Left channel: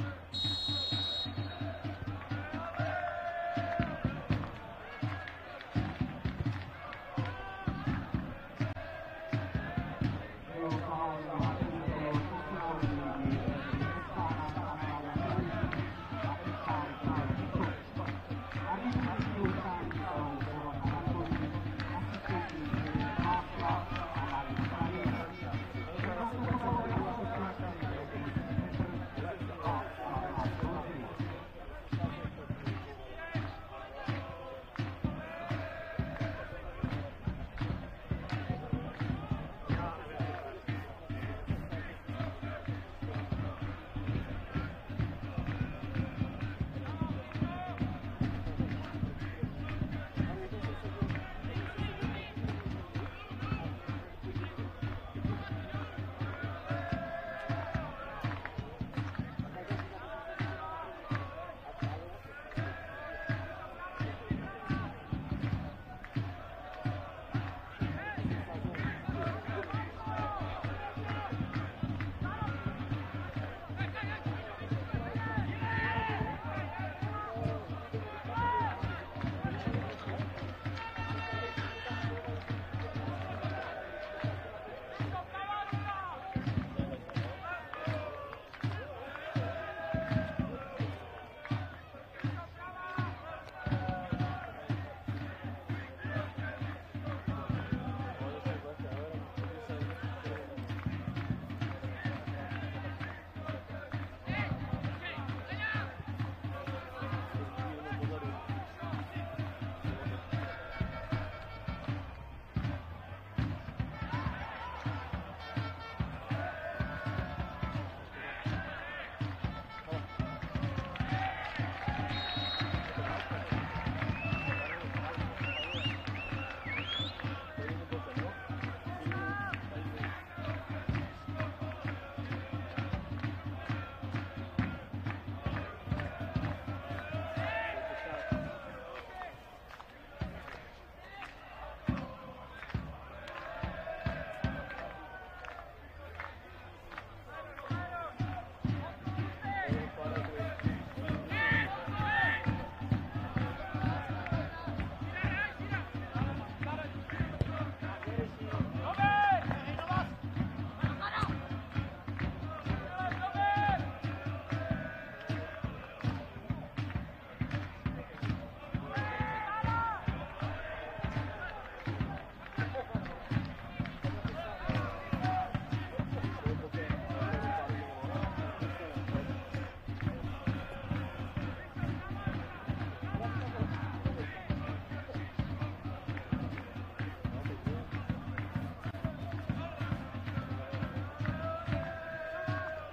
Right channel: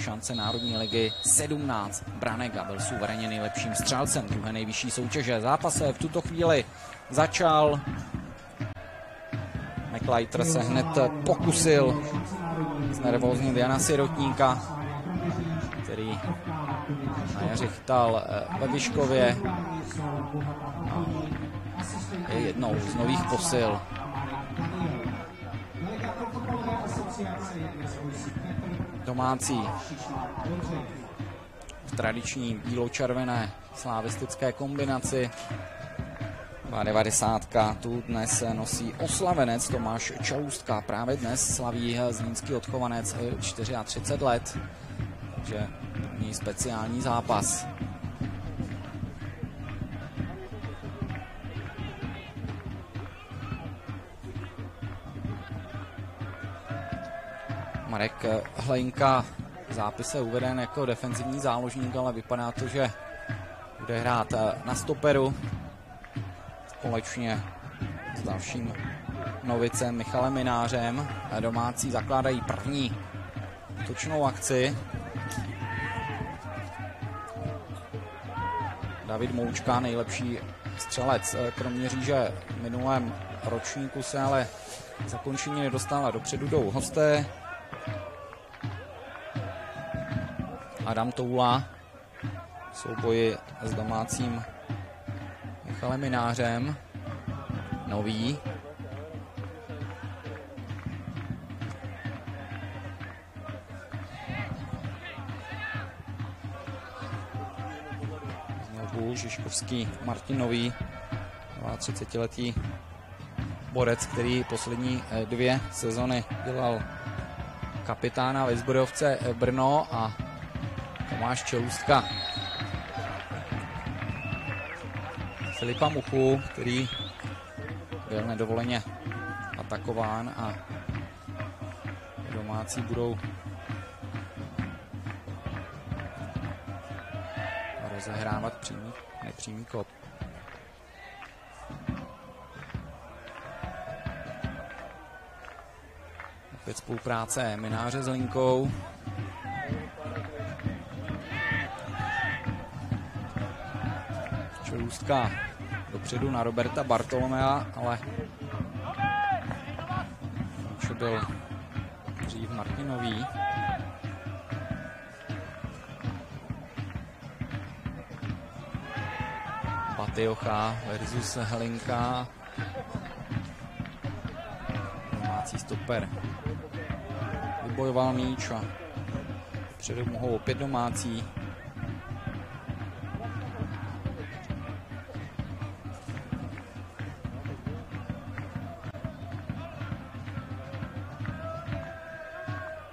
šance Národní ligy 17 branek a byl suverénně nejlepším střelcem téhle nejvyšší soutěže. Zápas se v tuto chvíli začal. McLeiter se hned pokusil znervóznit Jana Sirotníka, který řichtal ve Vyškově. Jednou z nových posil. Domácí v tradiční bílo-červené slavistické kombinaci. 90. tu dnes nosí oslavenec Tomáš Čaloustka. Právě dnes slaví zlínský odchovanec 34 let. Takže není speciální zápas. Marek Hlejnka v zápise uveden jako defenzivní záložník, ale vypadá to, že bude hrát na stoperu společně s dalším novicem Michalem Minářem. Domácí zakládají první útočnou akci. David Moučka, nejlepší střelec Kroměříže v minulém ročníku, se ale zakončení nedostává. Dopředu jdou hosté. Adam Toula v souboji s domácím Michalem Minářem. Nový. Znovu Žižkovský Martin Nový, 30letý borec, který poslední 2 sezony dělal kapitána Lisbrodovce Brno, a Tomáš Čaloustka Filipa Muchu, který byl nedovoleně atakován, a domácí budou rozehrávat nepřímý kop. Opět spolupráce Mináře s Linkou. Čaloustka dopředu na Roberta Bartolomea, ale už byl dřív Martinový. Patiocha versus Helinka. Domácí stoper vybojoval míč a předu mohou opět domácí.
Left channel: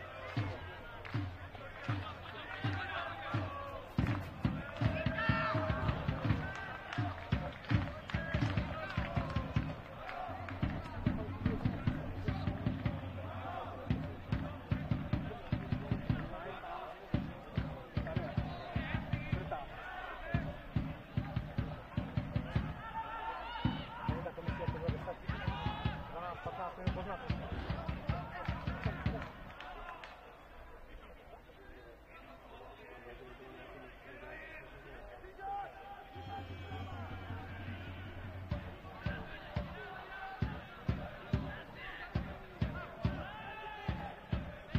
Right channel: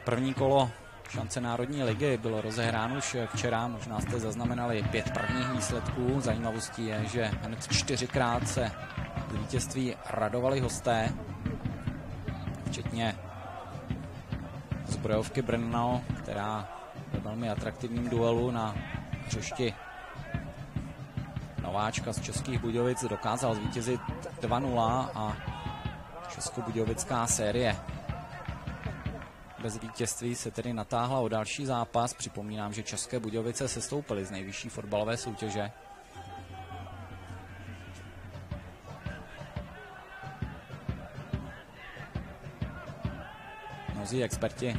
První kolo šance Národní ligy bylo rozehráno už včera, možná jste zaznamenali 5 prvních výsledků. Zajímavostí je, že hned 4krát se vítězství radovali hosté, včetně Zbrojovky Brno, která v velmi atraktivním duelu na Češti nováčka z Českých Budějovic dokázal zvítězit 2-0 a českobudějovická série bez vítězství se tedy natáhla o další zápas. Připomínám, že České Budějovice sestoupily z nejvyšší fotbalové soutěže. Mnozí experti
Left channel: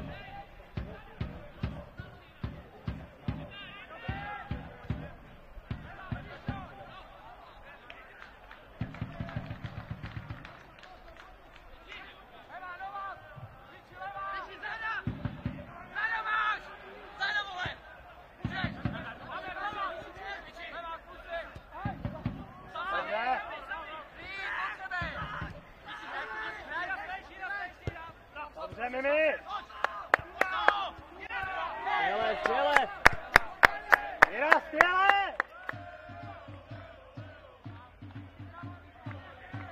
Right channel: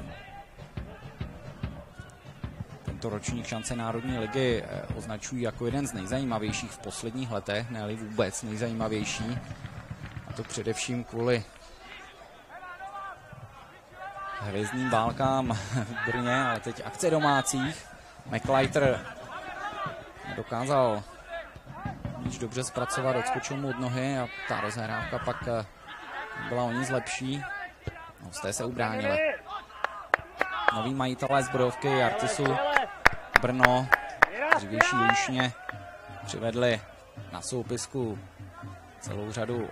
tento ročník šance Národní ligy označují jako jeden z nejzajímavějších v posledních letech, ne-li vůbec nejzajímavější. A to především kvůli hvězdným válkám v Brně, ale teď akce domácích. McLeiter dokázal již dobře zpracovat, odskočil mu od nohy a ta rozhrávka pak byla o nic lepší. Hosté se ubránili. Noví majitelé Zbrojovky Artisu Brno, dřívější Líšně, přivedli na soupisku celou řadu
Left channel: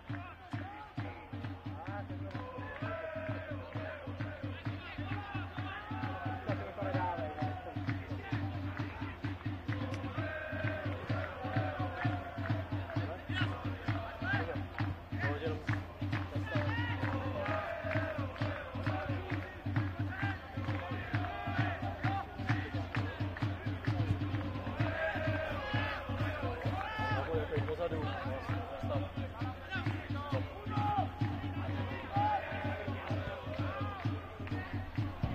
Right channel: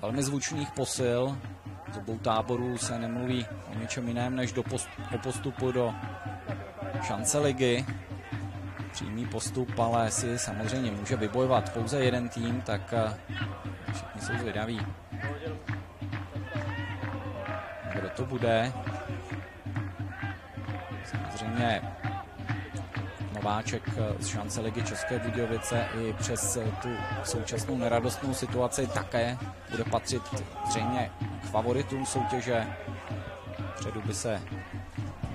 velmi zvučných posil. Z obou táborů se nemluví o ničem jiném než do postupu do šance ligy. Přímý postup, ale si samozřejmě může vybojovat pouze jeden tým, tak všichni jsou zvědaví, kdo to bude. zřejmě nováček z šance Ligy České Budějovice i přes tu současnou neradostnou situaci také bude patřit zřejmě k favoritům soutěže. Předu by se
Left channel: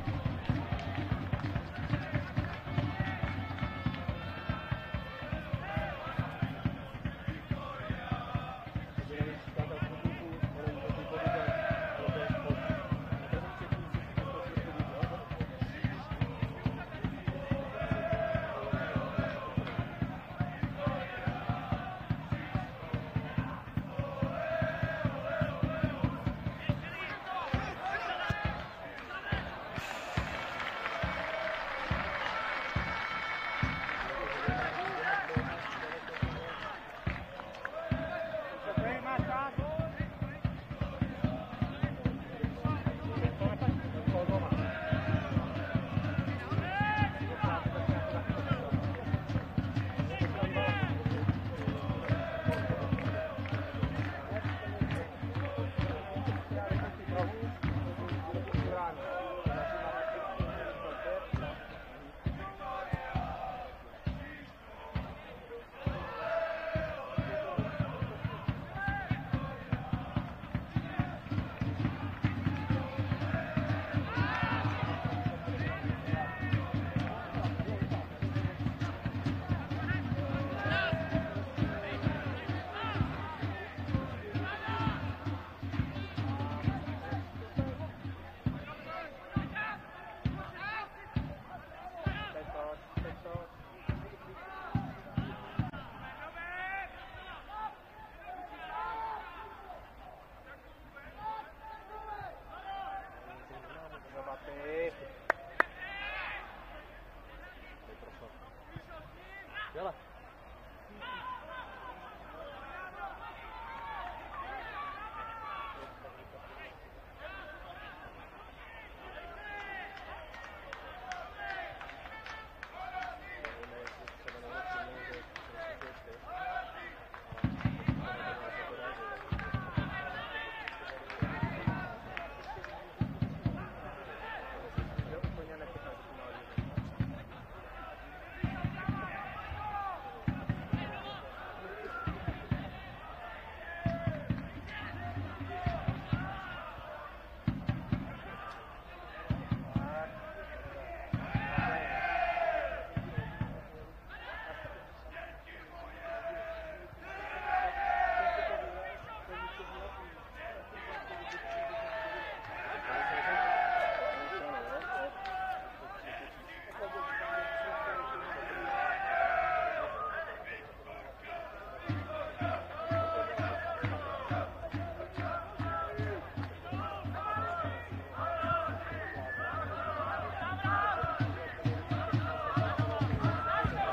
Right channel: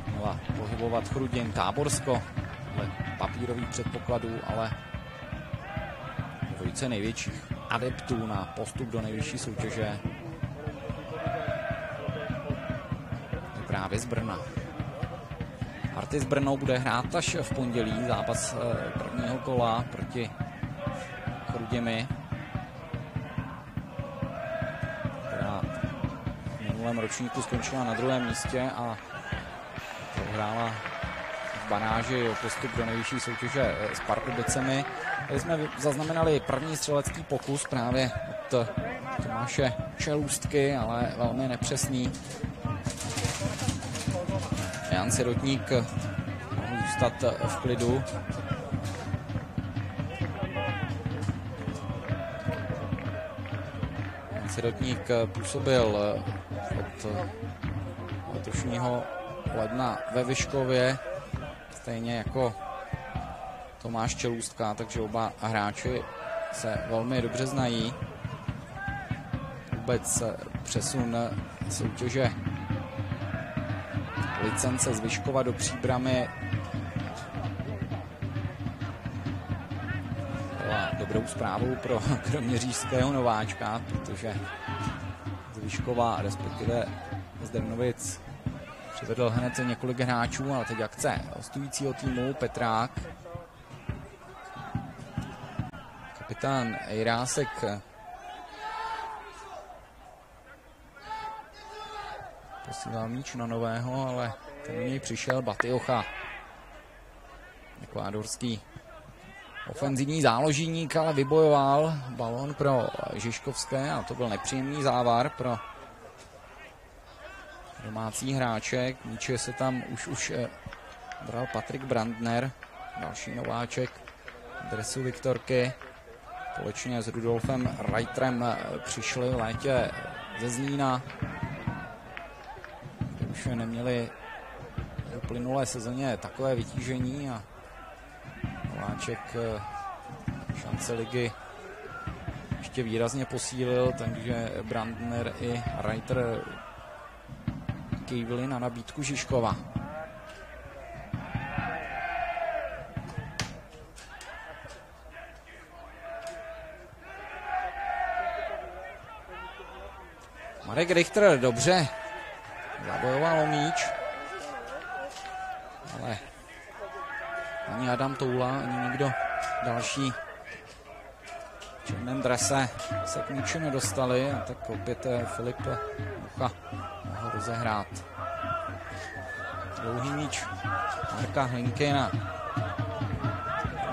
měla pohybovat Chrudim, Táborsko, papírových předpokladů, ale dvojice největších adeptů na postup do nejvyšší soutěže právě z Brna. Artis Brno bude hrát až v pondělí zápas prvního kola proti Chrudimi. V minulém ročníku skončila na druhém místě a hrála v baráži o postup do nejvyšší soutěže s Pardubicemi. Tady jsme zaznamenali první střelecký pokus právě od naše Čelůstky, ale velmi nepřesný. Jan Sirotník zůstat v klidu. Jan Sirotník působil od letošního ledna ve Vyškově, stejně jako Tomáš Čelůstka, takže oba hráči se velmi dobře znají. Vůbec přesun soutěže licence z Vyškova do Příbramy dobrou zprávu pro kroměřížského nováčka, protože z Vyškova, respektive z Demnovic, přivedl hned několik hráčů, ale teď akce hostujícího týmu Petrák. Kapitán Jirásek posílal míč na nového, ale tam něj přišel Batiocha. Ekvádorský ofenzivní záložník, ale vybojoval balon pro Žižkovské a to byl nepříjemný závar pro domácí hráček. Míče se tam už bral Patrik Brandner, další nováček dresu Viktorky. Společně s Rudolfem Reiterem přišli v létě ze Zlína. Už neměli v plynulé sezóně takové vytížení a nováček šance ligy ještě výrazně posílil, takže Brandner i Reiter kývili na nabídku Žižkova. Marek Richter dobře zabojoval míč, ale ani Adam Toula, ani nikdo další v černém drese se k míči nedostali, a tak opět Filip Mucha mohl rozehrát. Dlouhý míč Marka Hlinky na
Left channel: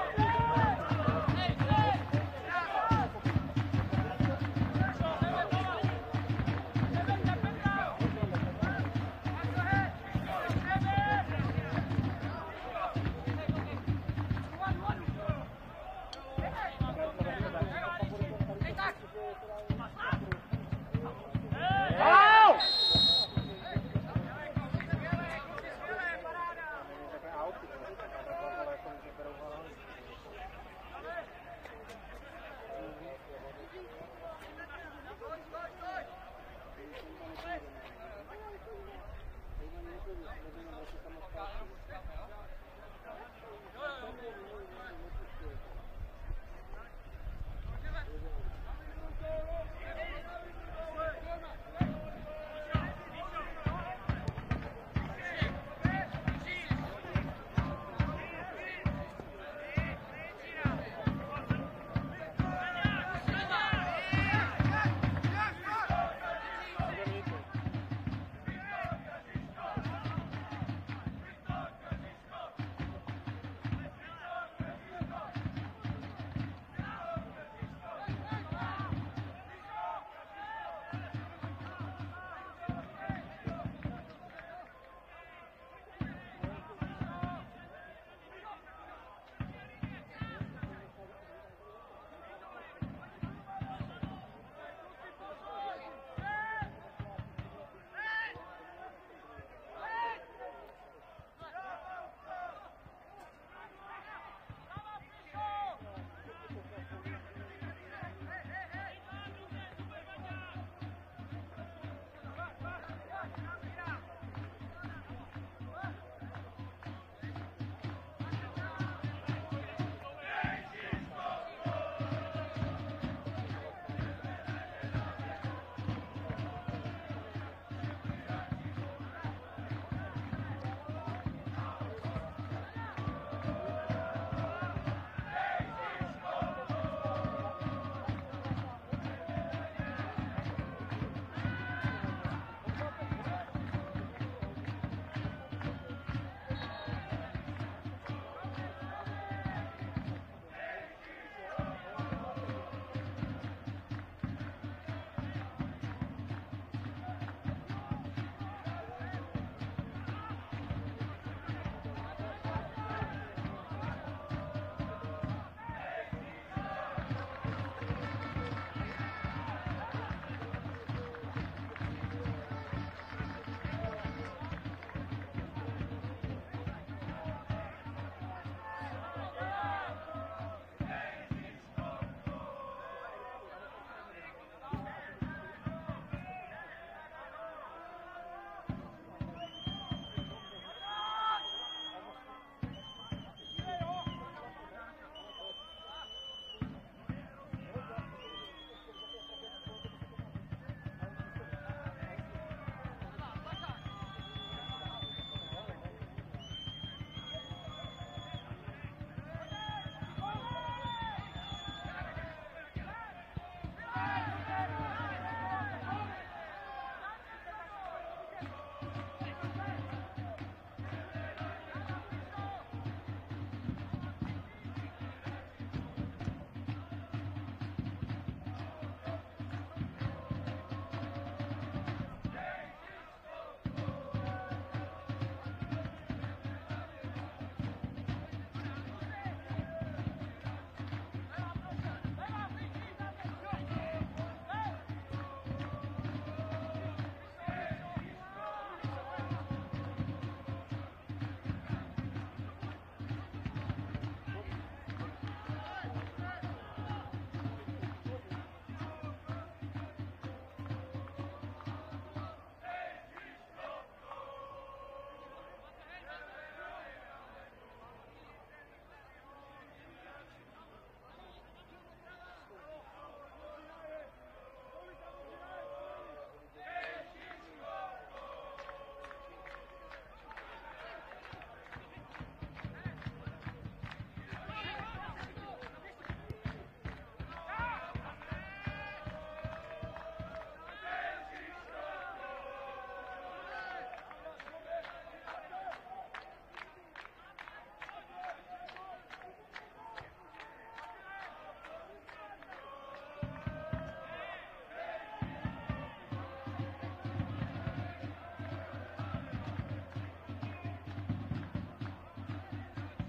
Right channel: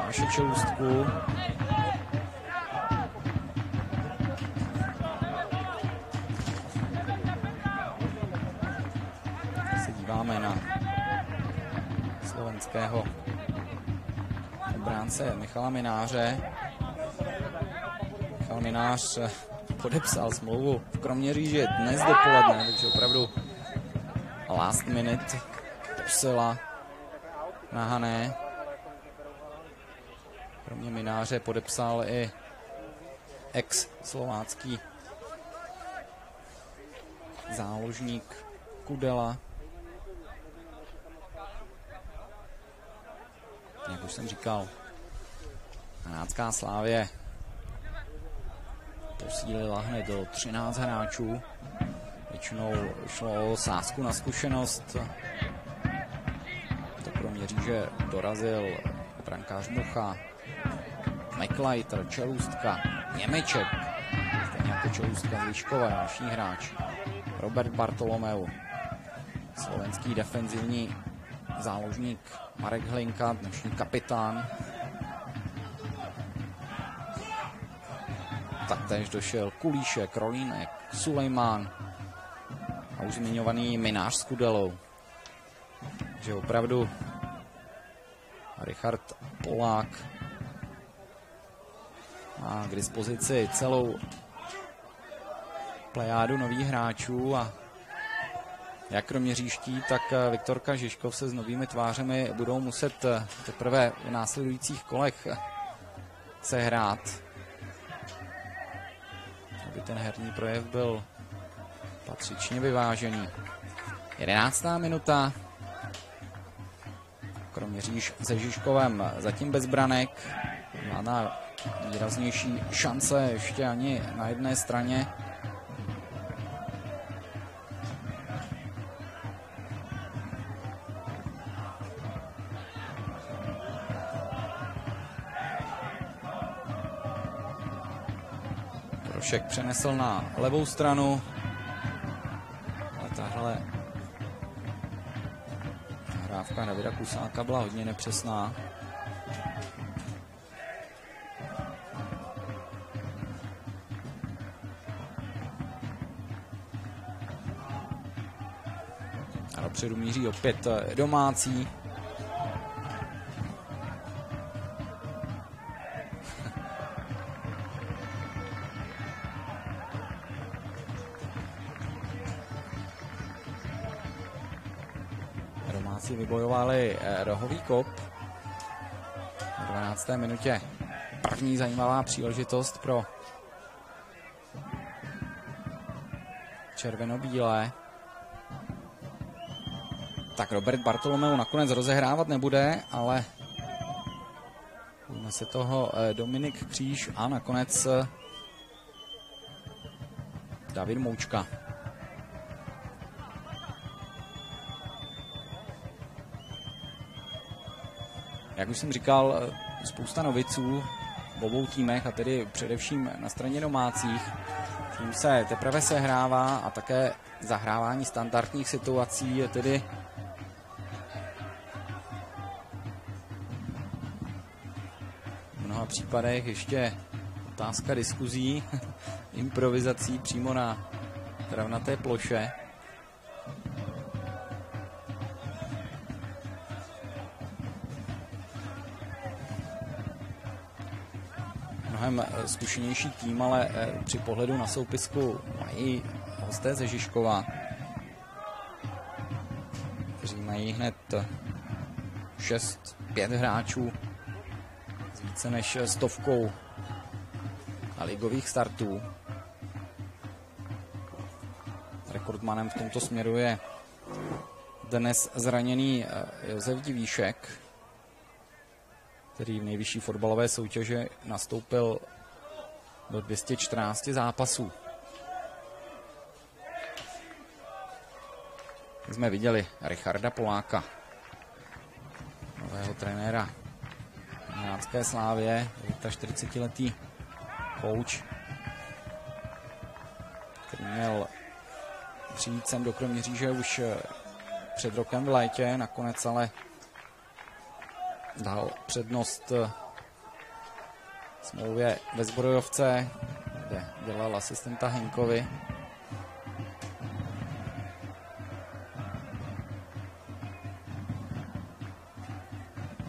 naši Čelůstku. Michala Mináře. Michal Minář podepsal smlouvu v Kroměříži dnes dopoledne, takže opravdu last minute posila na Hané. Kromě Mináře podepsal i ex-slovácký záložník Kudela. Jak už jsem říkal, Hanácká Slávě posílila hned do 13 hráčů. Většinou šlo o sázku na zkušenost. Do Kroměříže dorazil brankář Mucha, McLeiter, Čelůstka, Němeček, Čelůstka, Žižkové, další hráč, Robert Bartolomeu, slovenský defenzivní záložník Marek Hlinka, dnešní kapitán. Taktéž došel Kulíšek, Rolínek, Sulejmán a už zmiňovaný Minář s Kudelou. Takže opravdu Richard Polák má k dispozici celou plejádu nových hráčů a jak kroměřížští, tak Viktorka Žižkov se s novými tvářemi budou muset teprve v následujících kolech sehrát, aby ten herní projev byl patřičně vyvážený. 11. minuta. Kroměříž se Žižkovem zatím bez branek. Má na výraznější šance ještě ani na jedné straně. Prošek přenesl na levou stranu. Tahle hrávka Davida Kusáka byla hodně nepřesná. A dopředu míří opět domácí. Vybojovali rohový kop. V 12. minutě první zajímavá příležitost pro červeno-bílé. Tak Robert Bartolomeu nakonec rozehrávat nebude, ale ujme se toho Dominik Kříž a nakonec David Moučka. Jak už jsem říkal, spousta noviců v obou týmech, a tedy především na straně domácích. Tím se teprve sehrává a také zahrávání standardních situací je tedy v mnoha případech ještě otázka diskuzí, improvizací přímo na travnaté ploše. Zkušenější tým, ale při pohledu na soupisku mají hosté ze Žižkova, kteří mají hned 6-5 hráčů s více než 100 ligových startů. Rekordmanem v tomto směru je dnes zraněný Josef Divíšek, který v nejvyšší fotbalové soutěži nastoupil do 214 zápasů. Jsme viděli Richarda Poláka, nového trenéra Milanské Slávě, 40letý kouč, který měl přijít sem do Kroměříže už před rokem v létě, nakonec ale dal přednost smlouvě ve Zbrojovce, kde dělal asistenta Henkovi.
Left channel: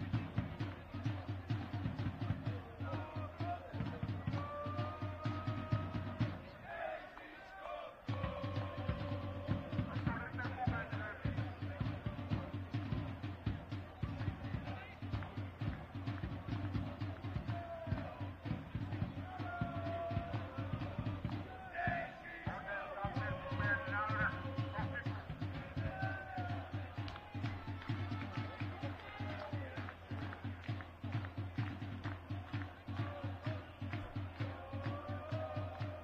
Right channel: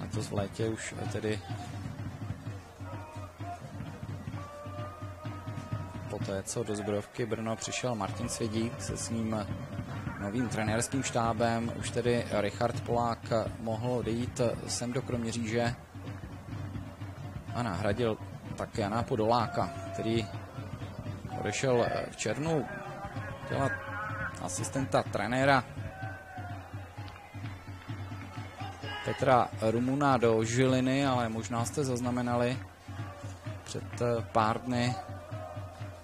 Letos v létě už tedy poté, co do Zbrojovky Brno přišel Martin Svědík se svým novým trenérským štábem, už tedy Richard Polák mohl odejít sem do Kroměříže a nahradil tak Jana Podoláka, který odešel v červnu dělat asistenta trenéra Petra Rumuna do Žiliny, ale možná jste zaznamenali před pár dny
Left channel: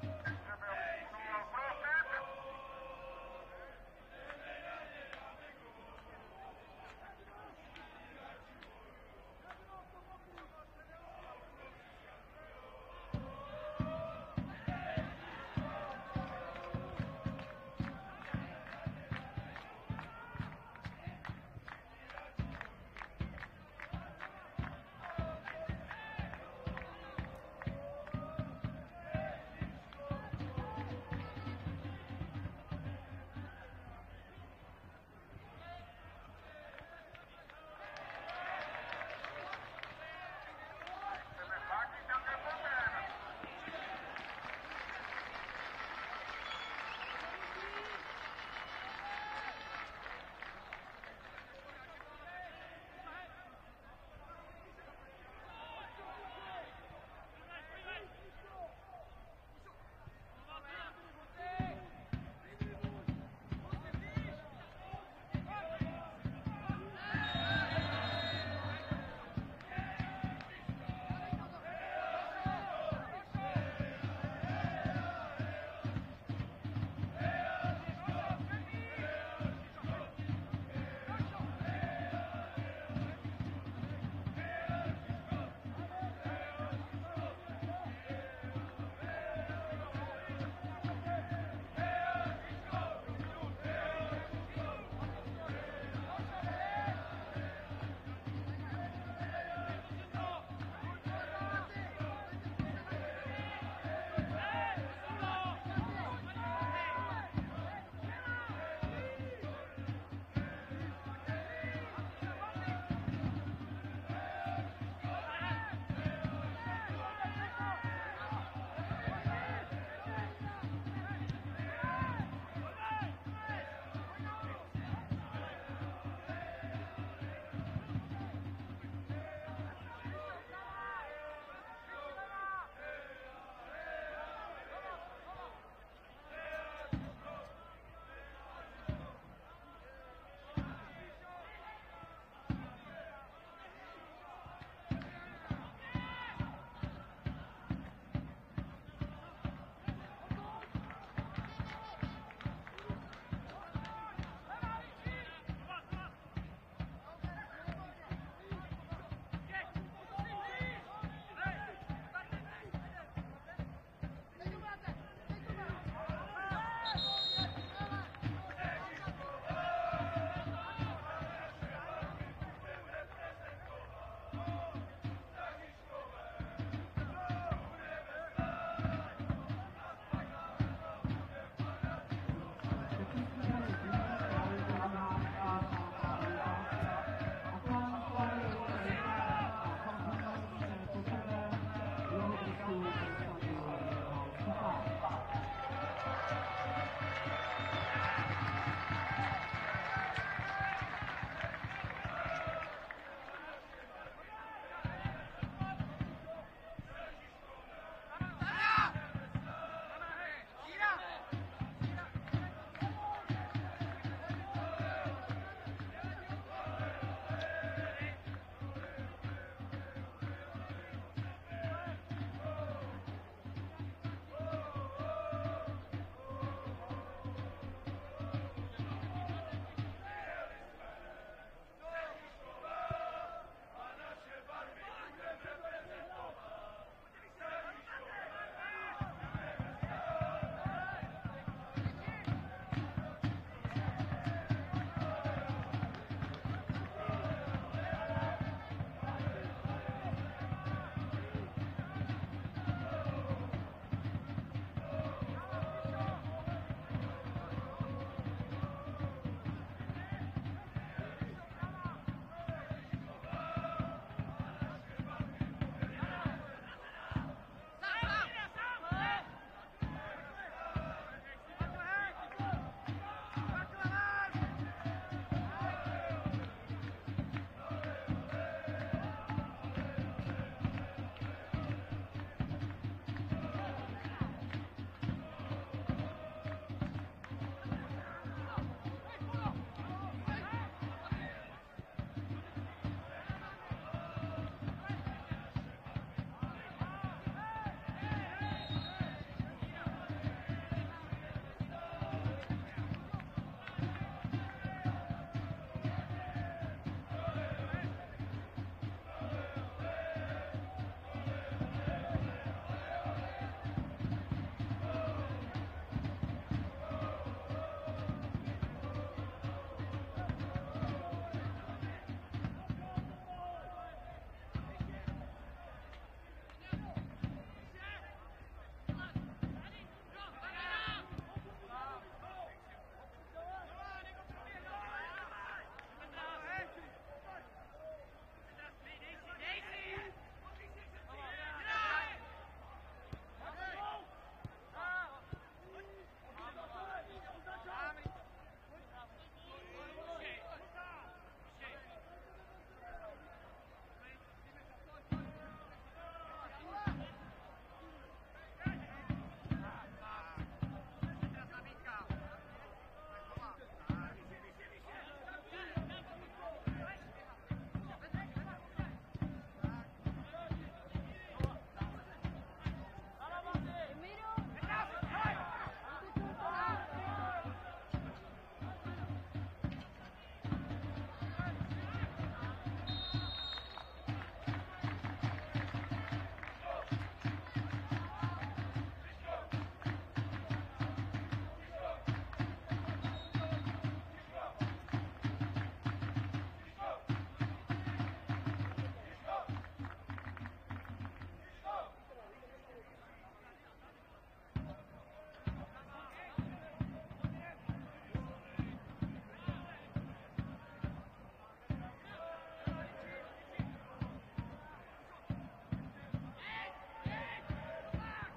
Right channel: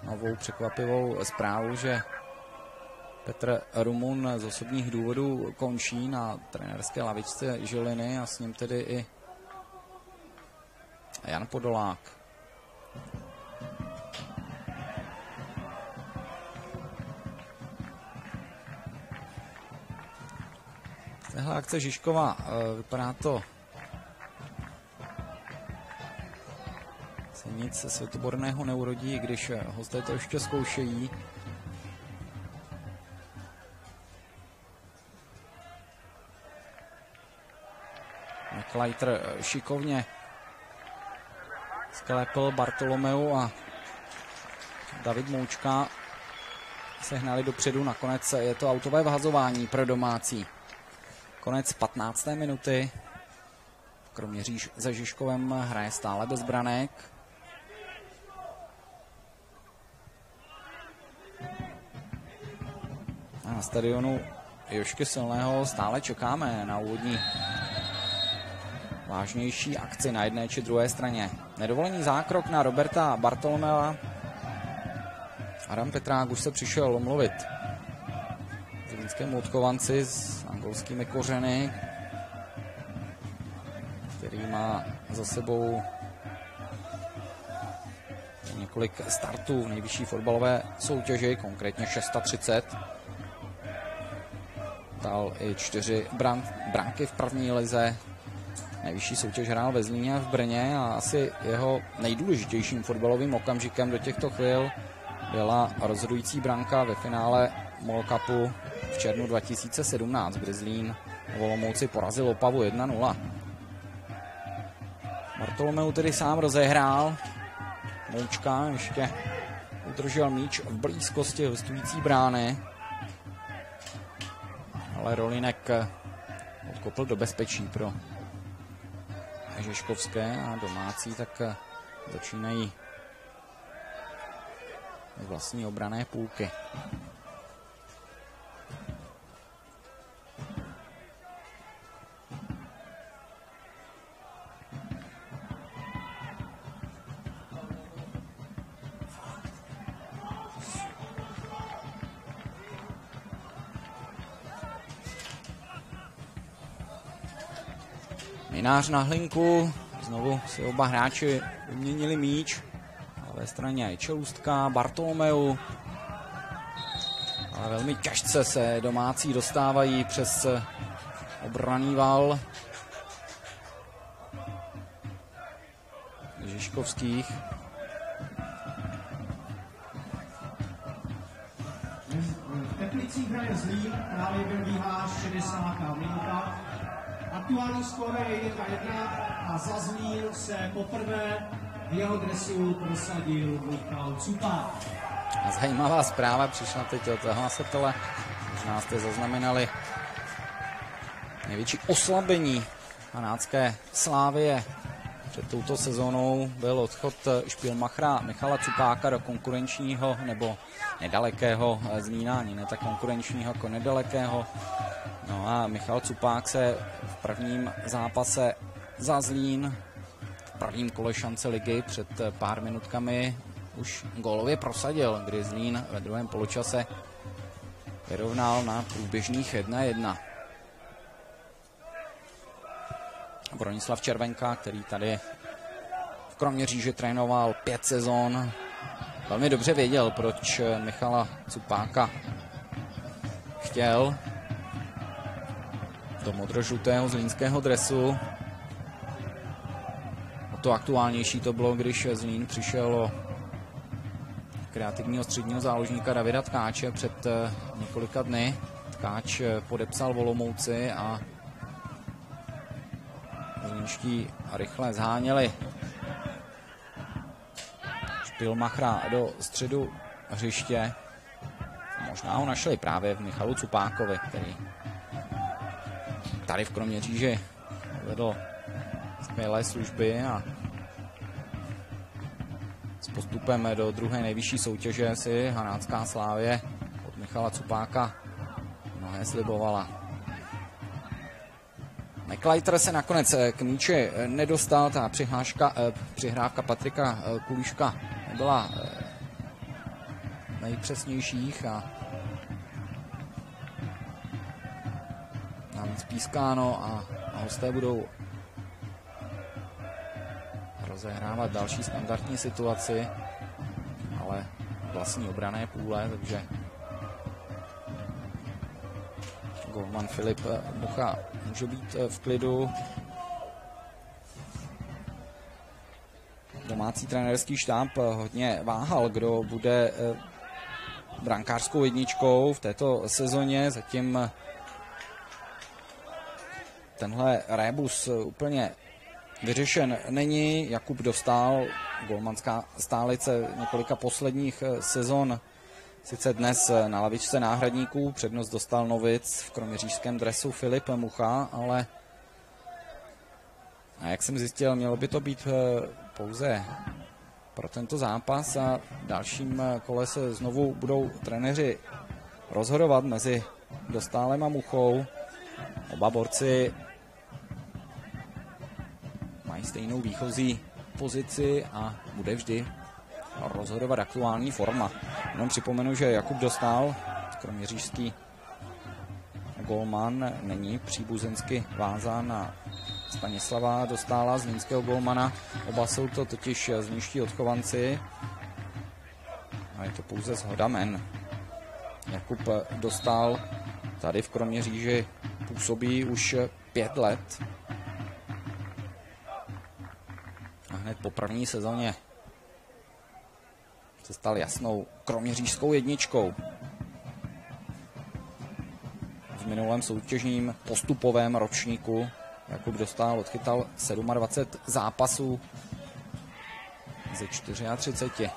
novou překvapivou zprávu, že Petr Rumun z osobních důvodů končí na trenérské lavičce Žiliny a s ním tedy i Jan Podolák. Tahle akce Žižkova, vypadá to se nic světoborného neurodí, když hosté to ještě zkoušejí. Kleiter šikovně sklepl Bartolomeu a David Moučka se hnali dopředu, nakonec je to autové vhazování pro domácí. Konec 15. minuty. Kroměříž za Žižkovem hraje stále bez branek. A na stadionu Jožky Silného stále čekáme na úvodní vážnější akci na jedné či druhé straně. Nedovolený zákrok na Roberta Bartolomea. Adam Petrák už se přišel omluvit zlínskému odchovanci s angolskými kořeny, který má za sebou několik startů v nejvyšší fotbalové soutěži, konkrétně 630. Dal i 4 branky v první lize. Nejvyšší soutěž hrál ve Zlíně a v Brně a asi jeho nejdůležitějším fotbalovým okamžikem do těchto chvil byla rozhodující branka ve finále MOL Cupu v červnu 2017, kdy Zlín v Olomouci porazil Opavu 1-0. Bartolomeu tedy sám rozehrál. Moučka ještě udržel míč v blízkosti hostující brány, ale Rolinek odkopl do bezpečí pro Žižkovské a domácí tak začínají vlastní obranné půlky. Minář na Hlinku, znovu si oba hráči vyměnili míč. Na straně je Čelůstka, Bartolomeu. Ale velmi těžce se domácí dostávají přes obranný val Žižkovských. Aktuální skóre je 1-1 a za Zlín se poprvé v jeho dresu prosadil Michal Cupák. Zajímavá zpráva přišla teď od hlasatele. Možná jste zaznamenali největší oslabení hanácké Slávie před touto sezónou byl odchod špilmachra Michala Cupáka do konkurenčního nebo nedalekého Zlína, ani ne tak konkurenčního jako nedalekého. No a Michal Cupák se v prvním zápase za Zlín v prvním kole šance ligy před pár minutkami už gólově prosadil, kdy Zlín ve druhém poločase vyrovnal na průběžných 1-1. Bronislav Červenka, který tady v Kroměříži trénoval 5 sezon, velmi dobře věděl, proč Michala Cupáka chtěl do modrožlutého zlínského dresu. To aktuálnější to bylo, když Zlín přišel o kreativního středního záložníka Davida Tkáče před několika dny. Tkáč podepsal v Olomouci a zlínští rychle zháněli špilmachra do středu hřiště. Možná ho našli právě v Michalu Cupákovi, který tady v Kroměříži vedl skvělé služby a s postupem do druhé nejvyšší soutěže si hanácká Slávě od Michala Cupáka mnohé slibovala. McLeiter se nakonec k míči nedostal, ta přihrávka Patrika Kulíška byla nejpřesnějších a tam spískáno a hosté budou rozehrávat další standardní situaci, ale vlastní obranné půle, takže golman Filip Mucha může být v klidu. Domácí trenérský štáb hodně váhal, kdo bude brankářskou jedničkou v této sezóně. Zatím tenhle rébus úplně vyřešen není. Jakub Dostál, golmanská stálice několika posledních sezon, Sice dnes na lavičce náhradníků přednost dostal novic v kroměřížském dresu Filip Mucha, ale a jak jsem zjistil, mělo by to být pouze pro tento zápas a v dalším kole se znovu budou trenéři rozhodovat mezi Dostálem a Muchou. Oba borci mají stejnou výchozí pozici a bude vždy rozhodovat aktuální forma. Jenom připomenu, že Jakub Dostál, kroměřížský golman, není příbuzensky vázán na Stanislava Dostála, zlínského golmana. Oba jsou to totiž zlínští odchovanci a je to pouze shoda men. Jakub Dostál tady v Kroměříži působí už 5 let. A hned po první sezóně se stal jasnou kroměřížskou jedničkou. V minulém soutěžním postupovém ročníku Jakub Dostál odchytal 27 zápasů ze 34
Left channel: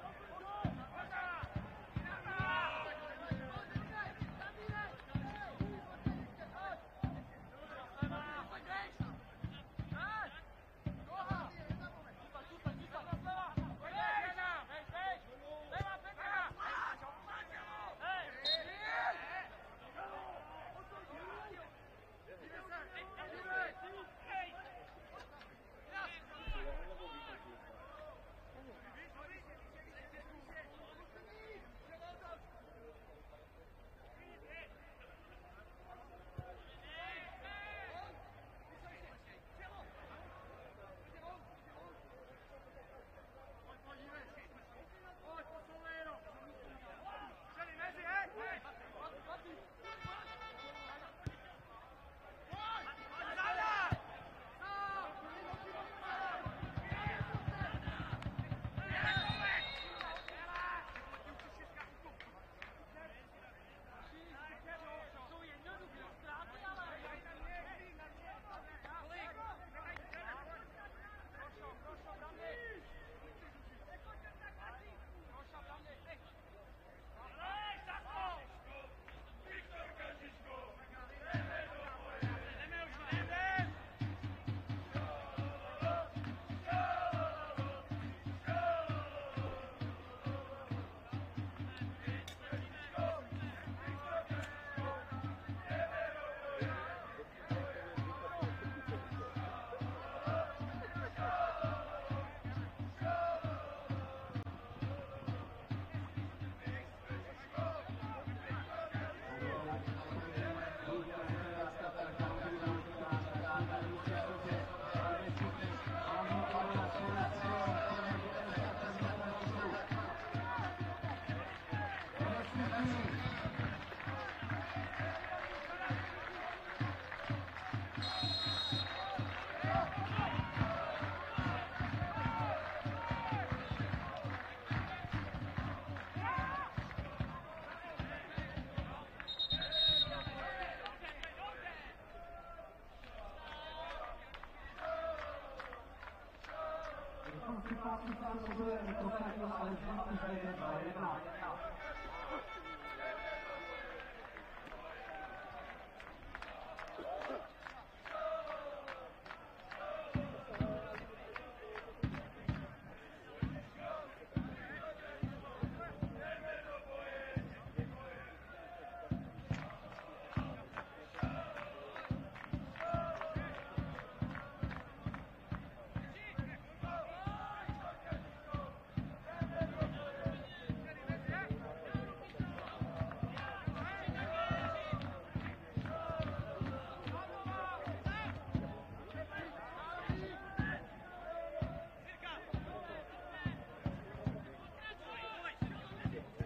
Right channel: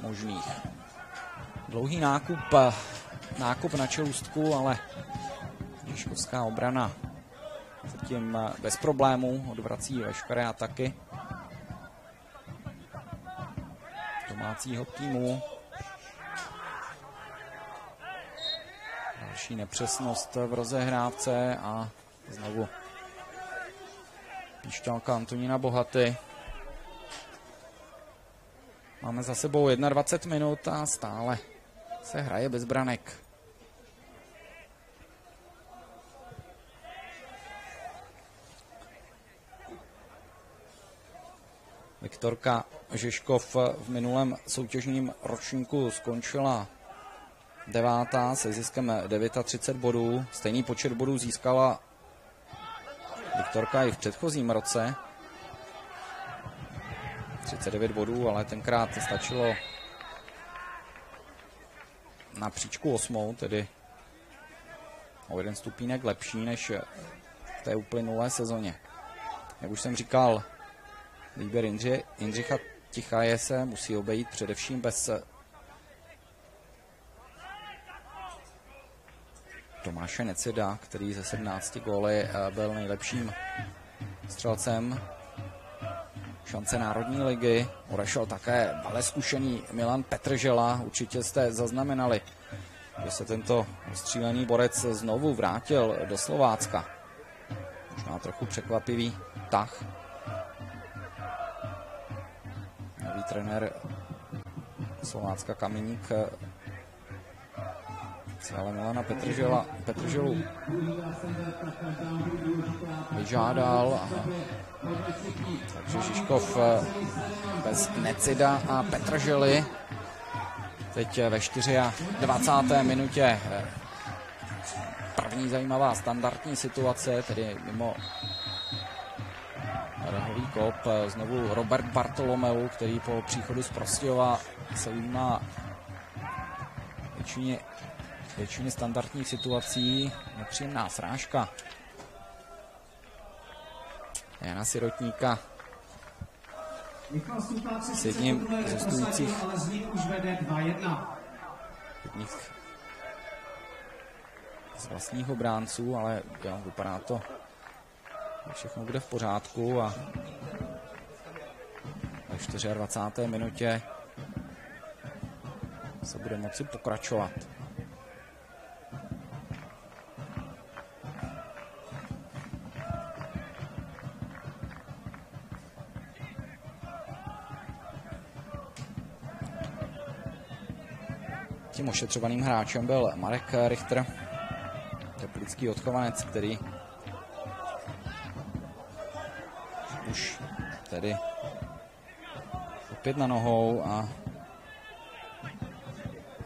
možných. Dlouhý nákup na čelůstku, ale Žižkovská obrana zatím bez problémů odvrací veškeré ataky domácího týmu. Další nepřesnost v rozehrávce a znovu píšťalka Antonína Bohaty. Máme za sebou 21 minut a stále se hraje bez branek. Viktorka Žižkov v minulém soutěžním ročníku skončila 9. se ziskem 39 bodů. Stejný počet bodů získala Viktorka i v předchozím roce. 39 bodů, ale tenkrát stačilo na příčku 8, tedy o 1 stupínek lepší než v té uplynulé sezóně. Jak už jsem říkal, výběr Jindřicha Tichaje se musí obejít především bez Tomáše Necida, který ze 17 góly byl nejlepším střelcem šance Národní ligy. Odešel také ale zkušený Milan Petržela. Určitě jste zaznamenali, že se tento střílený borec znovu vrátil do Slovácka. Možná trochu překvapivý tah. Nový trenér Slovácka Kameník si ale Milana Petrželu vyžádal. Takže Žižkov bez Necida a Petržely. Teď ve 24. minutě první zajímavá standardní situace, tedy mimo rohový kop. Znovu Robert Bartolomeu, který po příchodu z Prostějova se ujímá většině standardních situací. Nepříjemná srážka Jana Sirotníka s jedním z hostujících z vlastních obránců, ale vypadá to, že všechno bude v pořádku a ve 24. minutě se bude moci pokračovat. Tím ošetřovaným hráčem byl Marek Richter, teplický odchovanec, který už tedy opět na nohou a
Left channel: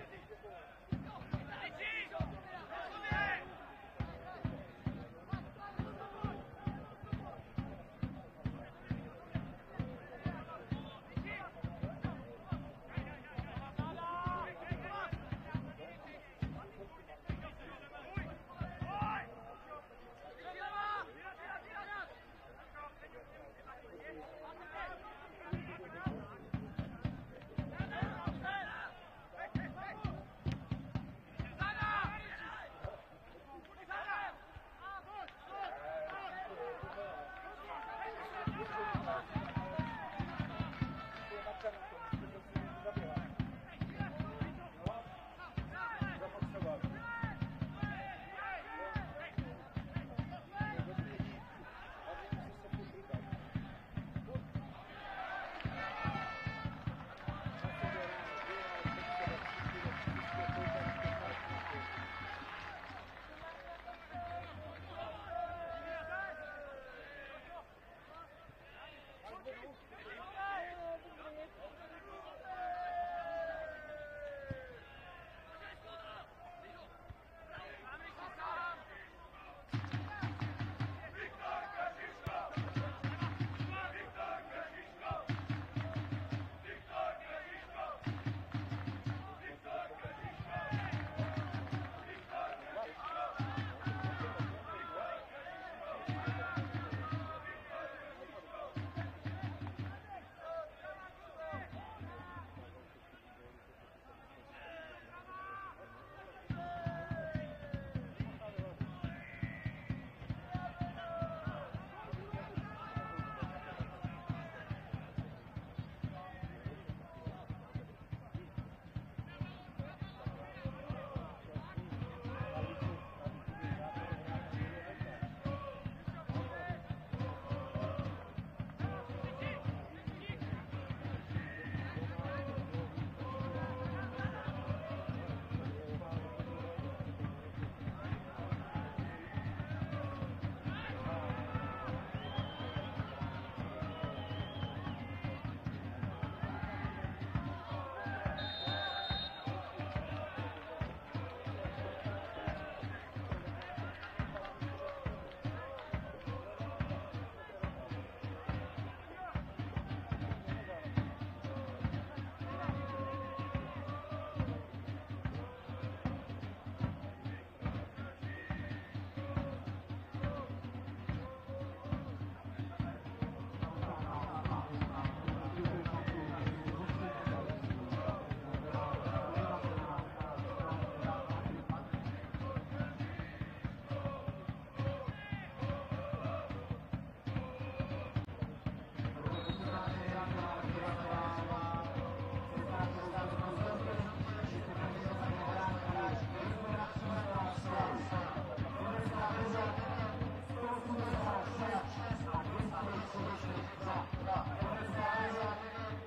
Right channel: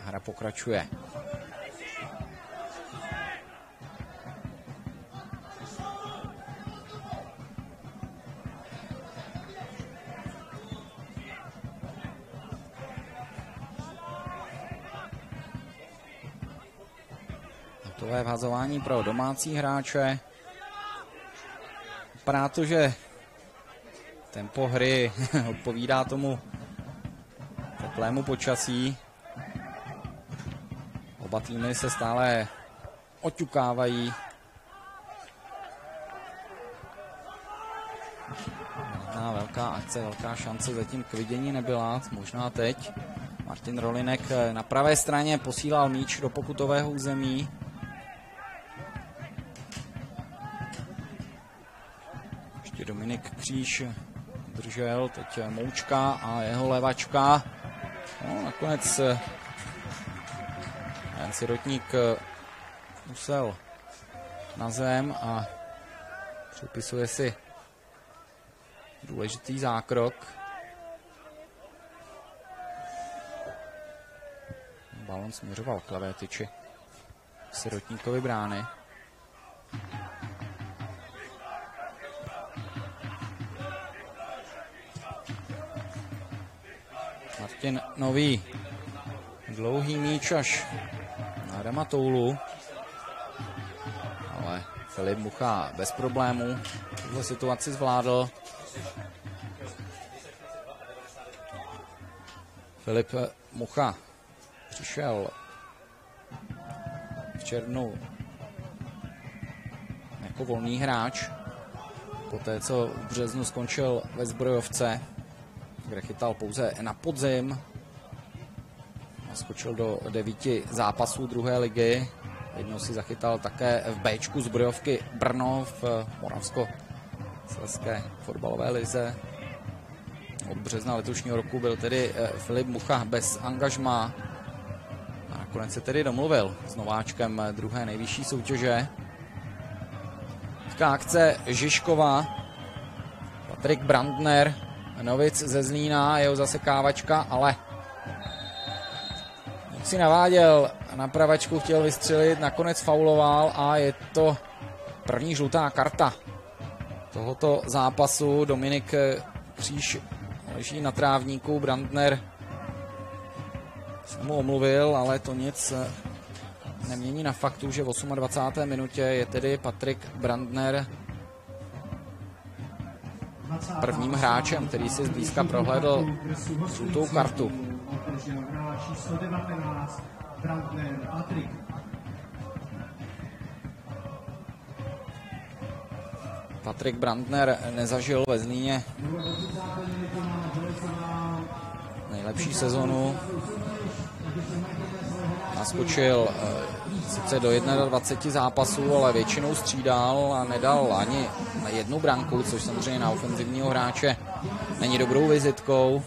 hra pokračuje. Tové vhazování pro domácí hráče. Vypadá to, že tempo hry odpovídá tomu teplému počasí. Oba týmy se stále oťukávají. Velká akce, velká šance zatím k vidění nebyla, možná teď. Martin Rolinek na pravé straně posílal míč do pokutového území. Ještě Dominik Kříž držel, teď Moučka a jeho levačka. No, nakonec Sirotník musel na zem a připisuje si důležitý zákrok. Balon směřoval k levé tyči Sirotníkovi brány. Martin Nový. Dlouhý míč až na Adama Toulu. Ale Filip Mucha bez problémů tuhle situaci zvládl. Filip Mucha přišel v červnu jako volný hráč. Poté, co v březnu skončil ve Zbrojovce, kde chytal pouze na podzim. Skočil do 9 zápasů druhé ligy. Jednou si zachytal také v Bčku Zbrojovky Brno v Moravskoslezské fotbalové lize. Od března letošního roku byl tedy Filip Mucha bez angažmá. A nakonec se tedy domluvil s nováčkem druhé nejvyšší soutěže. Akce Žižkova, Patrik Brandner, Novic ze Zlína, jeho zasekávačka, ale si naváděl na pravačku, chtěl vystřelit, nakonec fauloval a je to první žlutá karta tohoto zápasu. Dominik Kříž leží na trávníku, Brandner se mu omluvil, ale to nic nemění na faktu, že v 28. minutě je tedy Patrik Brandner prvním hráčem, který si zblízka prohlédl žlutou kartu. Patrik Brandner nezažil ve Zlíně nejlepší sezonu. Naskočil sice do 21 zápasů, ale většinou střídal a nedal ani jednu branku, což samozřejmě na ofenzivního hráče není dobrou vizitkou.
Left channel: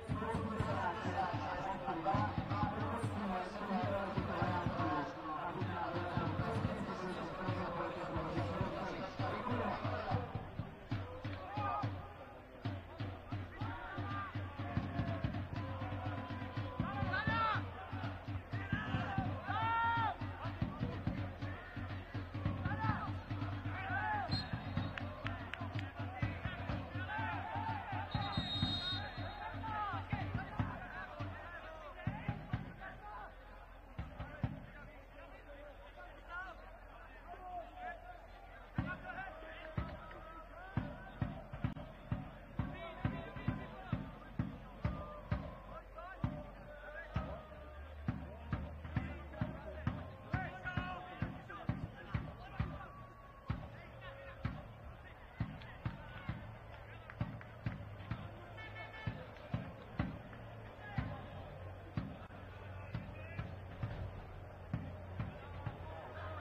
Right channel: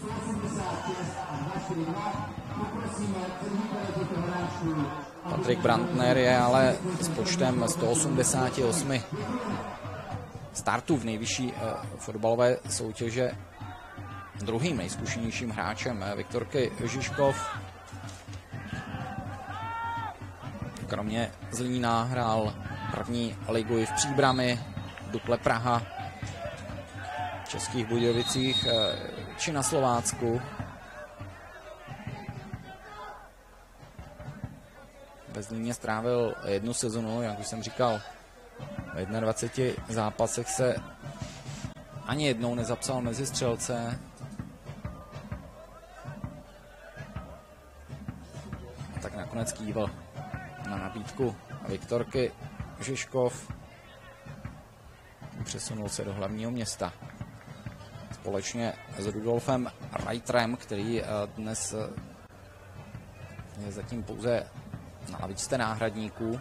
Patrik Brandner je ale s počtem 188 startů v nejvyšší fotbalové soutěže druhým nejzkušenějším hráčem Viktorky Žižkov. Kromě Zlína hrál první ligu i v Příbrami, Dukle Praha, v Českých Budějovicích či na Slovácku. Ve Zlíně strávil jednu sezonu, jak už jsem říkal, v 21 zápasech se ani jednou nezapsal mezi střelce. Tak nakonec kývl na nabídku Viktorky Žižkov. Přesunul se do hlavního města. Společně s Rudolfem Reiterem, který dnes je zatím pouze na lavičce náhradníků.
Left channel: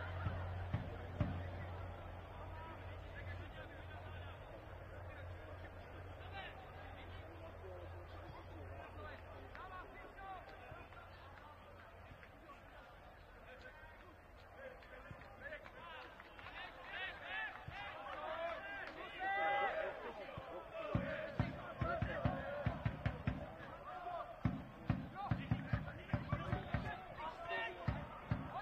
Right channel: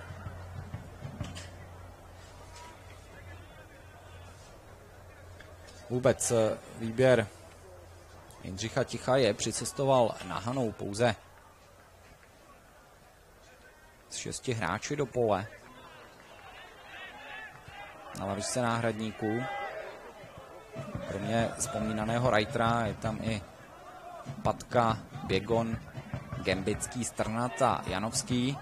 Vůbec výběr Jindřicha Tichaje přicestoval na Hanou pouze s 6 hráči do pole. Na lavičce náhradníků. Kromě vzpomínaného Reitera je tam i Patka, Běgon, Gembický, Strnat a Janovský.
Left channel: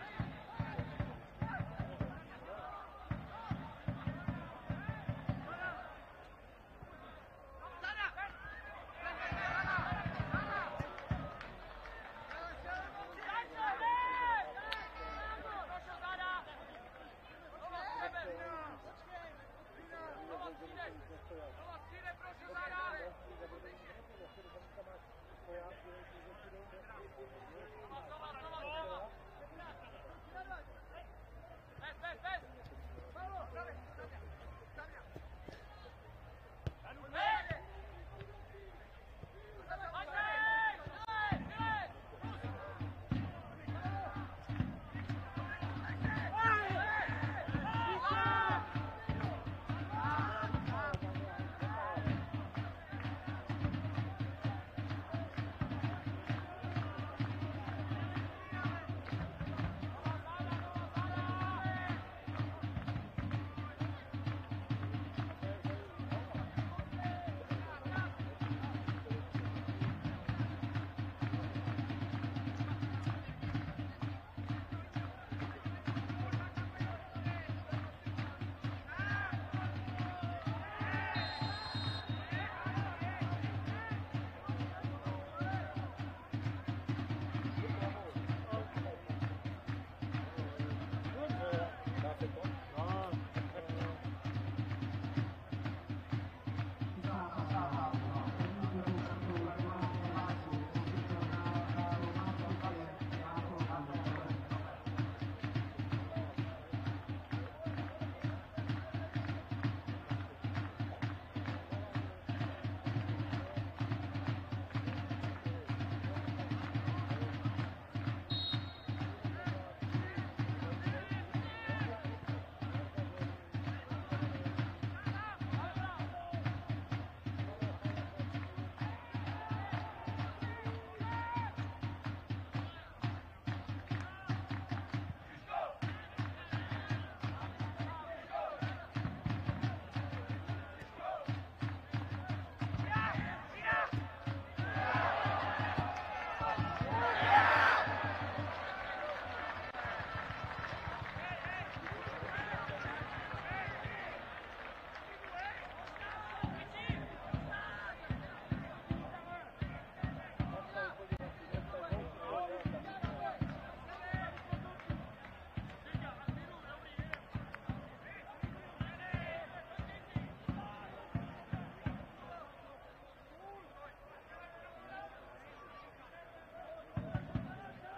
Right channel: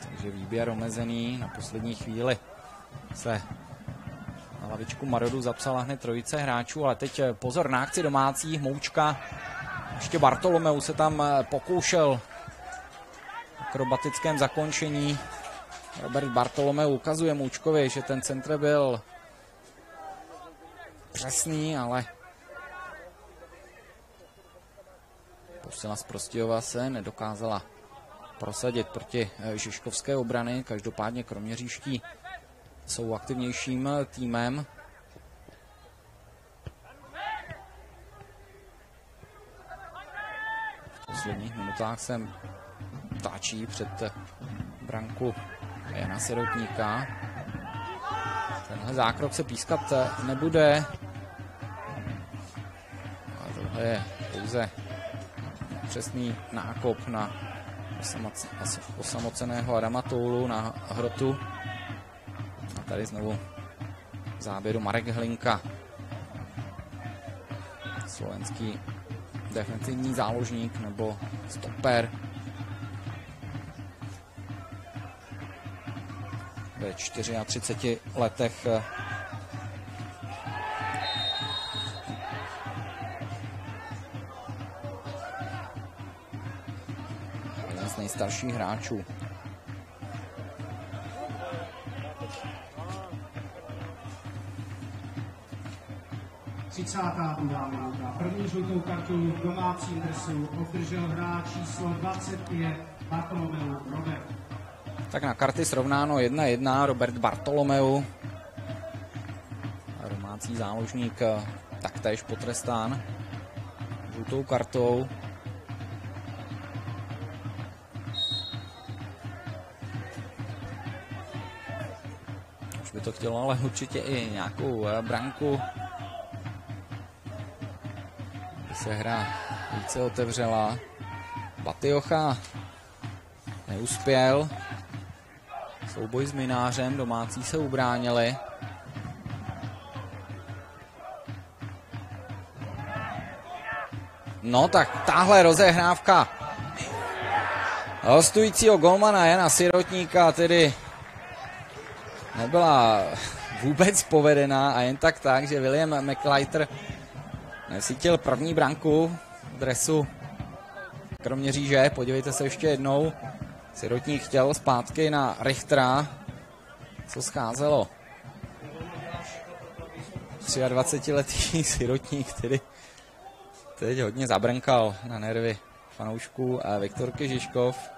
Takže výběr omezený. Na poslední chvíli se na lavičku Marodu zapsala hned trojice hráčů, ale teď pozor na akci domácích. Moučka, ještě Bartolomeu se tam pokoušel v akrobatickém zakončení. Robert Bartolomeu ukazuje Moučkovi, že ten centr byl přesný, ale Rusila z Prostějova se nedokázala prosadit proti žižkovské obrany. Každopádně kroměřížští jsou aktivnějším týmem. V posledních minutách se táčí před branku Jana Sirotníka. Tenhle zákrok se pískat nebude. A tohle je pouze přesný nákop na osamoceného Adama Toulu na hrotu. A tady znovu v záběru Marek Hlinka. Slovenský defensivní záložník nebo stoper. Ve 34 letech z nejstarších hráčů. První žlutou kartu v domácím dresu obdržel hráč číslo 25 Bartolomeu Robert. Tak na karty srovnáno 1-1 Robert Bartolomeu. Domácí záložník taktéž potrestán žlutou kartou. Už by to chtělo ale určitě i nějakou branku. Se hra více otevřela. Batiocha neuspěl. Souboj s Minářem, domácí se ubránili. No tak tahle rozehrávka hostujícího golmana Jana Sirotníka tedy nebyla vůbec povedená a jen tak, že William McLeiter nesítil první branku v dresu Kroměříže. Podívejte se ještě jednou. Sirotník chtěl zpátky na Richtera, co scházelo. 23letý Sirotník, který teď hodně zabrnkal na nervy fanoušků a Viktorky Žižkov.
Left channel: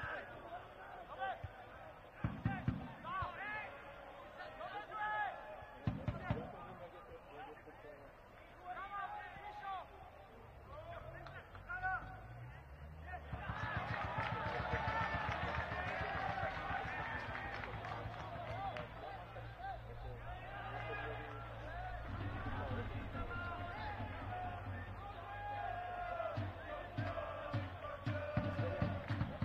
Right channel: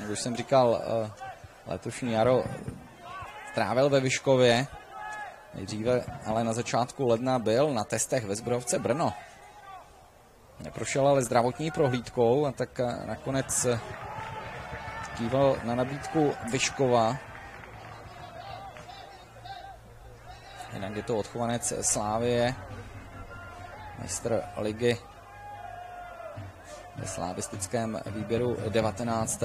Jak už jsem říkal, letošní jaro trávil ve Vyškově. Nejdříve ale na začátku ledna byl na testech ve Zbrojovce Brno. Neprošel ale zdravotní prohlídkou a tak nakonec kýval na nabídku Vyškova. Jinak je to odchovanec Slávie, mistr ligy ve slavistickém výběru 19.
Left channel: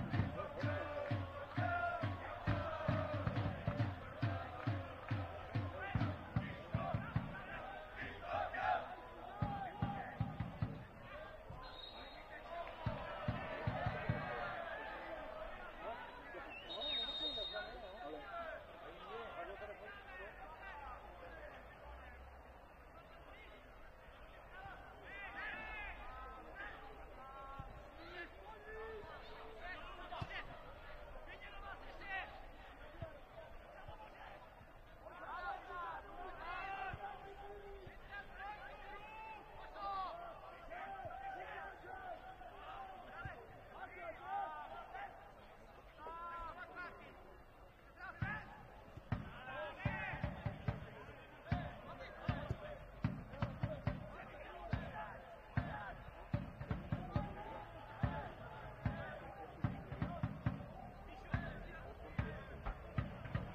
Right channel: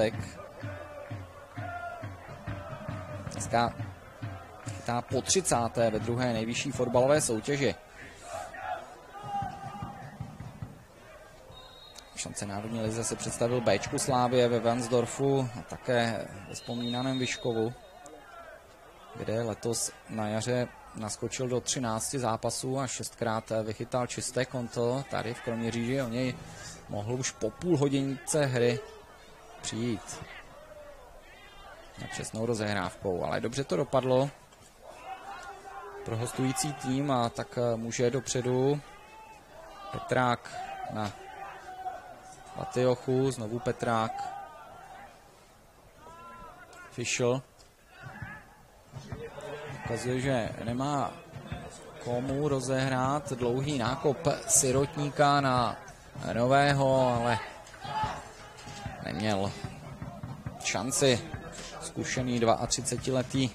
Dneska chytá po 30. ve druhé nejvyšší fotbalové soutěži. Šance národní lize se představil Bčku Slávie ve Vansdorfu a také ve vzpomínaném Vyškovu, kde letos na jaře naskočil do 13 zápasů a 6krát vychytal čisté konto. Tady v Kroměříži o něj mohl už po půl hodině hry přijít na přesnou rozehrávkou, ale dobře to dopadlo pro hostující tým a tak může dopředu Petrák na Batiochu, znovu Petrák, Fischl. Ukazuje, že nemá komu rozehrát, dlouhý nákop Sirotníka na Nového, ale neměl šanci. Zkušený 32letý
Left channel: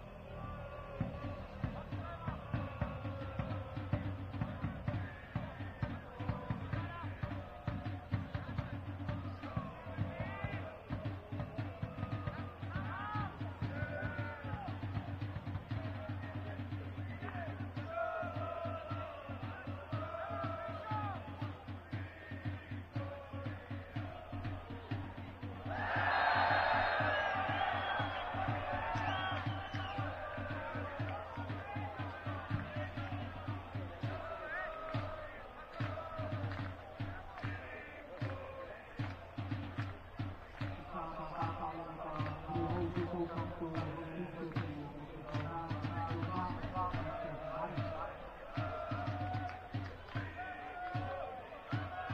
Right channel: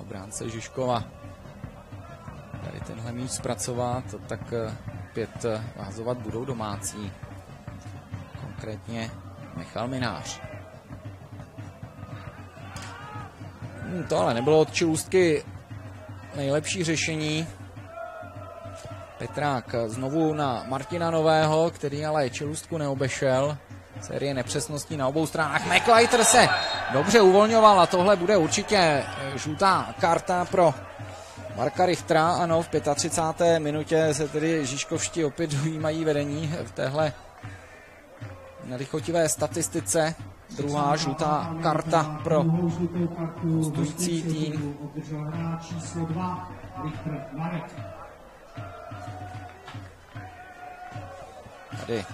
obránce Žižkova tady tenhle míč zpracovat, tak opět vázovat budou domácí, konkrétně Michal Minář. To ale nebylo od Čelůstky nejlepší řešení. Petrák znovu na Martina Nového, který ale Čelůstku neobešel. Série nepřesností na obou stranách. McLeiter se dobře uvolňoval a tohle bude určitě žlutá karta pro Marka Richtera. Ano, v 35. minutě se tedy žižkovští opět dojímají vedení v téhle nelichotivé statistice. druhá žlutá karta pro hostující tým. Tady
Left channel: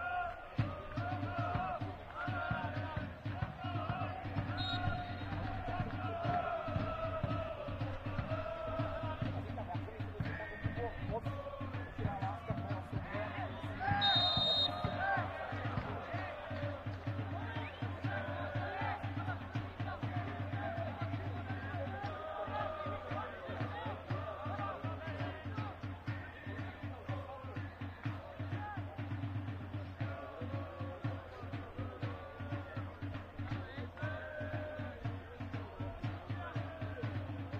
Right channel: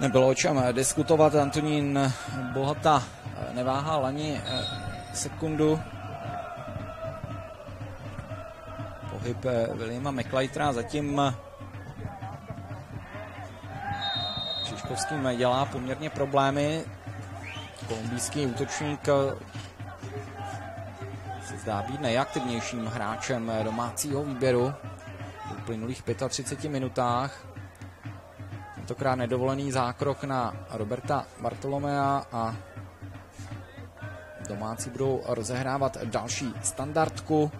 nebylo o čem diskutovat, Antonín Bohata neváhal ani sekundu. Pohyb Williama McLeitera zatím Žižkovským dělá poměrně problémy. Kolumbijský útočník se zdá být nejaktivnějším hráčem domácího výběru v uplynulých 35 minutách. Tentokrát nedovolený zákrok na Roberta Bartolomea a domácí budou rozehrávat další standardku.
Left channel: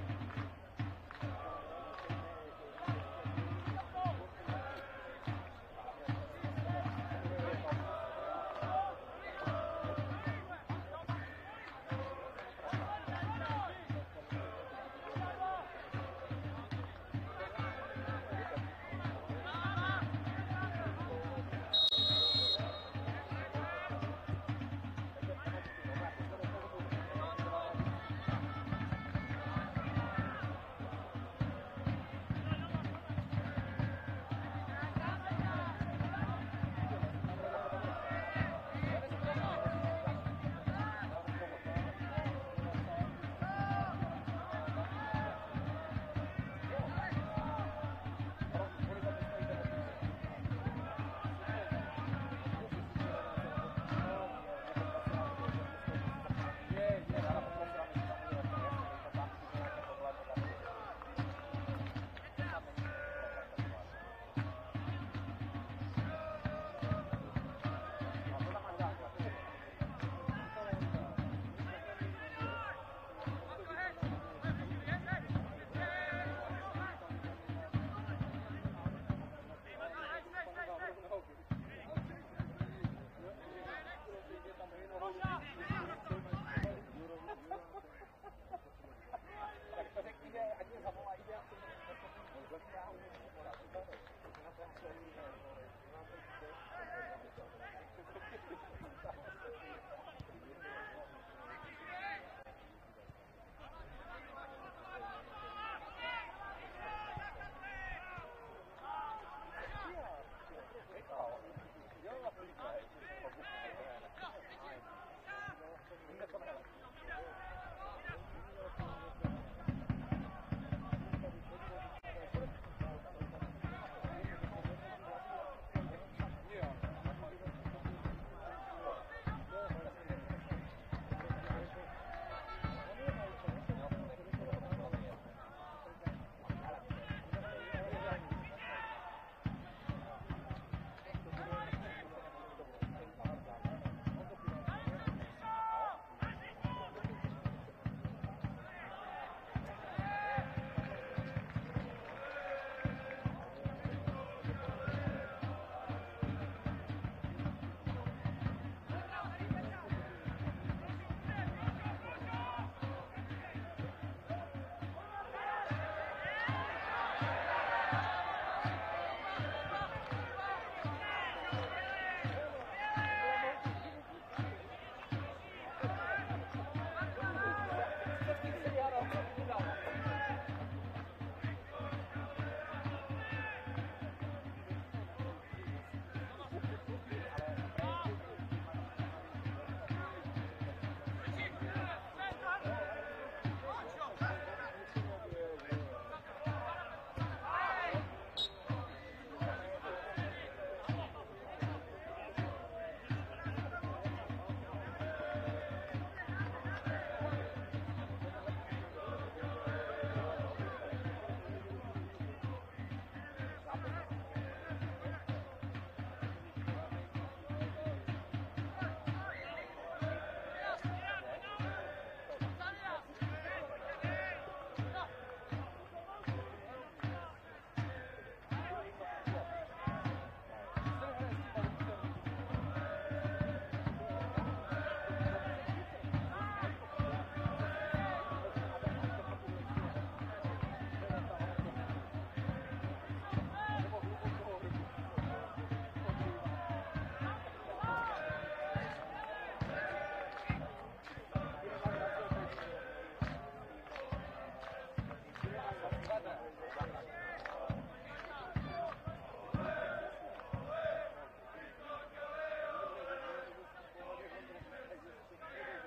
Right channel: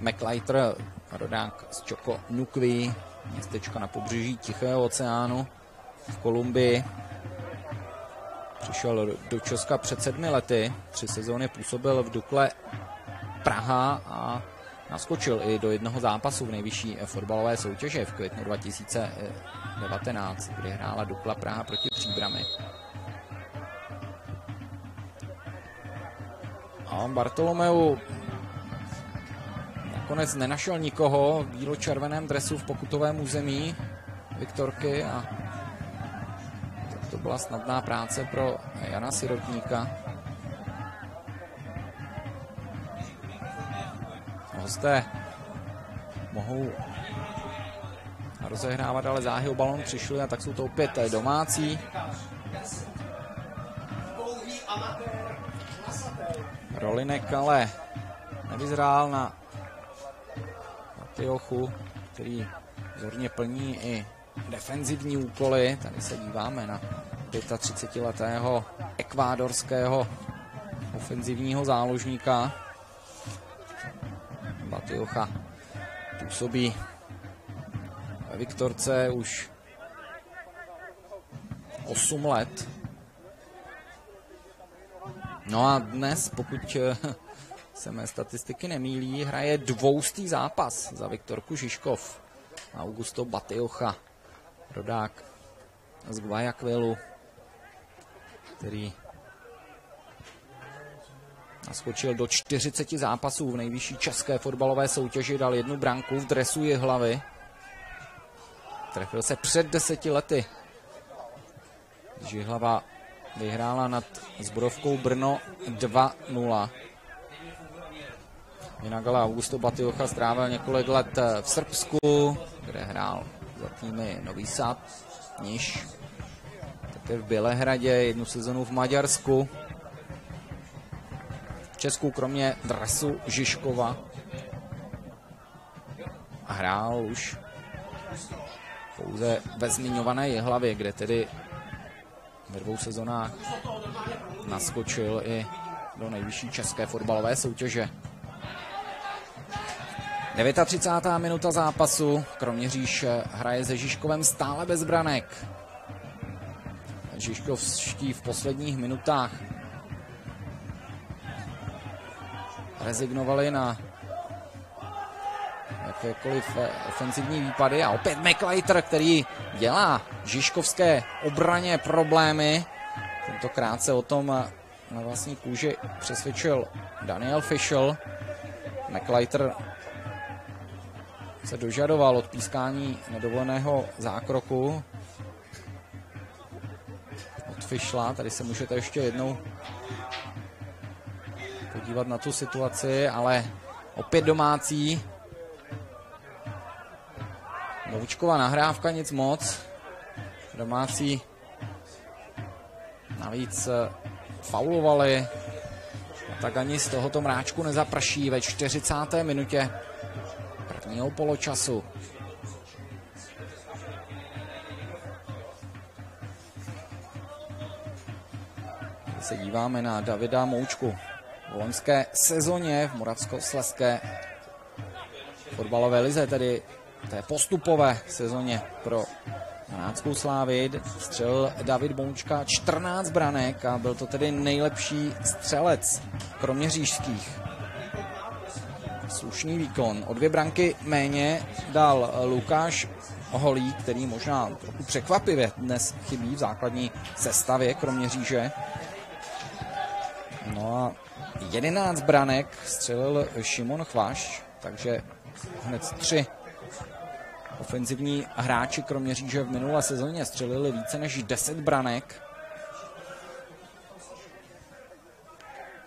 McLeiter, rodák z Choco Nukví, městečko na pobřeží Tichého oceánu v Kolumbii. Přišel do Česka před 7 lety, 3 sezóny působil v Dukle Praha a naskočil i do jednoho zápasu v nejvyšší fotbalové soutěže v květnu 2019, kdy hrála Dukla Praha proti Příbrami. A Bartolomeu nakonec nenašel nikoho v bílo-červeném dresu v pokutovém území Viktorky a to byla snadná práce pro Jana Sirotníka. Hosté mohou rozehrávat, ale záhy o balón přišli a tak jsou to opět domácí. Rolinek ale nevyzrál na Matiochu, který zorně plní i defenzivní úkoly. Tady se díváme na 35letého ekvádorského ofenzivního záložníka. Matiocha působí ve Viktorce už 8 let. No a dnes, pokud se mé statistiky nemýlí, hraje 200. zápas za Viktorku Žižkov. Augusto Batiocha, rodák z Guayaquilu, který naskočil do 40 zápasů v nejvyšší české fotbalové soutěži, dal 1 branku v dresu Jihlavy. Trefil se před 10 lety. Jihlava vyhrála nad Zborovkou Brno 2-0. Jinak ale Augusto Batiocha strávil několik let v Srbsku, kde hrál za týmy Nový Sad, Niš, také v Bělehradě, 1 sezonu v Maďarsku. V Česku kromě dresu Žižkova hrál už pouze ve zmiňované Jihlavě, kde tedy ve 2 sezonách naskočil i do nejvyšší české fotbalové soutěže. 39. minuta zápasu. Kroměříž hraje se Žižkovem stále bez branek. Žižkovští v posledních minutách rezignovali na jakékoliv ofenzivní výpady a opět McLeiter, který dělá žižkovské obraně problémy. Tentokrát se o tom na vlastní kůži přesvědčil Daniel Fischl. McLeiter se dožadoval od pískání nedovoleného zákroku od Fischla. Tady se můžete ještě jednou podívat na tu situaci, ale opět domácí. Novičková nahrávka, nic moc. Domácí navíc faulovali, tak ani z tohoto mráčku nezaprší ve 40. minutě prvního poločasu. Se díváme na Davida Moučku. V loňské sezóně v Moravskoslezské fotbalové lize, tedy té postupové sezóně pro Hanáckou Slávii, střelil David Moučka 14 branek a byl to tedy nejlepší střelec kroměřížských. slušný výkon. O 2 branky méně dal Lukáš Holík, který možná trochu překvapivě dnes chybí v základní sestavě Kroměříže. No a 11 branek střelil Šimon Chvaš, takže hned 3 ofenzivní hráči Kroměříže v minulé sezóně střelili více než 10 branek.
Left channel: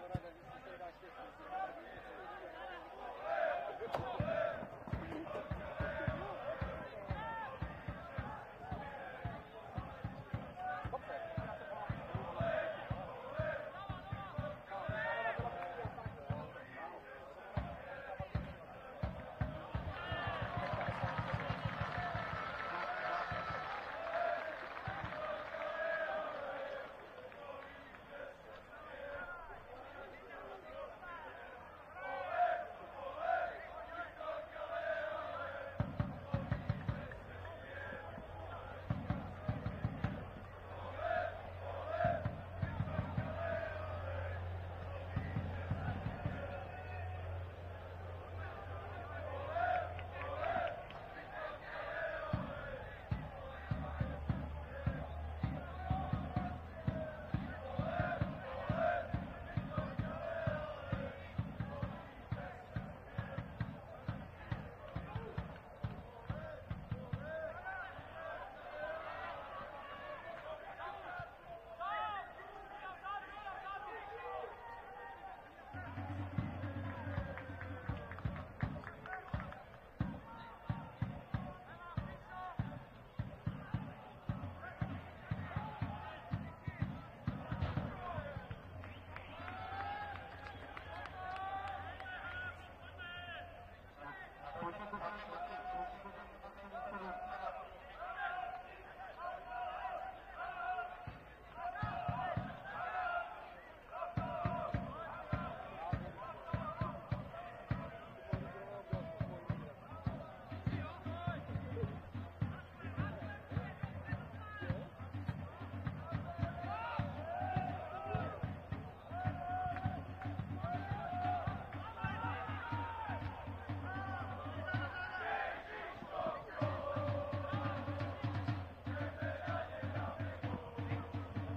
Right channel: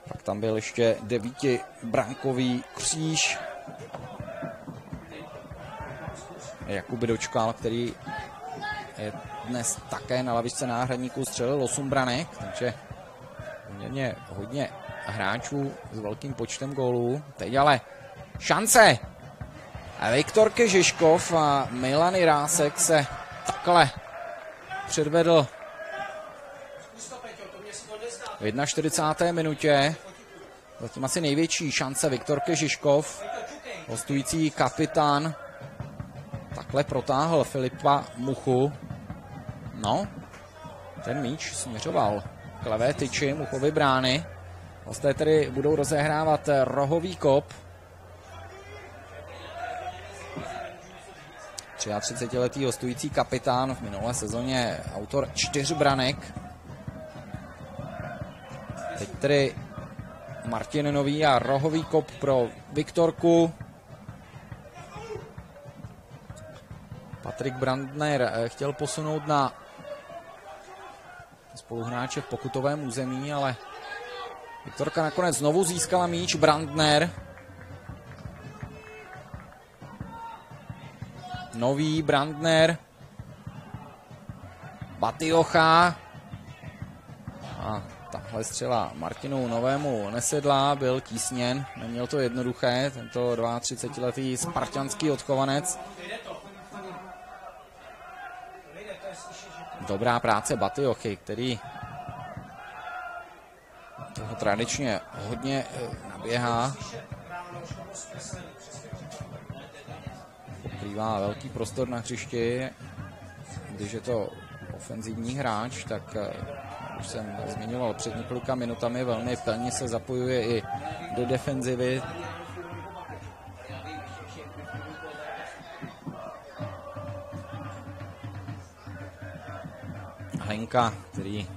Pak tam byl ještě 9brankový kříž. Jakub Dočkal, který je dnes také na lavičce náhradníků, střelil 8 branek, takže poměrně hodně hráčů s velkým počtem gólů. Teď ale šance! Viktor Kežiškov a Milan Jirásek se takhle předvedl v 41. minutě. Zatím asi největší šance Viktor Kežiškov, hostující kapitán, takhle protáhl Filipa Muchu. No, ten míč směřoval k levé tyči Muchovy brány. Hosté tedy budou rozehrávat rohový kop. 33letý hostující kapitán, v minulé sezóně autor 4 branek. Teď tedy Martin Nový a rohový kop pro Viktorku. Patrik Brandner chtěl posunout na spoluhráče v pokutovém území, ale Viktorka nakonec znovu získala míč. Brandner. Nový, Brandner. Batiocha. A tahle střela Martinu Novému nesedla, byl tísněn, neměl to jednoduché, tento 32letý spartanský odchovanec. Dobrá práce Batiochy, který tradičně hodně běhá. Pokrývá velký prostor na hřišti. Když je to ofenzivní hráč, tak už jsem zmiňoval před několika minutami, velmi plně se zapojuje i do defenzivy. Hlenka, který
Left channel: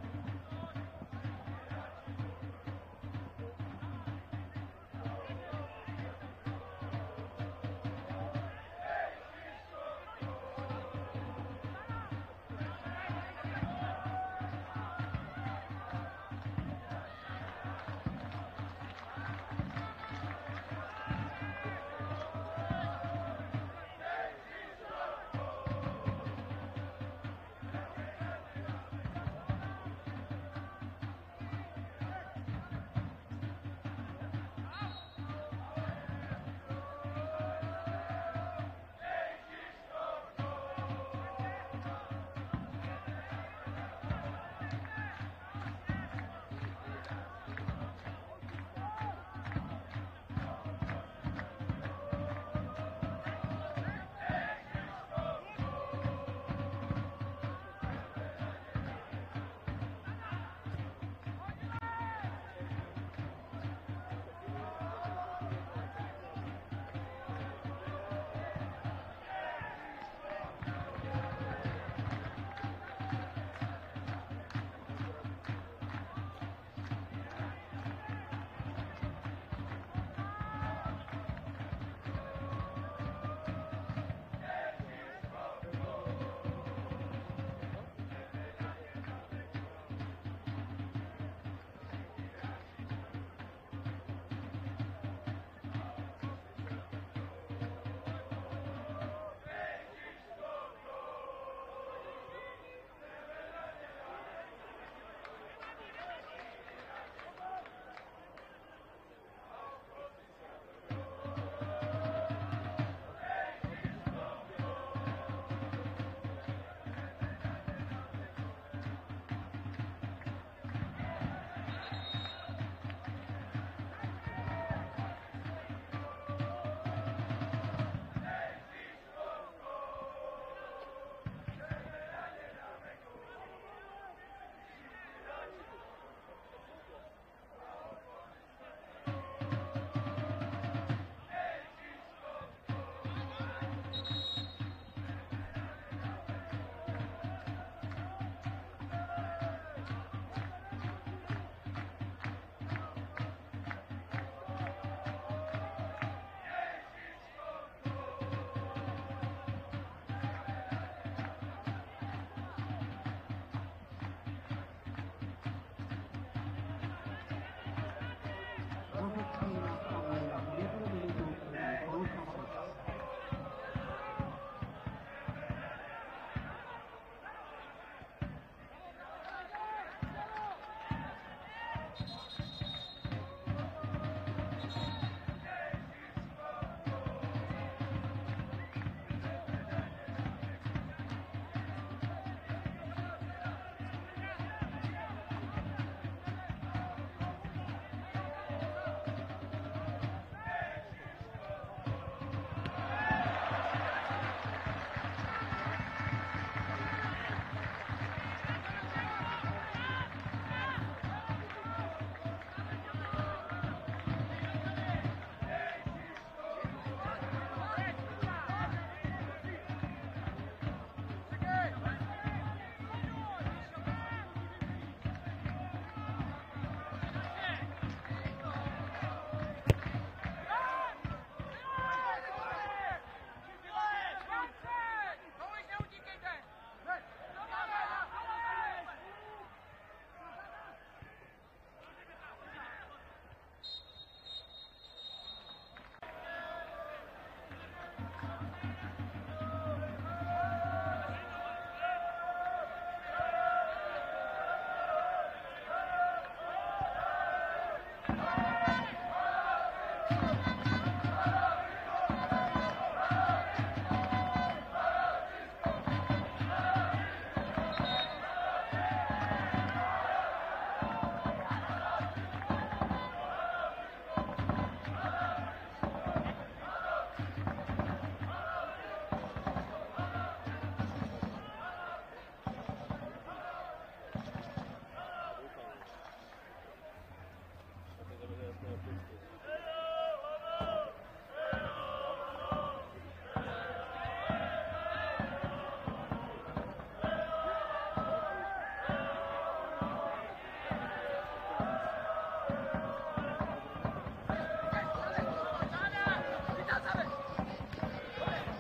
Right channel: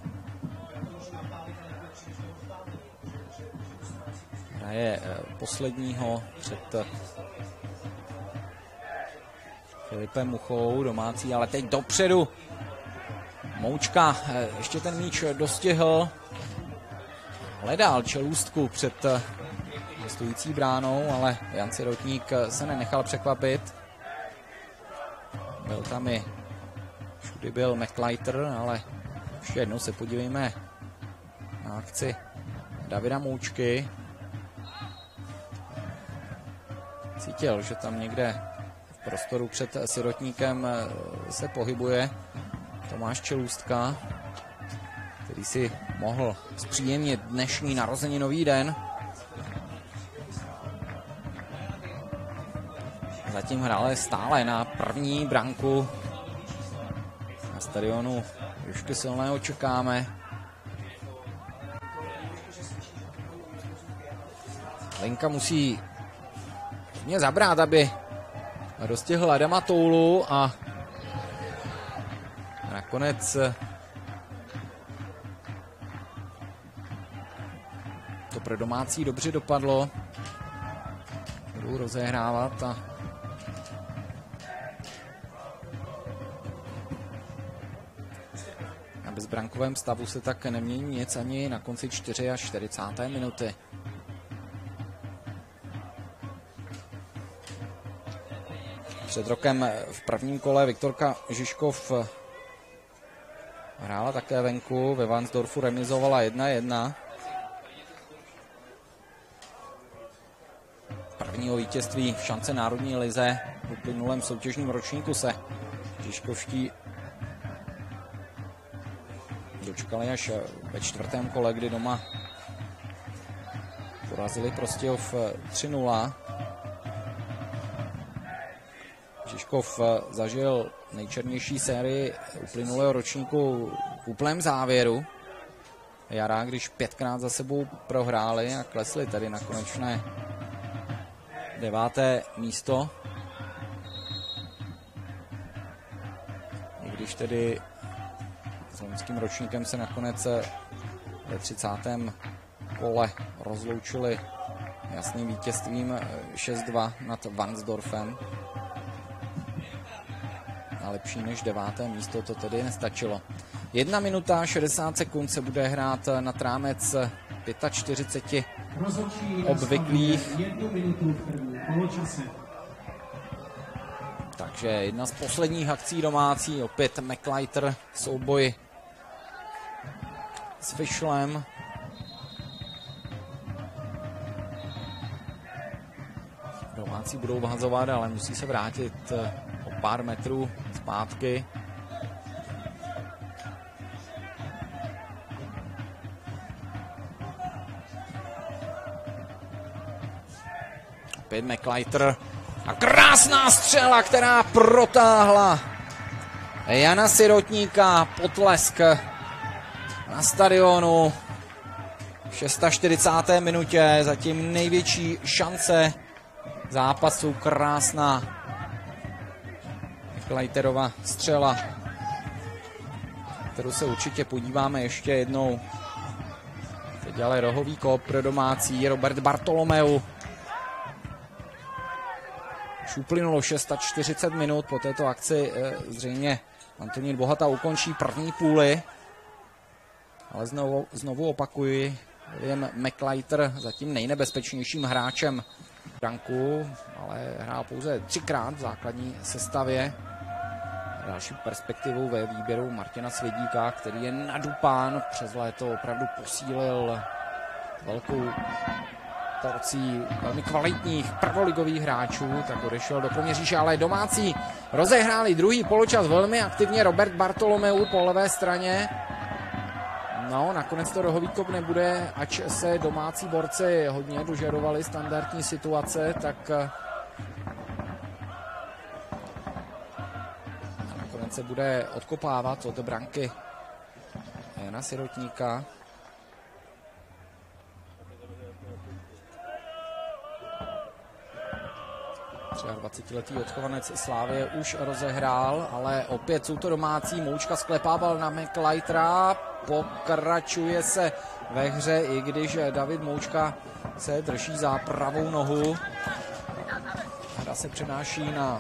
hraje posledního před Filipem Muchou, domácí, ale teď dopředu Moučka ještě ten míč dostihl, hledal čelůstku před stojící bránou, ale Jan Sirotník se nenechal překvapit. Byl tam i všudy byl McLeiter, ale ještě jednou se podívejme na akci Davida Moučky. Cítil, že tam někde v prostoru před Sirotníkem se pohybuje Tomáš Čelůstka, který si mohl zpříjemnit dnešní narozeninový den. Zatím hráli stále na první branku. Na stadionu Jušky Silného čekáme. Lenka musí mě zabrát, aby dostihl Adama Toulu a nakonec to pro domácí dobře dopadlo. Budou rozehrávat a na bezbrankovém stavu se tak nemění nic ani na konci 44. minuty. Před rokem v prvním kole Viktorka Žižkov hrála také venku, ve Varnsdorfu remizovala 1-1. Prvního vítězství v šance národní lize v uplynulém soutěžním ročníku se Žižkovští dočkali až ve 4. kole, kdy doma porazili Prostějov 3-0. Žižkov zažil nejčernější sérii uplynulého ročníku v úplném závěru jara, když 5krát za sebou prohráli a klesli tady na konečné 9. místo. I když tedy s loňským ročníkem se nakonec ve 30. kole rozloučili jasným vítězstvím 6-2 nad Varnsdorfem. A lepší než 9. místo to tedy nestačilo. 1 minuta 60 sekund se bude hrát nad rámec 45 obvyklých. Takže jedna z posledních akcí domácí, opět McLeiter, souboj s Fischlem. Domácí budou vhazovat, ale musí se vrátit o pár metrů zpátky. Opět McLeiter a krásná střela, která protáhla Jana Sirotníka. Potlesk na stadionu v 46. minutě, zatím největší šance zápasu. Krásná McLeiterova střela, kterou se určitě podíváme ještě jednou. Teď ale rohový kop pro domácí. Robert Bartolomeu. Už uplynulo 640 minut, po této akci zřejmě Antonín Bohata ukončí první půli. Ale znovu opakuji, William McLeiter zatím nejnebezpečnějším hráčem branku, ale hrál pouze 3krát v základní sestavě. Další perspektivu ve výběru Martina Svědíka, který je nadupán, přes léto opravdu posílil velkou porcí velmi kvalitních prvoligových hráčů, tak odešel do Kroměříže, ale domácí rozehráli druhý poločas velmi aktivně. Robert Bartolomeu po levé straně. No, nakonec to rohový kop nebude, ač se domácí borci hodně dožadovali standardní situace, tak nakonec se bude odkopávat od branky Jana Sirotníka. 23letý odchovanec Slávie už rozehrál, ale opět jsou to domácí. Moučka sklepával na McLeitera, pokračuje se ve hře, i když David Moučka se drží za pravou nohu. Hra se přenáší na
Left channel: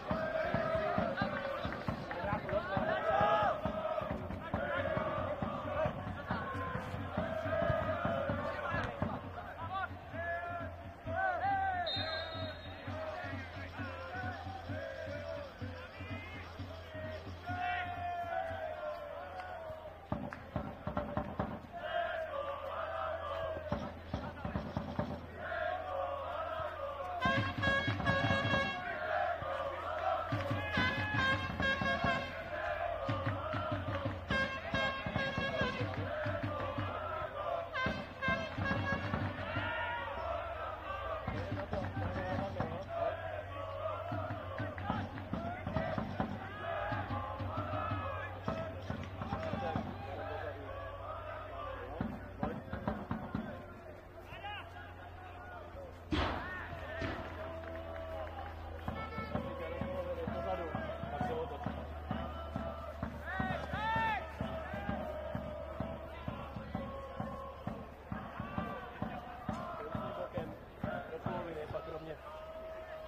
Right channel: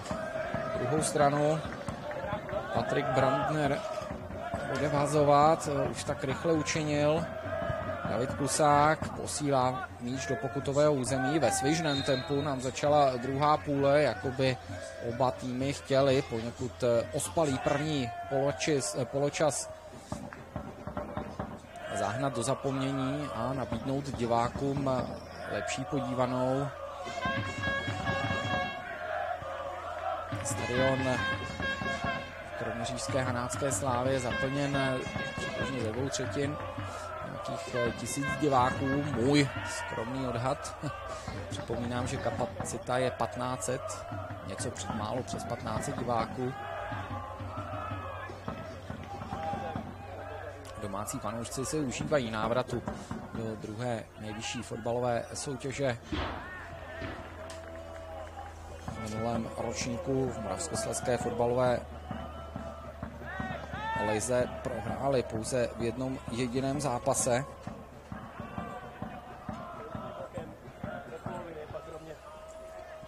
druhou stranu. Patrik Brandner bude vazovat, už tak rychle učinil. David Klusák posílá míč do pokutového území. Ve svižném tempu nám začala druhá půle, jakoby oba týmy chtěli poněkud ospalý první poločas zahnat do zapomnění a nabídnout divákům lepší podívanou. Stadion kroměřížské Hanácké Slávy zaplněn ve dvou třetin. 1000 diváků, můj skromný odhad. Připomínám, že kapacita je 1500, něco málo přes 1500 diváků. Domácí fanoušci si užívají návratu do druhé nejvyšší fotbalové soutěže. V minulém ročníku v Moravskoslezské fotbalové lize prohráli pouze v jednom jediném zápase.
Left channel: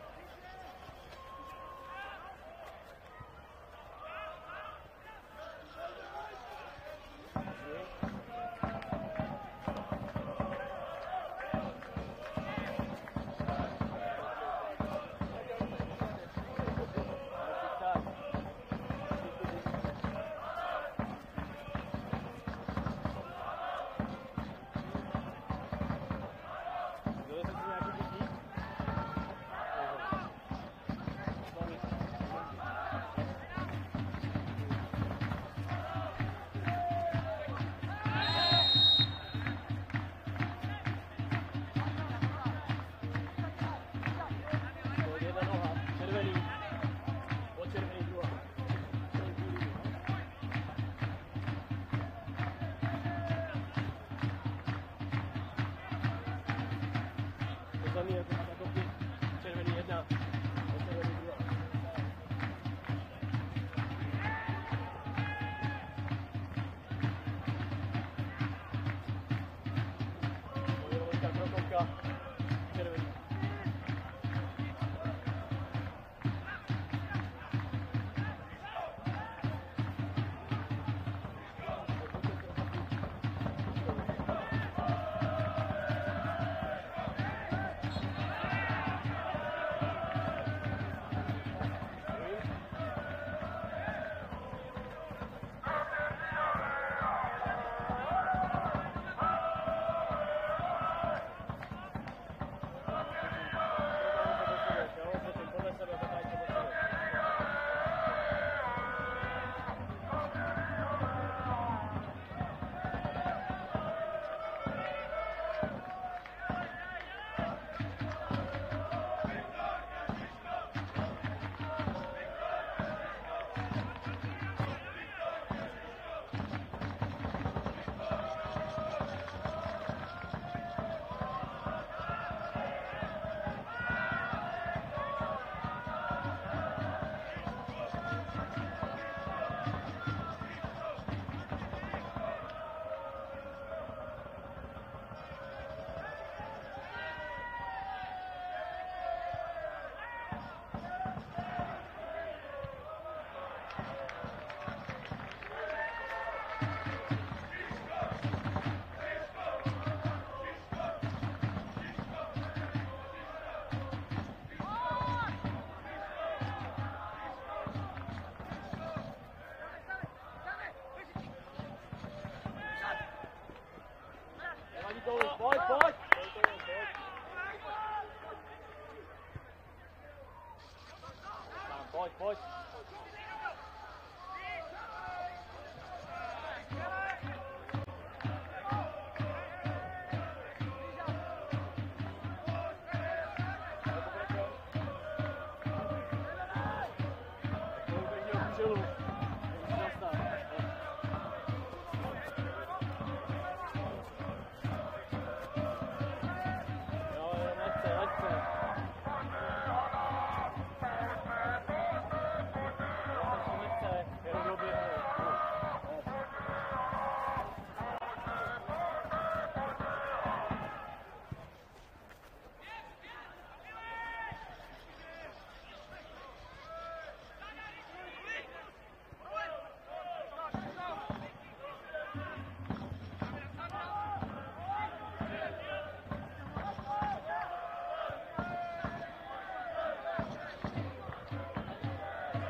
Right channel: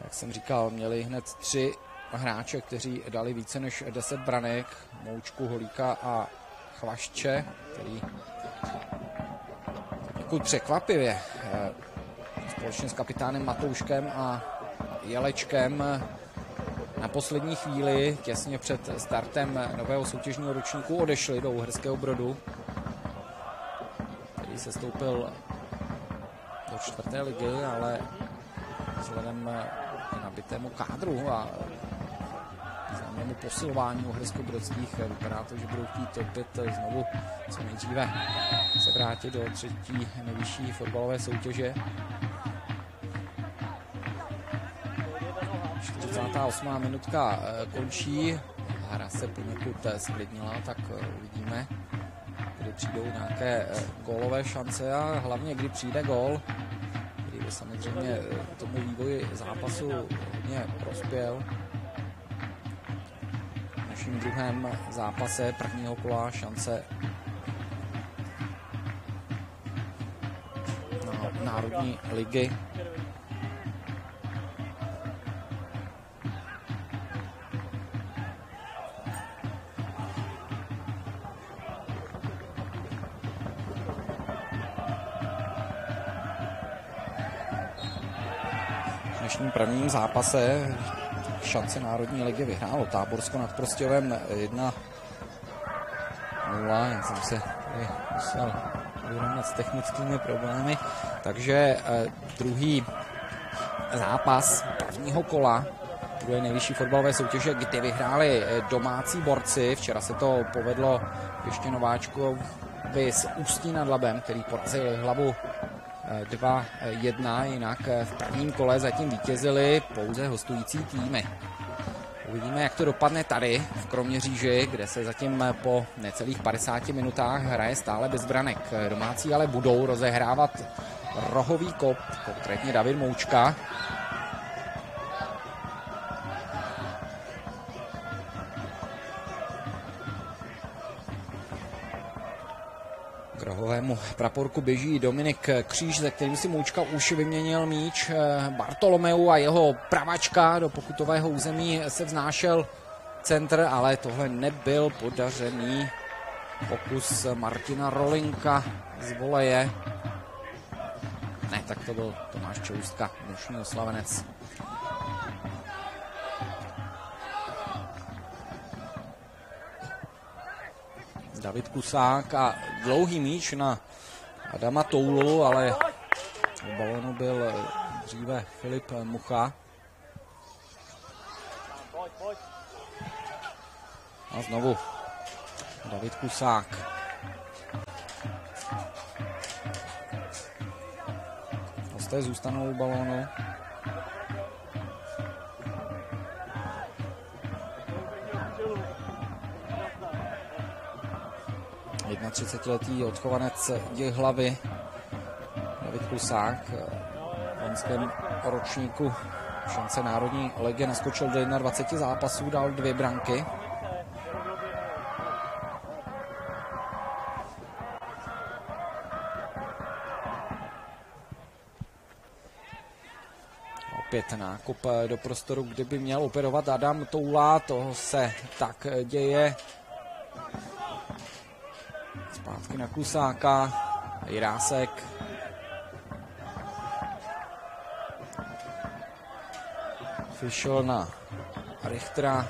Jak jsem říkal, měli hned 3 hráče, kteří dali více než 10 branek. Moučku, Holíka a Chlašče, který takový překvapivě společně s kapitánem Matouškem a Jelečkem na poslední chvíli, těsně před startem nového soutěžního ročníku, odešli do Uherského Brodu, který se stoupil do 4. ligy, ale vzhledem k nabitému kádru a zájemnému posilování Uhersko-Brodských vypadá to, že budou chtít opět znovu co nejdříve se vrátit do 3. nejvyšší fotbalové soutěže. 48. minutka končí, hra se poněkud sklidnila, tak uvidíme, kdy přijdou nějaké gólové šance a hlavně kdy přijde gól, kdy samozřejmě to vývoj zápasu hodně prospěl. V druhém zápase prvního kola šance Národní ligy. V dnešním prvním zápase šance Národní ligy vyhrálo Táborsko nad Prostějovem 1-0. Já jsem se musel vyrovnat s technickými problémy. Takže druhý zápas prvního kola druhé nejvyšší fotbalové soutěže, kdy vyhráli domácí borci. Včera se to povedlo ještě nováčkovi z Ústí nad Labem, který porazil Hlavu 2-1, jinak v prvním kole zatím vítězili pouze hostující týmy. Uvidíme, jak to dopadne tady v Kroměříži, kde se zatím po necelých 50 minutách hraje stále bez branek. Domácí ale budou rozehrávat rohový kop, konkrétně David Moučka. K rohovému praporku běží Dominik Kříž, ze kterým si Moučka už vyměnil míč. Bartolomeu a jeho pravačka do pokutového území se vznášel centr, ale tohle nebyl podařený pokus Martina Rolinka z voleje. Ne, tak to byl Tomáš Čelustka, dnešní oslavenec. David Kusák a dlouhý míč na Adama Toulu, ale v balonu byl dříve Filip Mucha. A znovu David Kusák. Hosté zůstanou u balónu. Na 30letý odchovanec Jihlavy David Kusák v loňském ročníku šance Národní ligy naskočil do 21 zápasů, dal 2 branky. Opět nákup do prostoru, kde by měl operovat Adam Toula, toho se tak děje. Zpátky na Kusáka, Jirásek. Fischl na Richtera.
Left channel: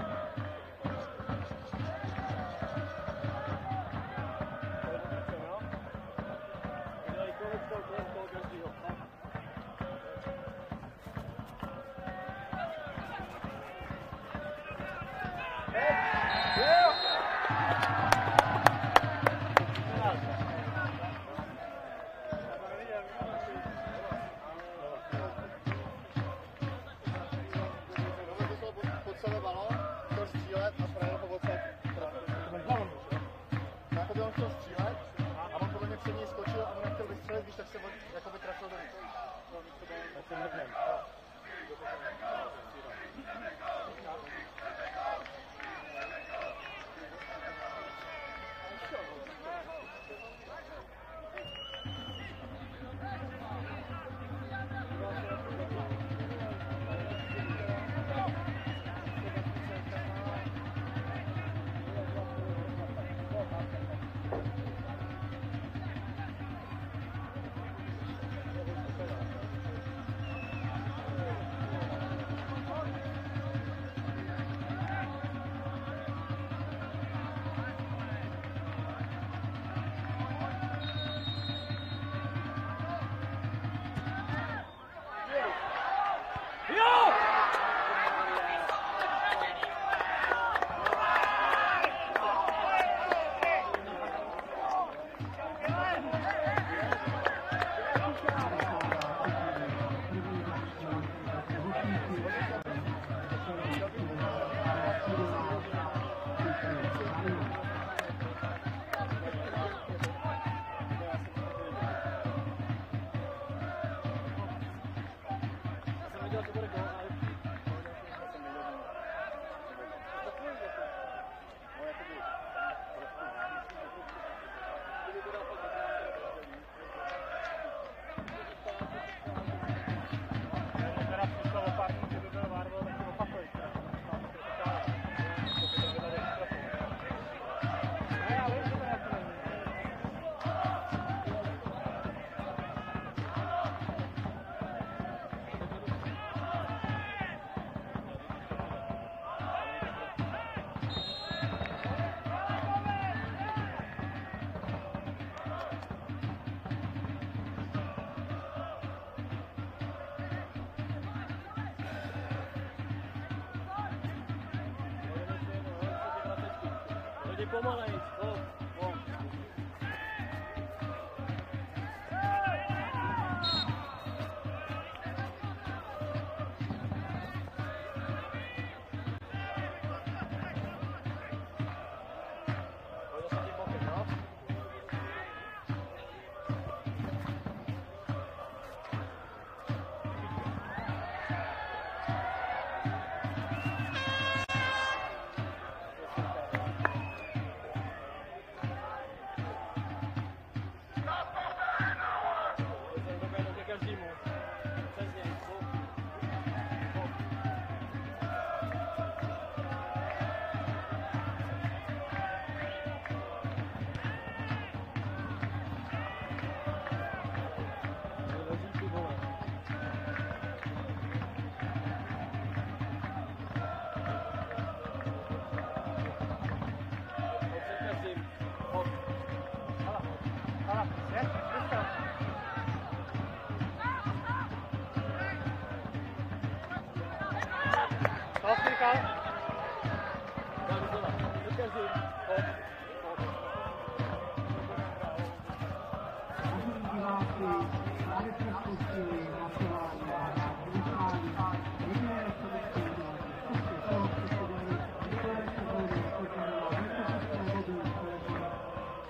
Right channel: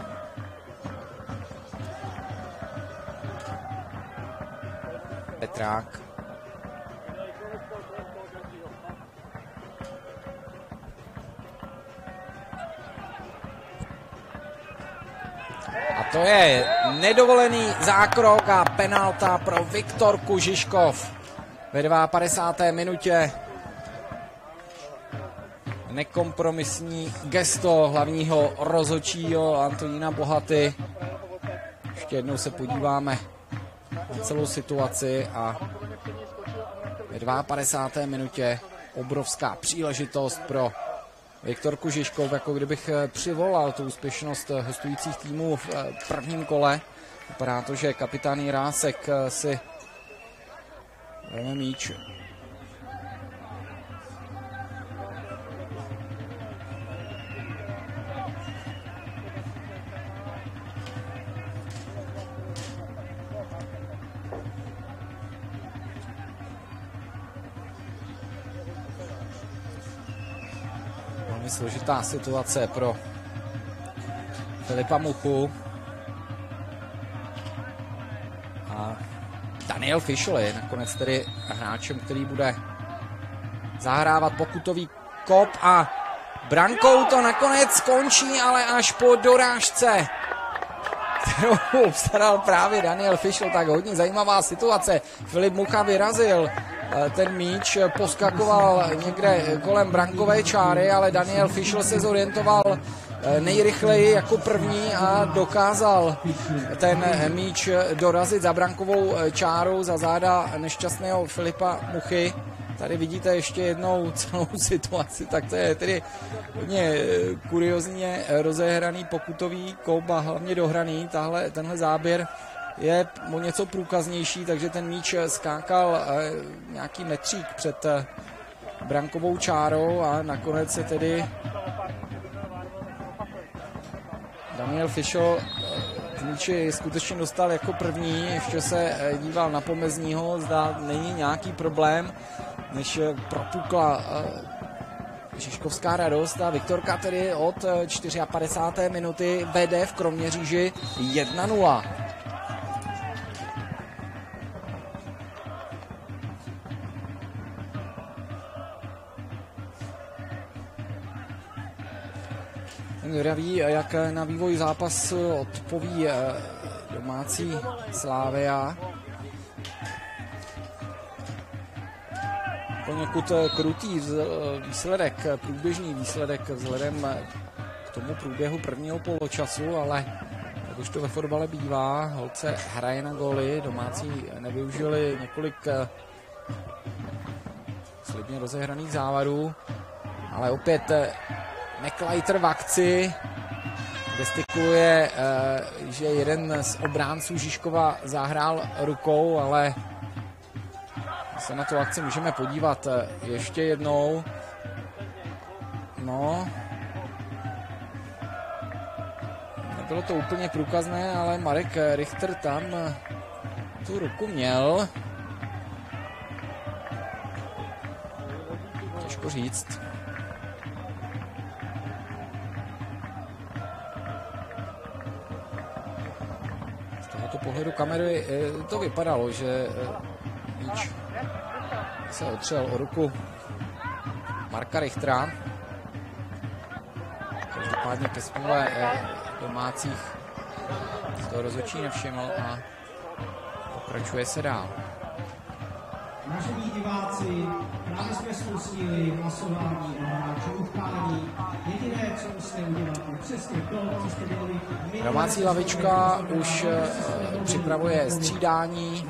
Petrák. A to je nedovolený zákrok a penalta pro Viktorku Žižkov ve 52. minutě. Nekompromisní gesto hlavního rozhodčího Antonína Bohaty. Ještě jednou se podíváme na celou situaci a ve 52. minutě obrovská příležitost pro Viktorku Žižkov, jako kdybych přivolal tu úspěšnost hostujících týmů v prvním kole. Vypadá to, že kapitán Jirásek si vezme míč. Složitá situace pro Filipa Muchu. A Daniel Fischl je nakonec tedy hráčem, který bude zahrávat pokutový kop a brankou to nakonec skončí, ale až po dorážce, kterou obstaral právě Daniel Fischl, tak hodně zajímavá situace. Filip Mucha vyrazil ten míč, poskakoval někde kolem brankové čáry, ale Daniel Fischl se zorientoval nejrychleji jako první a dokázal ten míč dorazit za brankovou čáru, za záda nešťastného Filipa Muchy. tady vidíte ještě jednou celou situaci, tak to je tedy hodně kuriozně rozehraný pokutový kop a hlavně dohraný. Tenhle záběr je o něco průkaznější, takže ten míč skákal nějaký metřík před brankovou čárou a nakonec se tedy Daniel Fischl míči skutečně dostal jako první, ještě se díval na pomezního, zda není nějaký problém, než propukla Žižkovská radost a Viktorka tedy od 54. minuty vede v Kroměříži 1-0. Ví, jak na vývoj zápasu odpoví domácí Slavia. Poněkud krutý výsledek, průběžný výsledek vzhledem k tomu průběhu prvního poločasu, ale když to ve fotbale bývá, holce hraje na góly, domácí nevyužili několik sledně rozehraných závadů, ale opět McLeiter v akci, gestikuluje, že jeden z obránců Žižkova zahrál rukou, ale se na tu akci můžeme podívat ještě jednou. No, nebylo to úplně průkazné, ale Marek Richter tam tu ruku měl. Těžko říct. Kamery to vypadalo, že se otřel o ruku Marka Richtera. Každopádně ke spíle domácích to rozhodčí nevšiml a pokračuje se dál. Domácí lavička už připravuje střídání.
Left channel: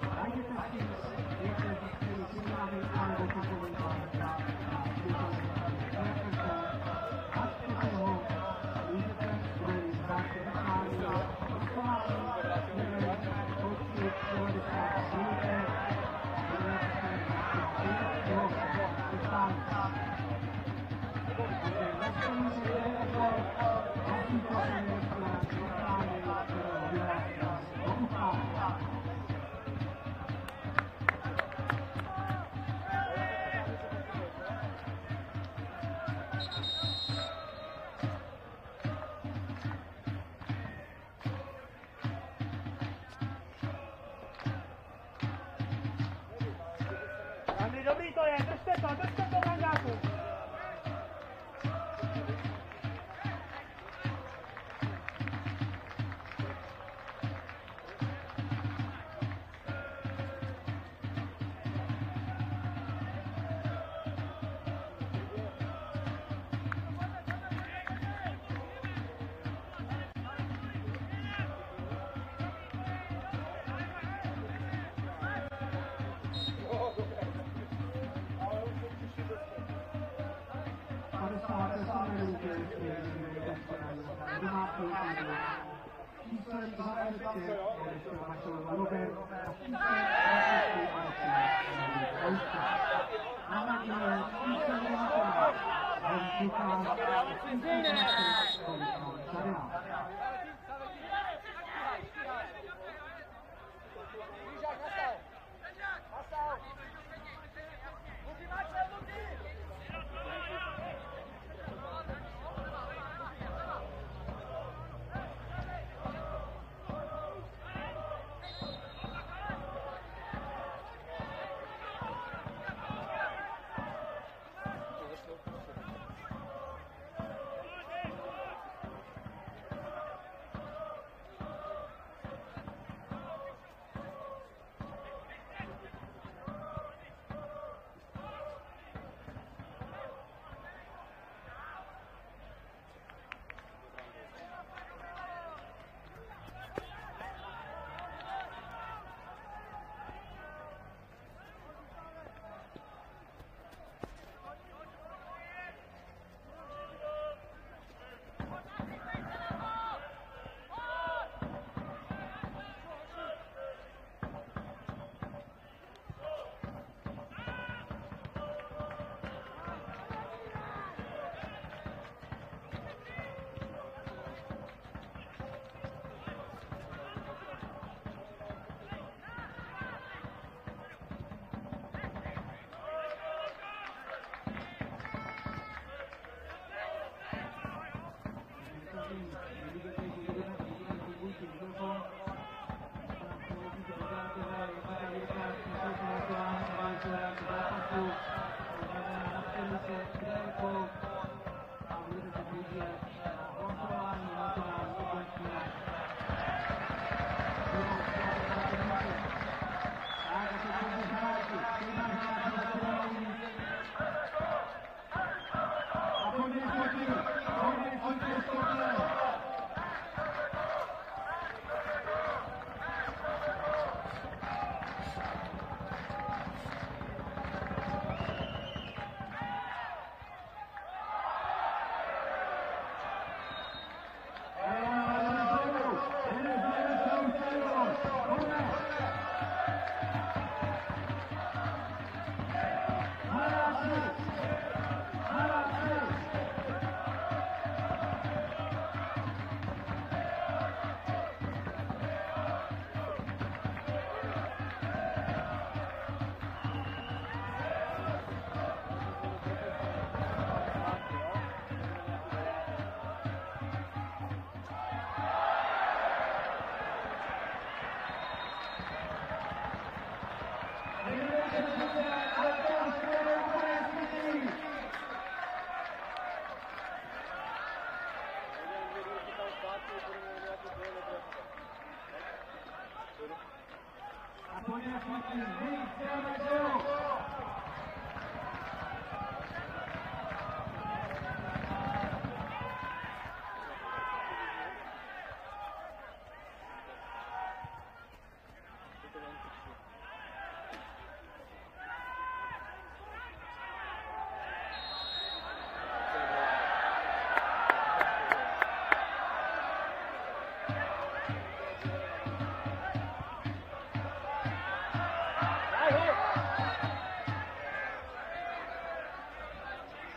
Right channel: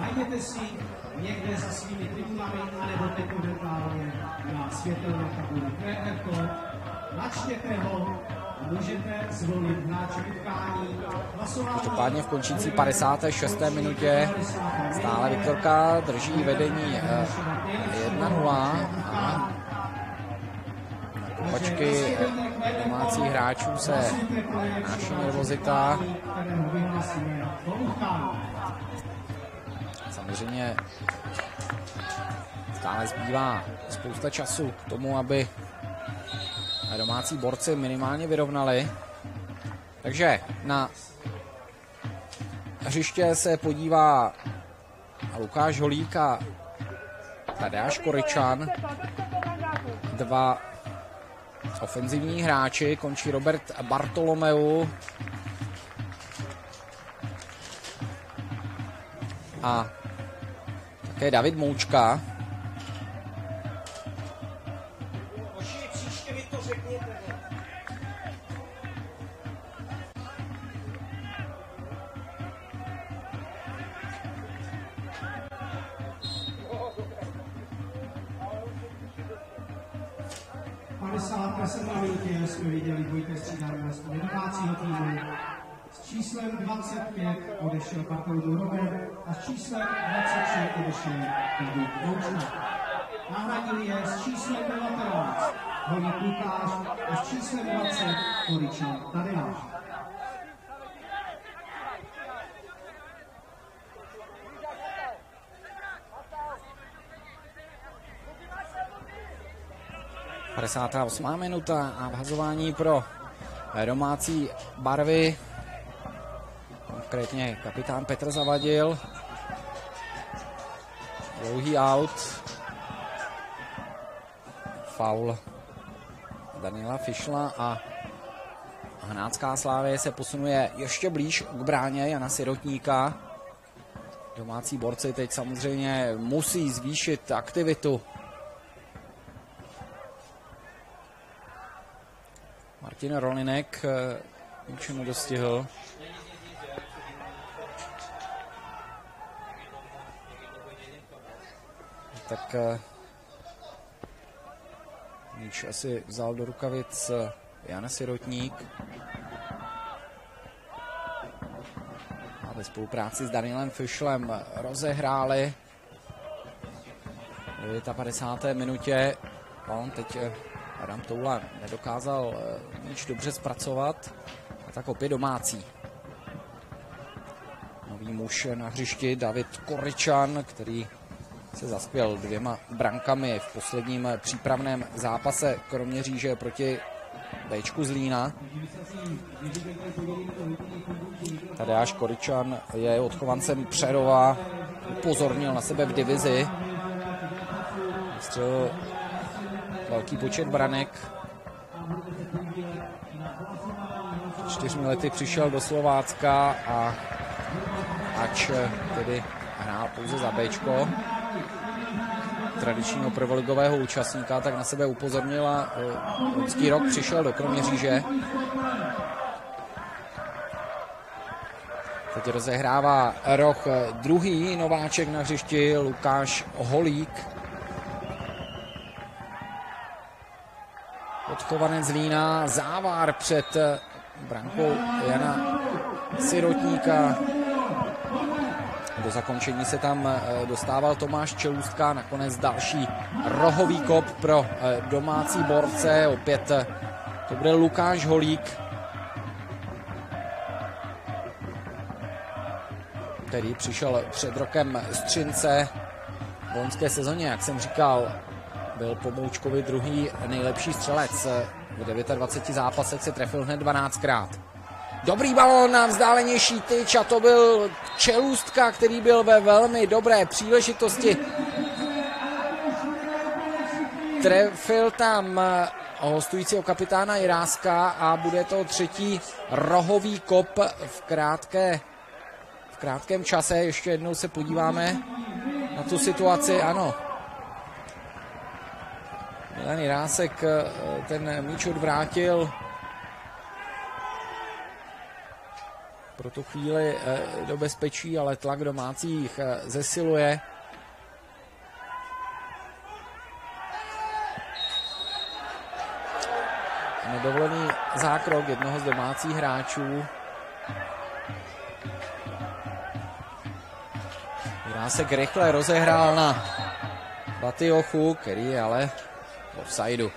Každopádně v končící 56. minutě stále Viktorka drží vedení 1-0. Kopačky domácích hráčů se naší nervozita. Samozřejmě stále zbývá spousta času k tomu, aby domácí borci minimálně vyrovnali. Takže na hřiště se podívá Lukáš Holík a Tadeáš Koryčan. Dva ofenzivní hráči, končí Robert Bartolomeu a také David Moučka. Číslem 25 odešel Pavel Donover a číslem 26 odešel Pavel Donover. Náhradní je s číslem 12 Honor Lukáš a s číslem 20 Koryčan Tadeáš. Padesátá 8. minuta a vhazování pro domácí barvy. Konkrétně kapitán Petr Zavadil. Dlouhý out. Faul Daniela Fischla a Hnácká Slavie se posunuje ještě blíž k bráně Jana Sirotníka. Domácí borci teď samozřejmě musí zvýšit aktivitu. Martin Rolinek ničemu dostihl. Tak míč asi vzal do rukavic Jan Sirotník. Ve spolupráci s Danielem Fischlem rozehráli v 59. minutě. On teď Adam Toula nedokázal míč dobře zpracovat, tak opět domácí. Nový muž na hřišti David Koryčan, který se zaskvěl 2 brankami v posledním přípravném zápase Kroměříže proti Bčku Zlína. Tadeáš Koryčan je odchovancem Přerova, upozornil na sebe v divizi. Střelil velký počet branek. 4 lety přišel do Slovácka a ač tedy hrál pouze za Bčko tradičního prvoligového účastníka, tak na sebe upozornil a loňský rok přišel do Kroměříže. Teď rozehrává roh druhý nováček na hřišti Lukáš Holík. Odchovanec Zlína, závár před brankou Jana Sirotníka. Do zakončení se tam dostával Tomáš Čelůstka, nakonec další rohový kop pro domácí borce, opět to bude Lukáš Holík, který přišel před rokem z Třince v loňské sezóně, jak jsem říkal, byl po Boučkovi druhý nejlepší střelec. V 29 zápasech se trefil hned 12krát. Dobrý balón na vzdálenější tyč a to byl Čelůstka, který byl ve velmi dobré příležitosti. Trefil tam hostujícího kapitána Jiráska a bude to třetí rohový kop v krátkém čase. Ještě jednou se podíváme na tu situaci. Ano. Jan Jirásek ten míč odvrátil. Pro tu chvíli do bezpečí, ale tlak domácích zesiluje. Nedovolený zákrok jednoho z domácích hráčů. Jirásek rychle rozehrál na Batiochu, který je ale v offsideu.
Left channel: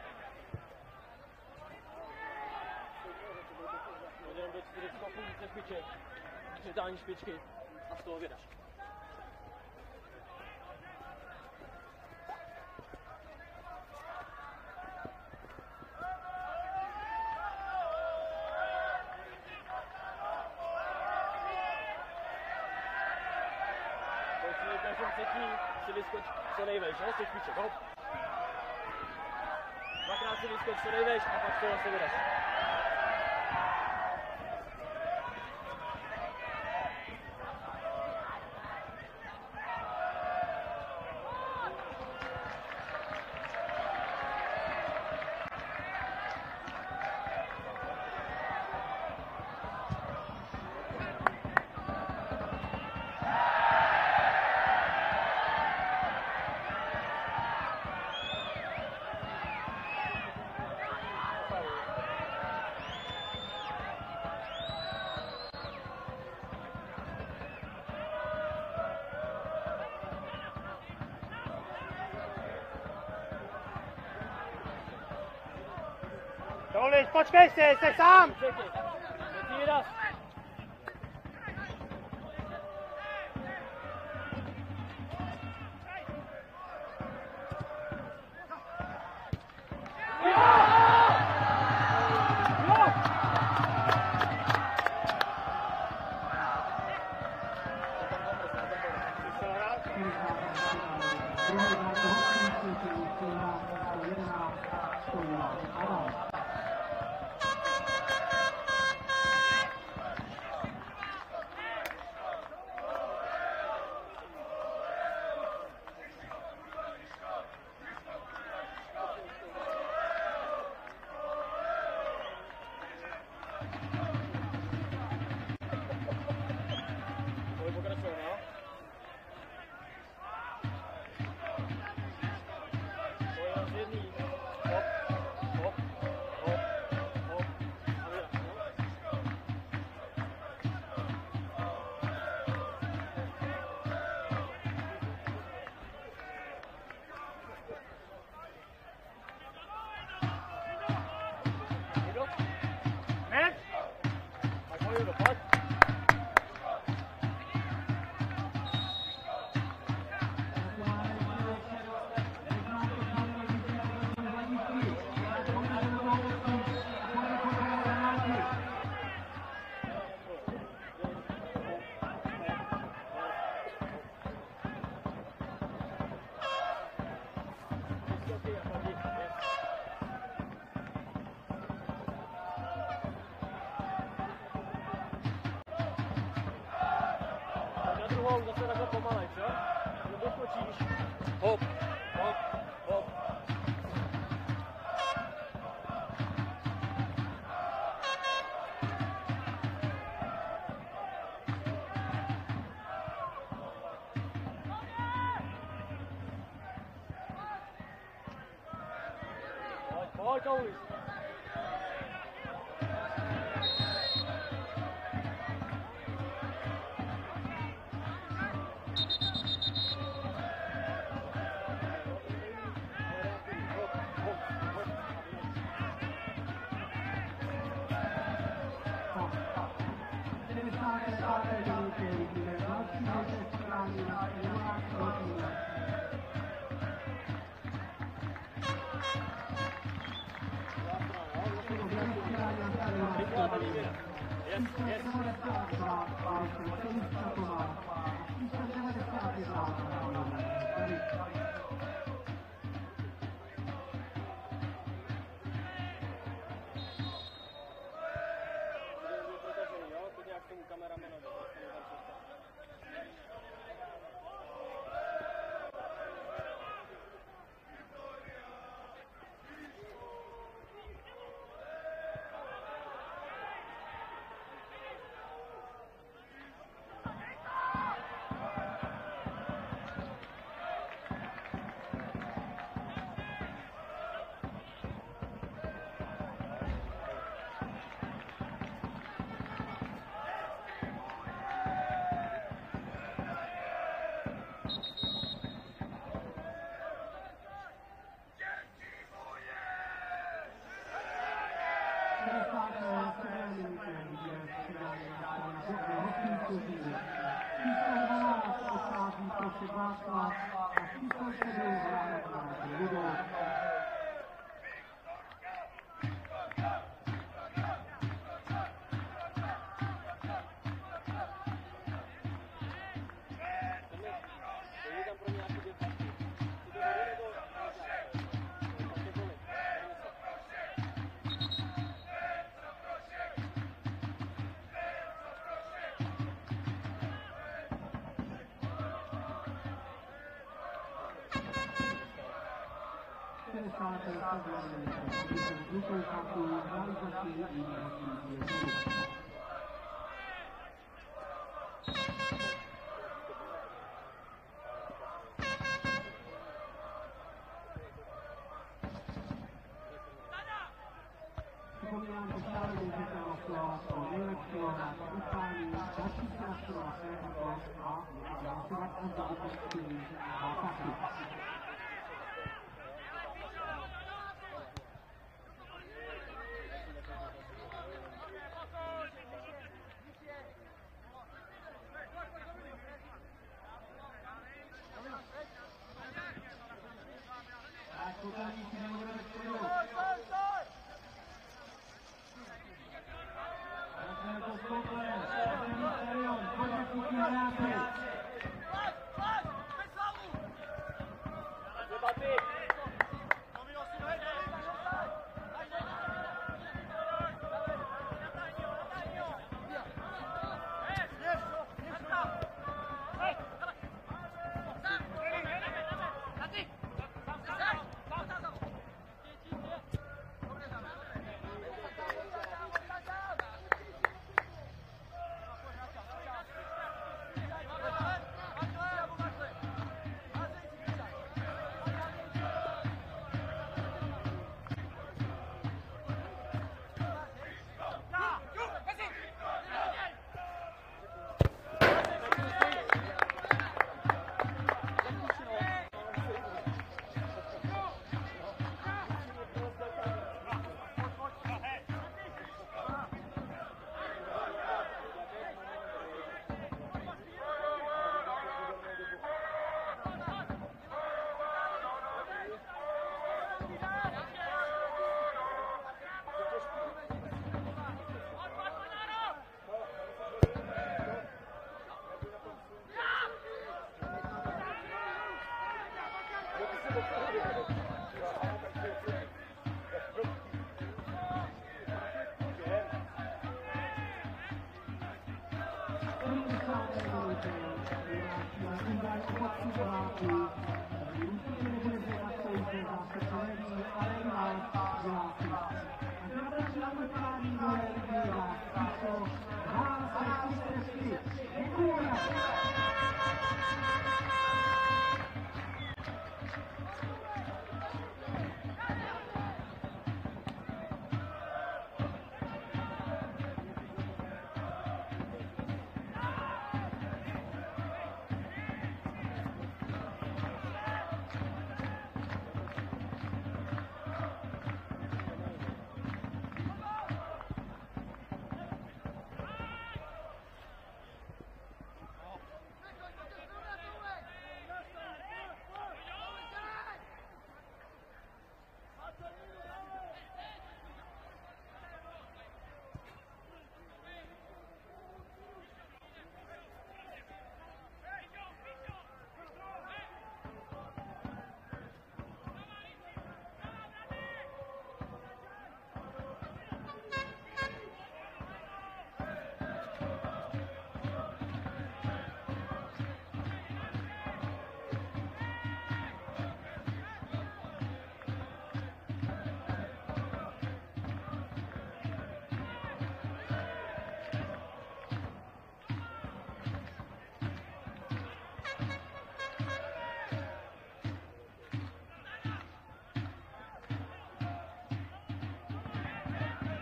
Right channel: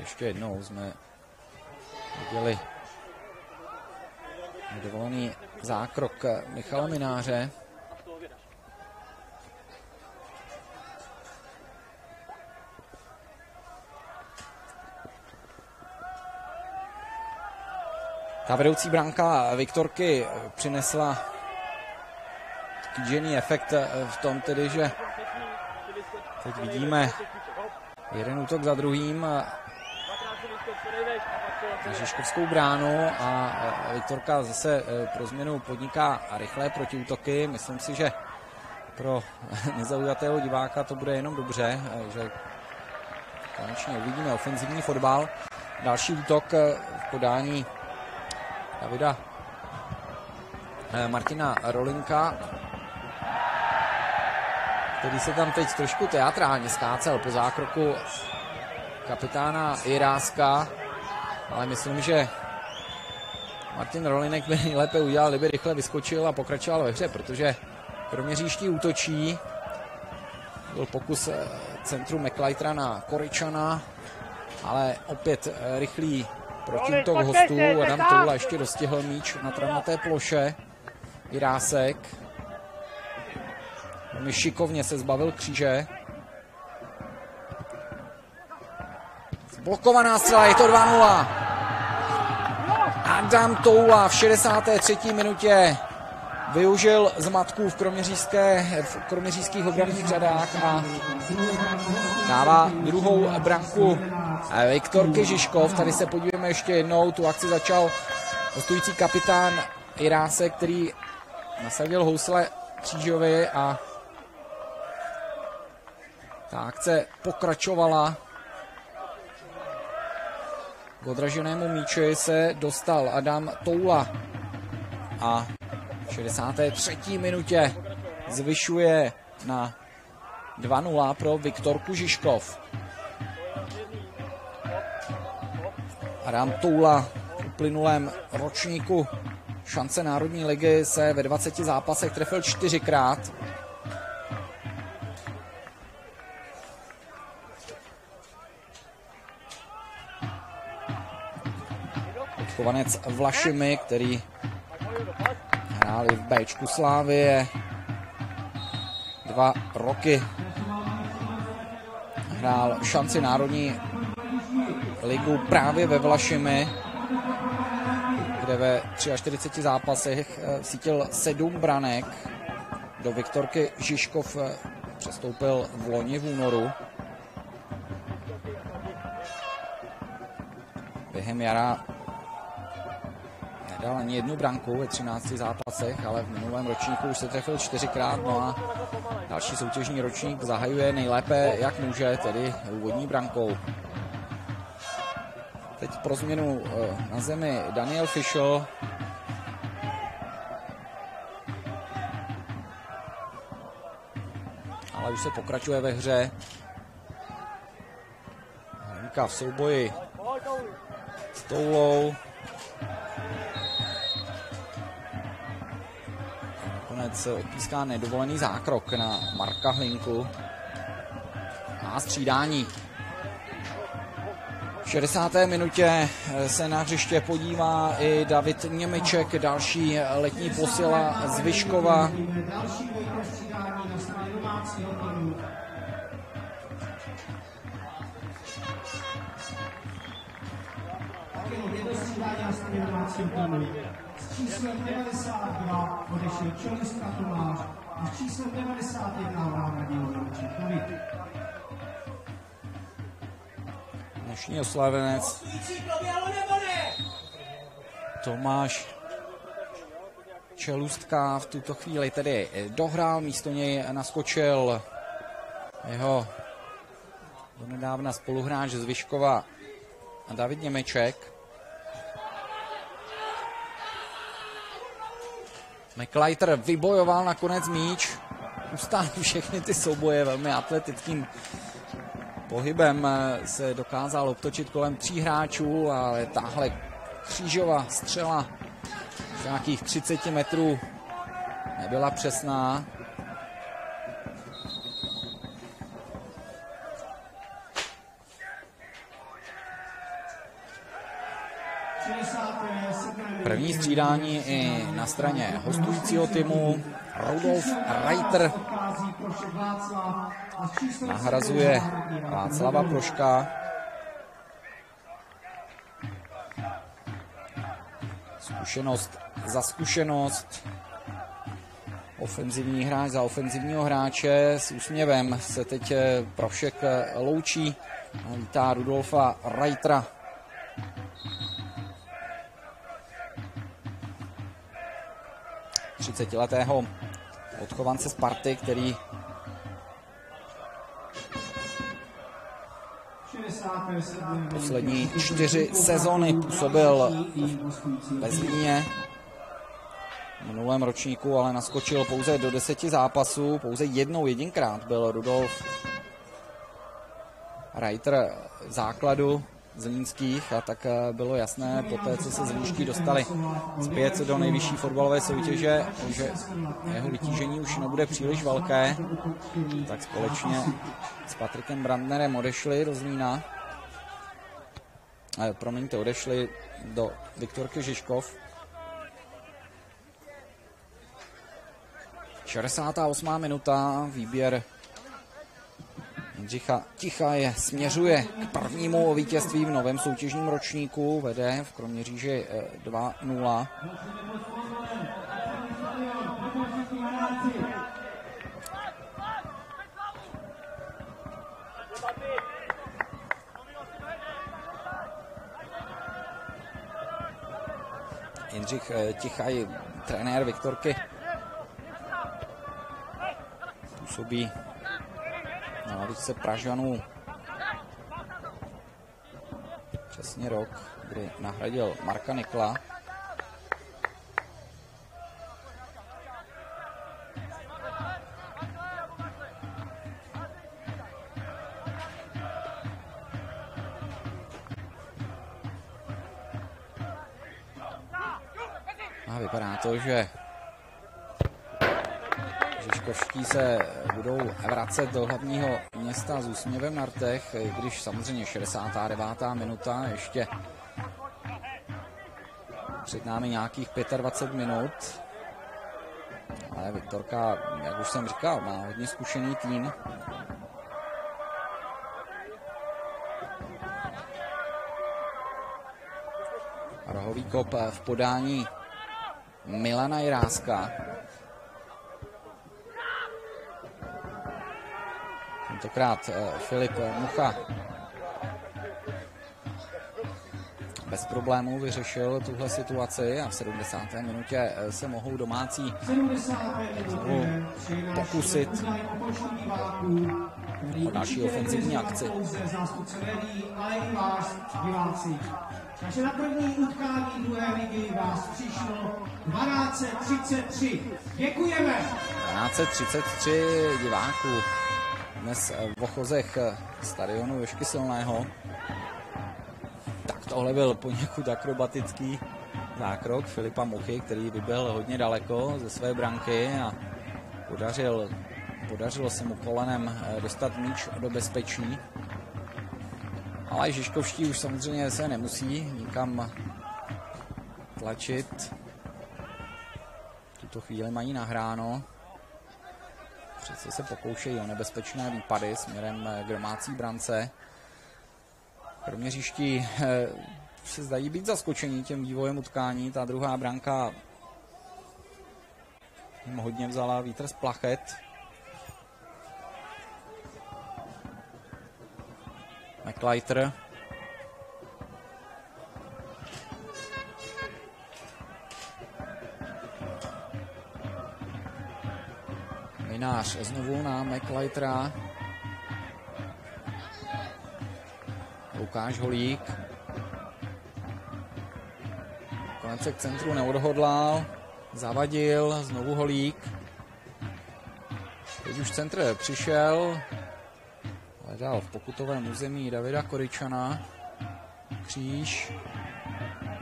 Ještě jednou jsme viděli nedovolený zákrok Michala Mináře. Ta vedoucí branka Viktorky přinesla kýžený efekt v tom tedy, že teď vidíme jeden útok za druhým. Žižkovskou bránu a Viktorka zase pro změnu podniká rychlé protiútoky. Myslím si, že pro nezaujatého diváka to bude jenom dobře, že konečně uvidíme ofenzivní fotbal. Další útok v podání Davida Martina Rolinka, který se tam teď trošku teatrálně skácel po zákroku kapitána Jiráska, ale myslím, že Martin Rolinek by nejlépe udělal, kdyby rychle vyskočil a pokračoval ve hře, protože Kroměříští útočí. Byl pokus centru McLeitera na Koryčana, ale opět rychlý protiútok hostů. Adam Toula ještě dostihl míč na travnaté ploše. Jirásek šikovně se zbavil kříže. Blokovaná střela, je to 2-0. Adam Toula v 63. minutě využil zmatků v kroměřížských obranných řadách a dává druhou branku Viktorky Žižkov. Tady se podíváme ještě jednou, tu akci začal hostující kapitán Jirásek, který nasadil housle Křížovi a ta akce pokračovala. K odraženému míči se dostal Adam Toula. a v 63. minutě zvyšuje na 2-0 pro Viktorku Žižkov. Adam Toula v uplynulém ročníku šance Národní ligy se ve 20 zápasech trefil 4krát. Chovanec Vlašimi, který hrál v Bčku Slávie 2 roky. Hrál šanci Národní ligu právě ve Vlašimi, kde ve 43 zápasech vsítil 7 branek. Do Viktorky Žižkov přestoupil v loni v únoru. Během jara nedal ani jednu branku ve 13 zápasech, ale v minulém ročníku už se trefil 4krát. No a další soutěžní ročník zahajuje nejlépe, jak může, tedy úvodní brankou. Teď pro změnu na zemi Daniel Fischl. Ale už se pokračuje ve hře. Hranka v souboji s Toulou. Konec píská nedovolený zákrok na Marka Hlinku. A střídání. V 60. minutě se na hřiště podívá i David Němeček, další letní posila z Vyškova. Dnešní oslavenec Tomáš Čelustka v tuto chvíli tedy dohrál, místo něj naskočil jeho donedávna spoluhráč z Vyškova David Němeček. McLeiter vybojoval nakonec míč, ustál všechny ty souboje velmi atletickým pohybem, se dokázal obtočit kolem 3 hráčů, ale tahle křížová střela z nějakých 30 metrů nebyla přesná. První střídání i na straně hostujícího týmu. Rudolf Reiter nahrazuje Václava Ploška. Zkušenost za zkušenost. Ofenzivní hráč za ofenzivního hráče. S úsměvem se teď Plošek loučí. Vítá Rudolfa Reitera. letého odchovance Sparty, který poslední 4 sezony působil ve Zlíně. V minulém ročníku ale naskočil pouze do 10 zápasů, pouze jedinkrát byl Rudolf Reiter v základu zlínských a tak bylo jasné po té, co se zlínští dostali zpět do nejvyšší fotbalové soutěže, že jeho vytížení už nebude příliš velké, tak společně s Patrikem Brandnerem odešli do Zlína. Odešli do Viktorky Žižkov. 68. minuta, výběr Jindřicha Tichaje směřuje k prvnímu vítězství v novém soutěžním ročníku, vede v Kroměříži 2-0. Jindřich Tichaj, trenér Viktorky, působí na lavičce Pražanů přesně rok, kdy nahradil Marka Nikla. A vypadá to, že Žižkovští se budou vracet do hlavního města s úsměvem na rtech, když samozřejmě 69. minuta, ještě před námi nějakých 25 minut. Ale Viktorka, jak už jsem říkal, má hodně zkušený tým. Rohový kop v podání Milana Jiráska. Tentokrát Filip Mucha bez problémů vyřešil tuhle situaci a v 70. minutě se mohou domácí pokusit o další ofenzivní akci. Takže na první utkání druhé ligy vás přišlo 12:33. Děkujeme. 12:33 diváků dnes v ochozech stadionu Jožky Silného. Tak tohle byl poněkud akrobatický zákrok Filipa Muchy, který byl hodně daleko ze své branky a podařilo se mu kolenem dostat míč do bezpečí. Ale Žižkovští už samozřejmě se nemusí nikam tlačit. V tuto chvíli mají nahráno. Přece se pokoušejí o nebezpečné výpady směrem k domácí brance. Kroměříští se zdají být zaskočení tím vývojem utkání. Ta druhá branka jim hodně vzala vítr z plachet. McLeiter. Minář znovu na McLeitera. Lukáš Holík. Konec k centru neodhodlal. Zavadil. Znovu Holík. Teď už centr přišel. Hledal v pokutovém území Davida Koričana. Kříž.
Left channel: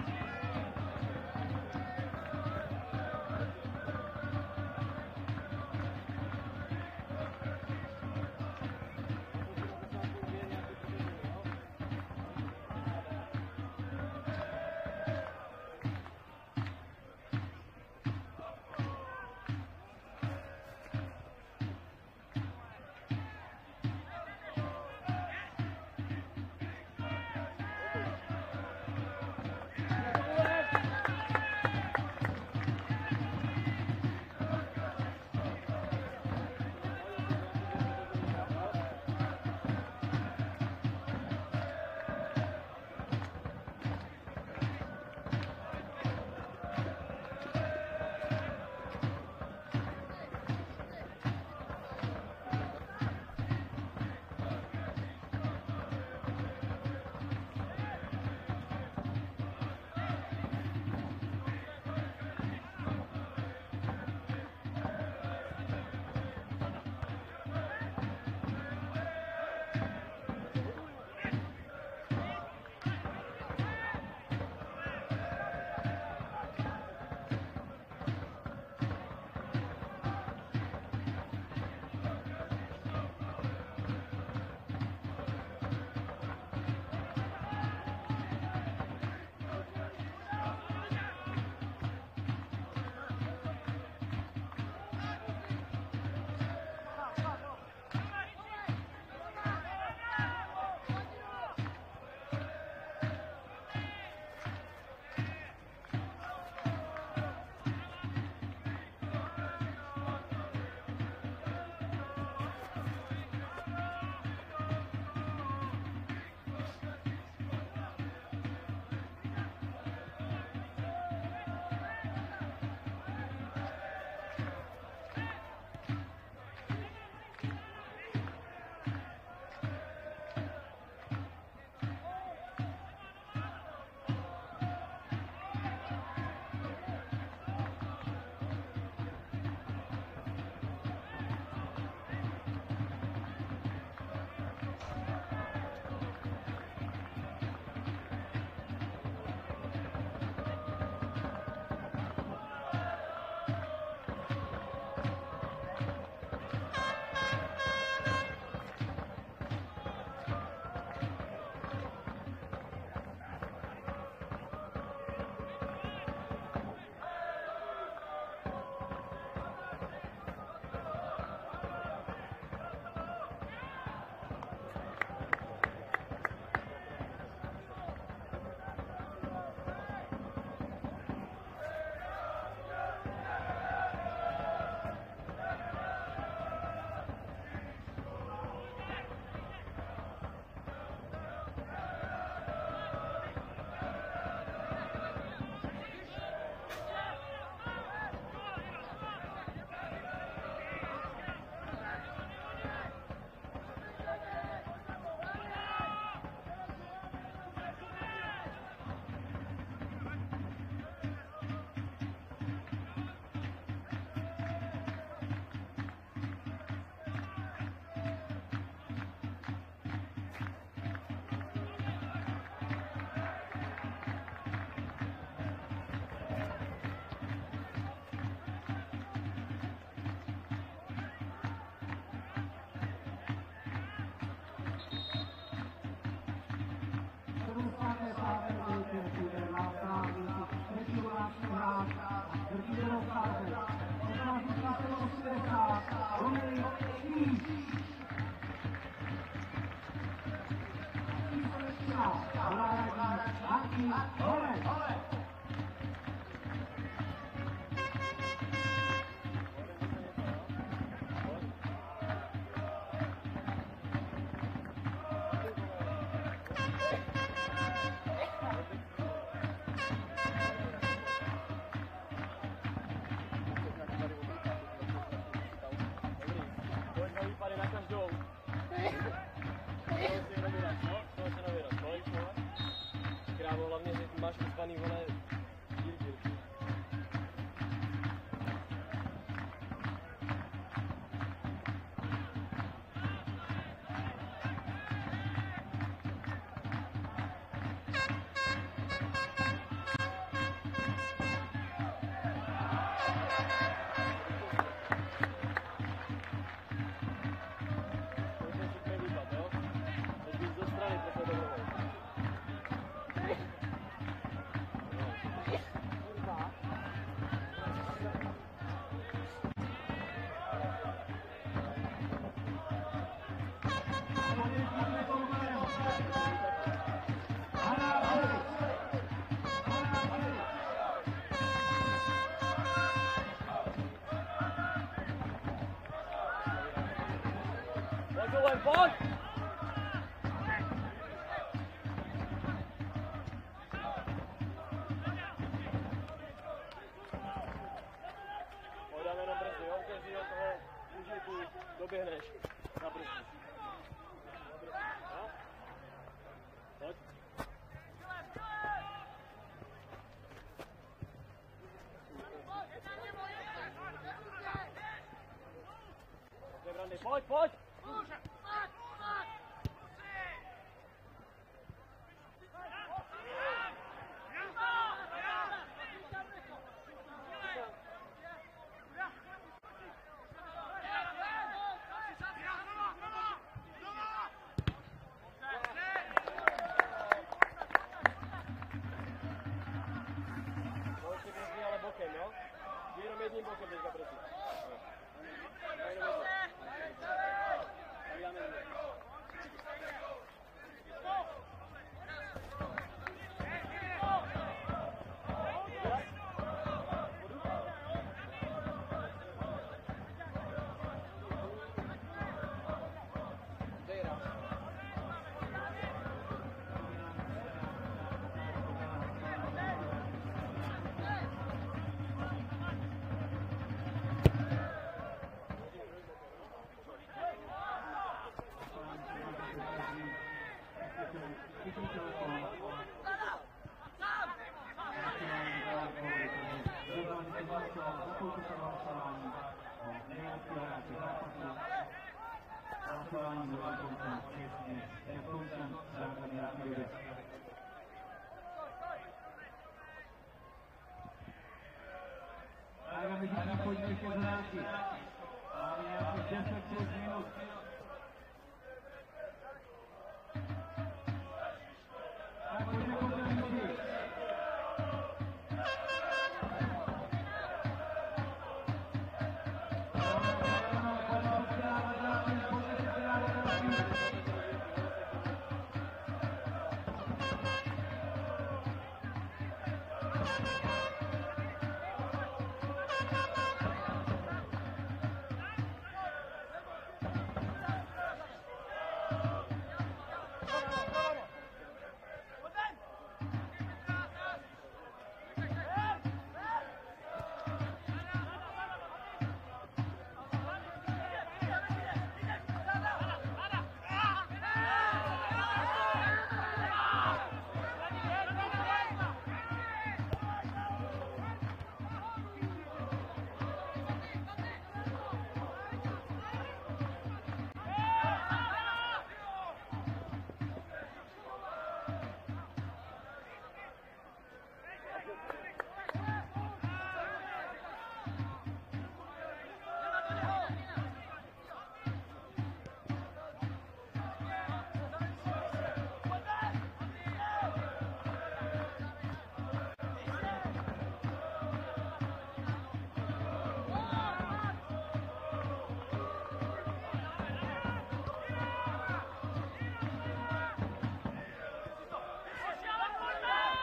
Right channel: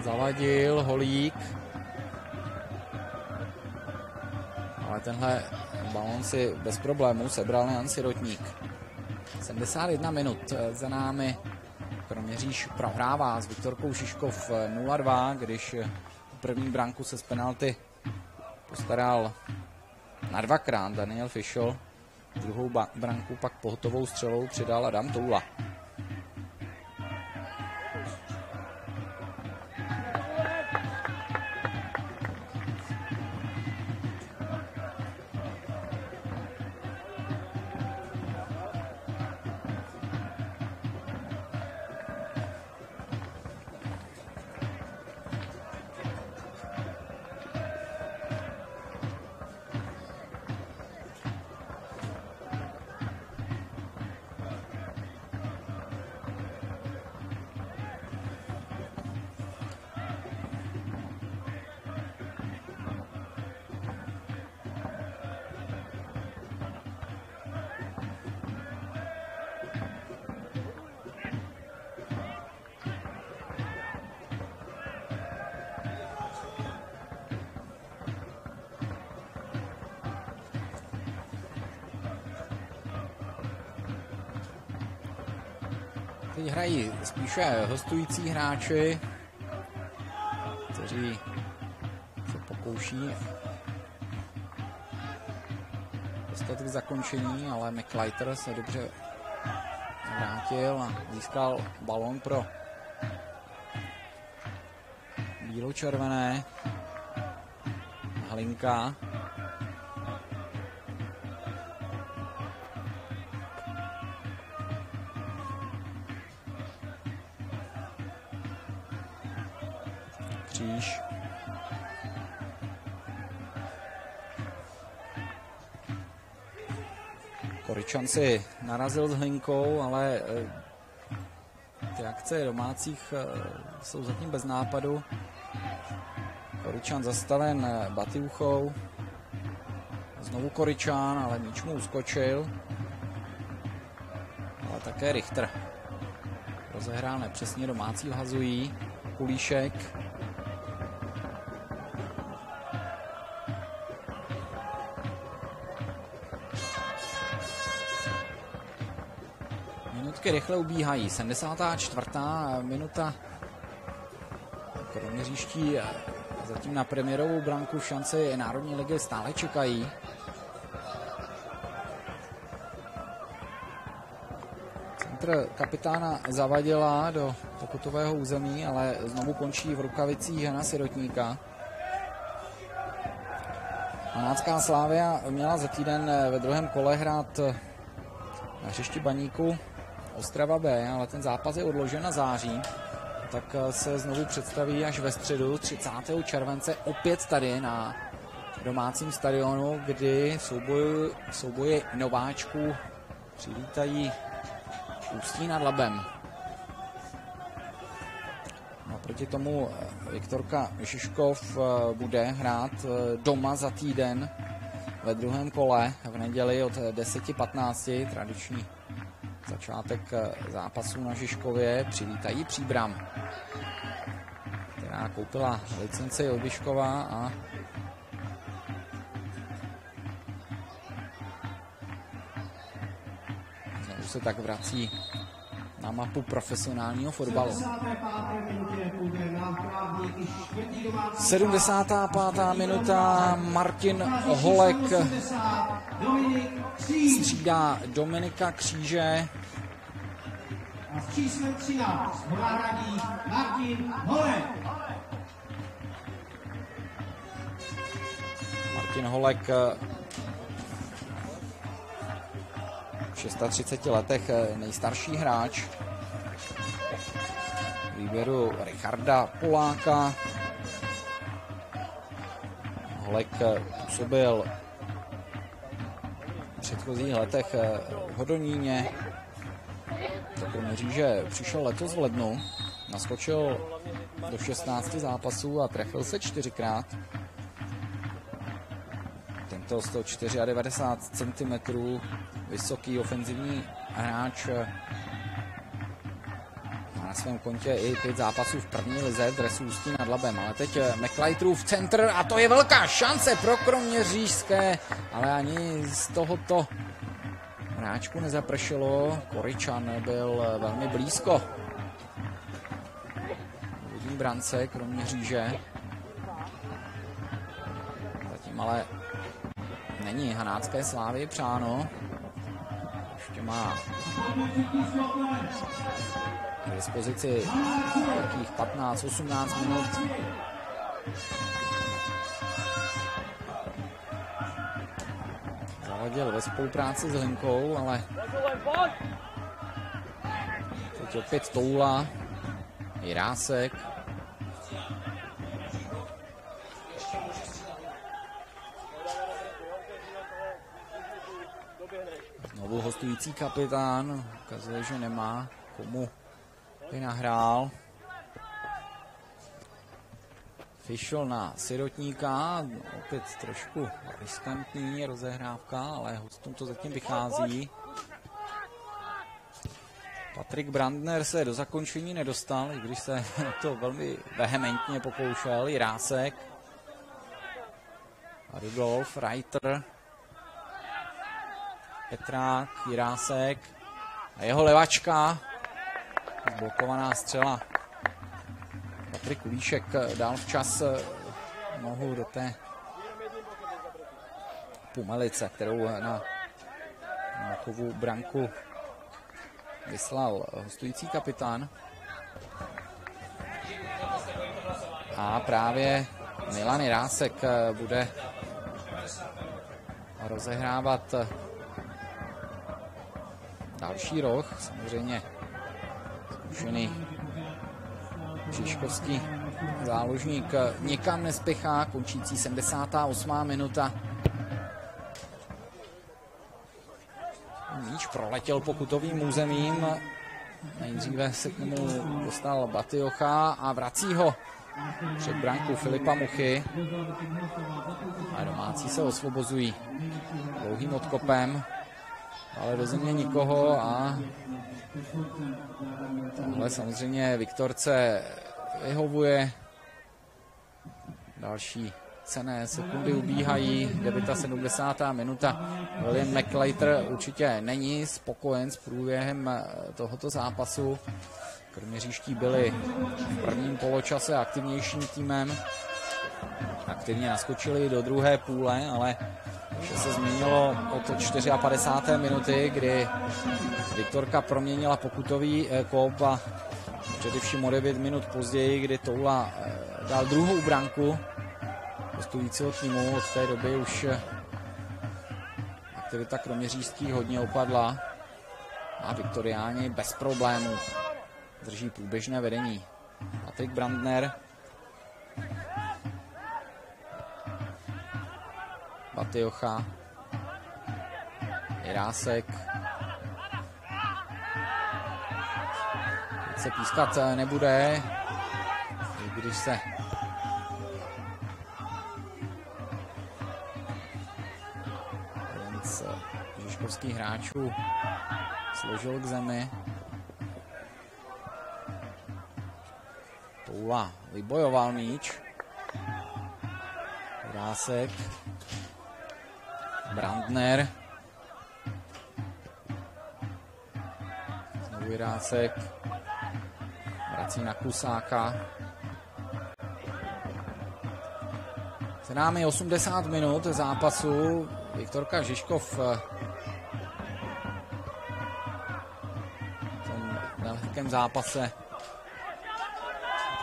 Zavadil. Holík. Ale tenhle balón si bez problémů sebral Jan Sirotník. 71 minut za námi. Kroměříž prohrává s Viktorkou Šiškov 0-2, když první branku se z penalty postaral na dvakrát Daniel Fischl. Druhou branku pak pohotovou střelou přidal Adam Toula. Hrají spíše hostující hráči, kteří se pokouší dostat k zakončení, ale McLeiter se dobře vrátil a získal balón pro bílo-červené. Halinka. Koričan si narazil s Hlinkou, ale ty akce domácích jsou zatím bez nápadu. Koričan zastaven Batiuchou. Znovu Koričan, ale míč mu uskočil. A také Richter. Rozehrál nepřesně, domácí hazují. Kulíšek. Minutky rychle ubíhají. 74. minuta. Kroměříští zatím na premiérovou branku v šanci Národní ligy stále čekají. Centr kapitána Zavadila do pokutového území, ale znovu končí v rukavicích Jana Sirotníka. Hanácká Slavia měla za týden ve druhém kole hrát na hřišti Baníku Ostrava B, ale ten zápas je odložen na září, tak se znovu představí až ve středu 30. července opět tady na domácím stadionu, kdy souboji nováčků přivítají Ústí nad Labem. Proti tomu Viktorka Šiškov bude hrát doma za týden ve druhém kole v neděli od 10:15. Tradiční začátek zápasu na Žižkově přivítají Příbram, která koupila licenci Obiškova a už se tak vrací na mapu profesionálního fotbalu. 75. minuta. Martin Holek střídá Dominika Kříže. Martin Holek v 36 letech nejstarší hráč. Výběru Richarda Poláka. Holek působil v předchozích letech v Hodoníně. Mříže přišel letos v lednu, naskočil do 16 zápasů a trefil se 4krát. Tento 194 cm vysoký ofenzivní hráč na svém kontě i 5 zápasů v první lize v dresu Ústí nad Labem. Ale teď McLeiterův centr a to je velká šance pro kroměřížské, ale ani z tohoto hráčku nezapršelo. Koryčan byl velmi blízko v brance Kroměříže. Zatím ale není Hanácké Slávy přáno. Ještě má k dispozici 15-18 minut. Zaladil ve spolupráci s Hlinkou, ale teď opět Toula, Jirásek. Znovu hostující kapitán, ukazuje, že nemá komu by nahrál. Fischl na Sirotníka, opět trošku riskantní rozehrávka, ale hostům to zatím vychází. Patrik Brandner se do zakončení nedostal, i když se to velmi vehementně pokoušel. Jirásek, Rudolf, Reiter, Petrák, Jirásek a jeho levačka. Blokovaná střela. Patrik Kulíšek dal včas nohu do té pumelice, kterou na Mákovu branku vyslal hostující kapitán. A právě Milan Jirásek bude rozehrávat další roh. Samozřejmě zkušený Žižkovský záložník nikam nespěchá, končící 78. minuta. Míč proletěl pokutovým územím. Nejdříve se k němu dostal Batiocha a vrací ho před branku Filipa Muchy. A domácí se osvobozují dlouhým odkopem, ale do země nikoho a ale samozřejmě Viktorce vyhovuje. Další cenné sekundy ubíhají, 70. minuta. William McLeiter určitě není spokojen s průběhem tohoto zápasu. Kroměřížští byli v prvním poločase aktivnějším týmem. Aktivně naskočili do druhé půle, ale vše se změnilo od 54. minuty, kdy Viktorka proměnila pokutový kop a především o 9 minut později, kdy Toula dal druhou branku hostujícího týmu. Od té doby už aktivita kroměřížských hodně opadla a Viktoriáni bez problémů drží průběžné vedení. Patrik Brandner, Batiocha, Jirásek. Se pískat nebude, když se jeden z žižkovských hráčů složil k zemi. Toula vybojoval míč. Jirásek. Brandner. Jirásek. Vrací na Klusáka. Za námi 80 minut zápasu. Viktorka Žižkov v velkém zápase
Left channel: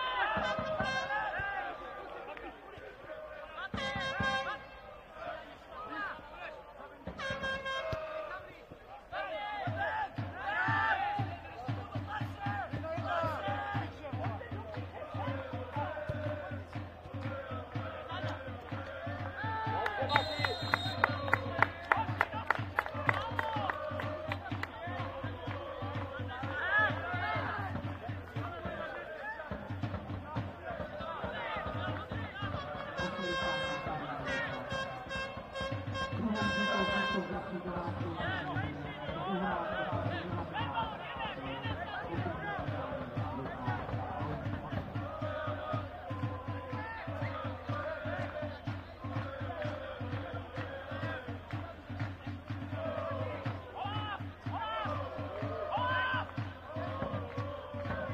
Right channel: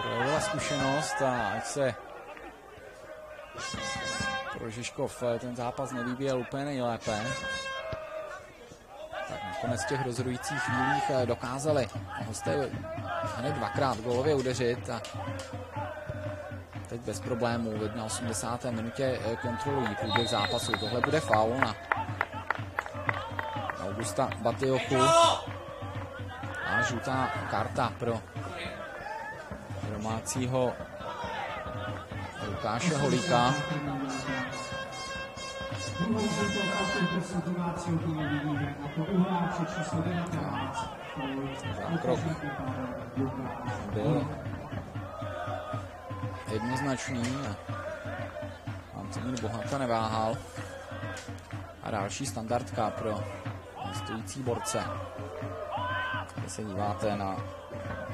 projevila zkušenost a ať se pro Žižkov ten zápas nevyvíjel úplně nejlépe. Nakonec v těch rozhodujících chvílích dokázali hosté hned dvakrát gólově udeřit a teď bez problémů v 81. minutě kontrolují průběh zápasu. Tohle bude faul na Augusta Batiochu a žlutá karta pro domácího Lukáše Holíka. Zákrok byl jednoznačný. Antonín Bohata neváhal. A další standardka pro stojící borce. Když se díváte na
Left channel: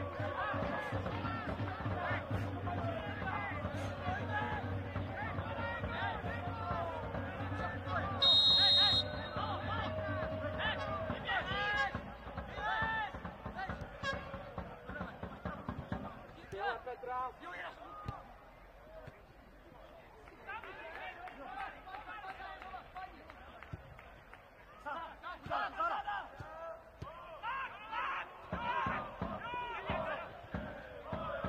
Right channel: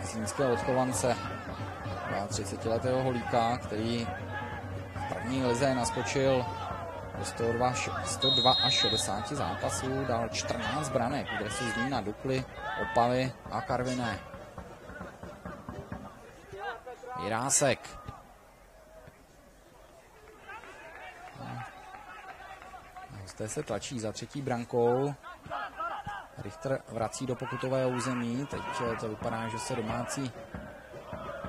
zlínského odchovance 30letého Holíka, který v první lize naskočil 102 až 60 zápasů, dal 14 branek, kde se Zlína, Dukly, Opavy a Karviné. Jirásek. Zde se tlačí za třetí brankou. Richter vrací do pokutového území. Teď to vypadá, že se domácí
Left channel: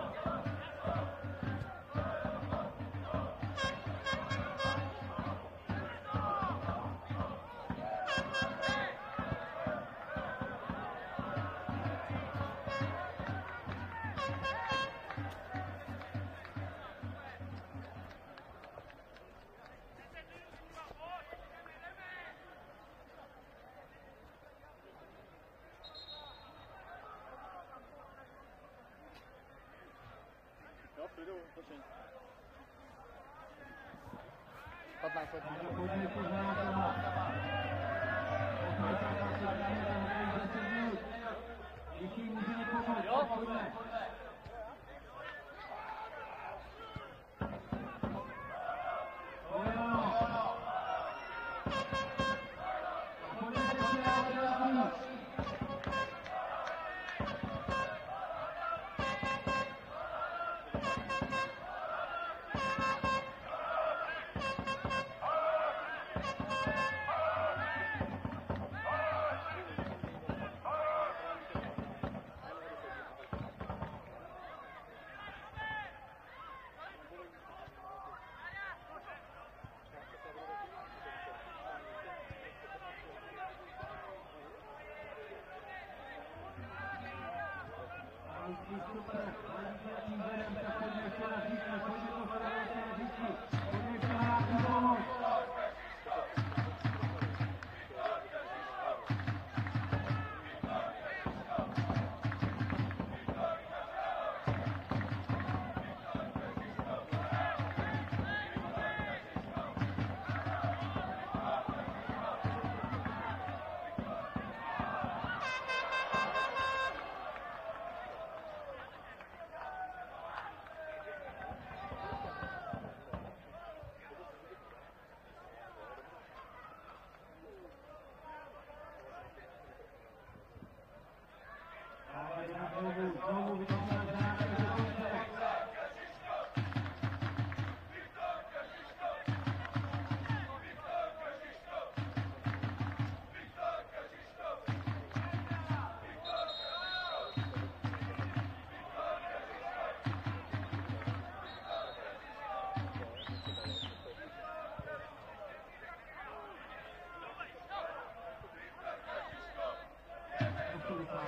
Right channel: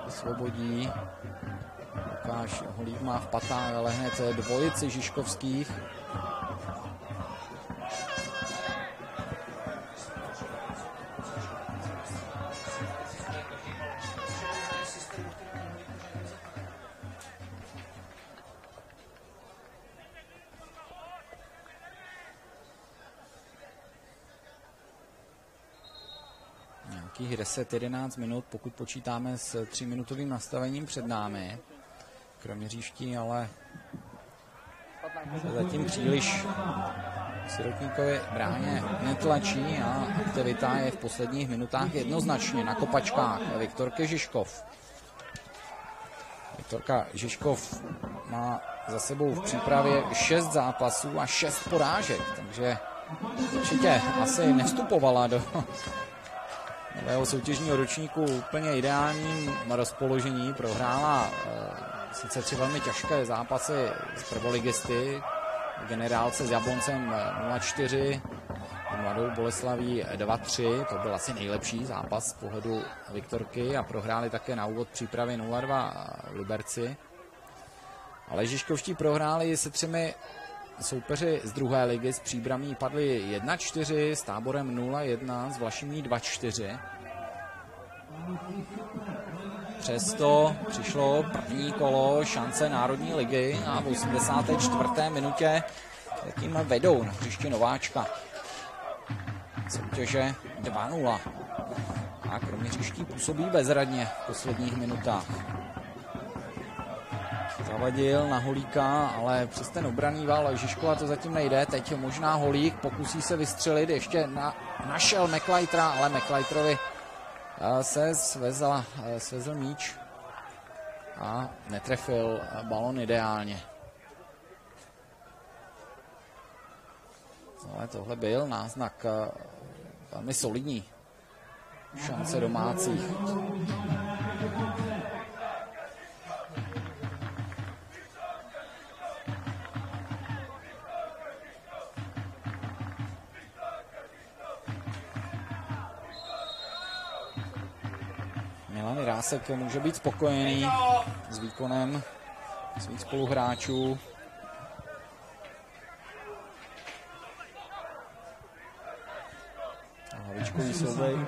osvobodí. Lukáš Holík má v patách, ale hned dvojici žižkovských. Nějakých 10-11 minut, pokud počítáme s 3-minutovým nastavením před námi. Kroměřížští, ale zatím příliš Sirotníkovi bráně netlačí a aktivita je v posledních minutách jednoznačně na kopačkách Viktorky Žižkov. Viktorka Žižkov má za sebou v přípravě 6 zápasů a 6 porážek, takže určitě asi nevstupovala do nového soutěžního ročníku úplně ideálním rozpoložení. Prohrála sice 3 velmi těžké zápasy s prvoligisty, Generálce s Jabloncem 0-4, Mladou Boleslaví 2-3, to byl asi nejlepší zápas z pohledu Viktorky a prohráli také na úvod přípravy 0-2 Liberci. Ale žižkovští prohráli se 3 soupeři z druhé ligy, z Příbramí padli 1-4, s Táborem 0-1, s Vlašimí 2-4. Přesto přišlo první kolo šance Národní ligy a v 84. minutě tím vedou na hřiště Nováčka. Soutěže 2-0. A kroměřížští působí bezradně v posledních minutách. Zavadil na Holíka, ale přes ten obranný val Žižkova to zatím nejde. Teď je možná Holík, pokusí se vystřelit, ještě našel McLeitera, ale McLeiterovi se svezl míč a netrefil balon ideálně. Ale tohle byl náznak velmi solidní šance domácích. Milan Rásek může být spokojený s výkonem svých spoluhráčů.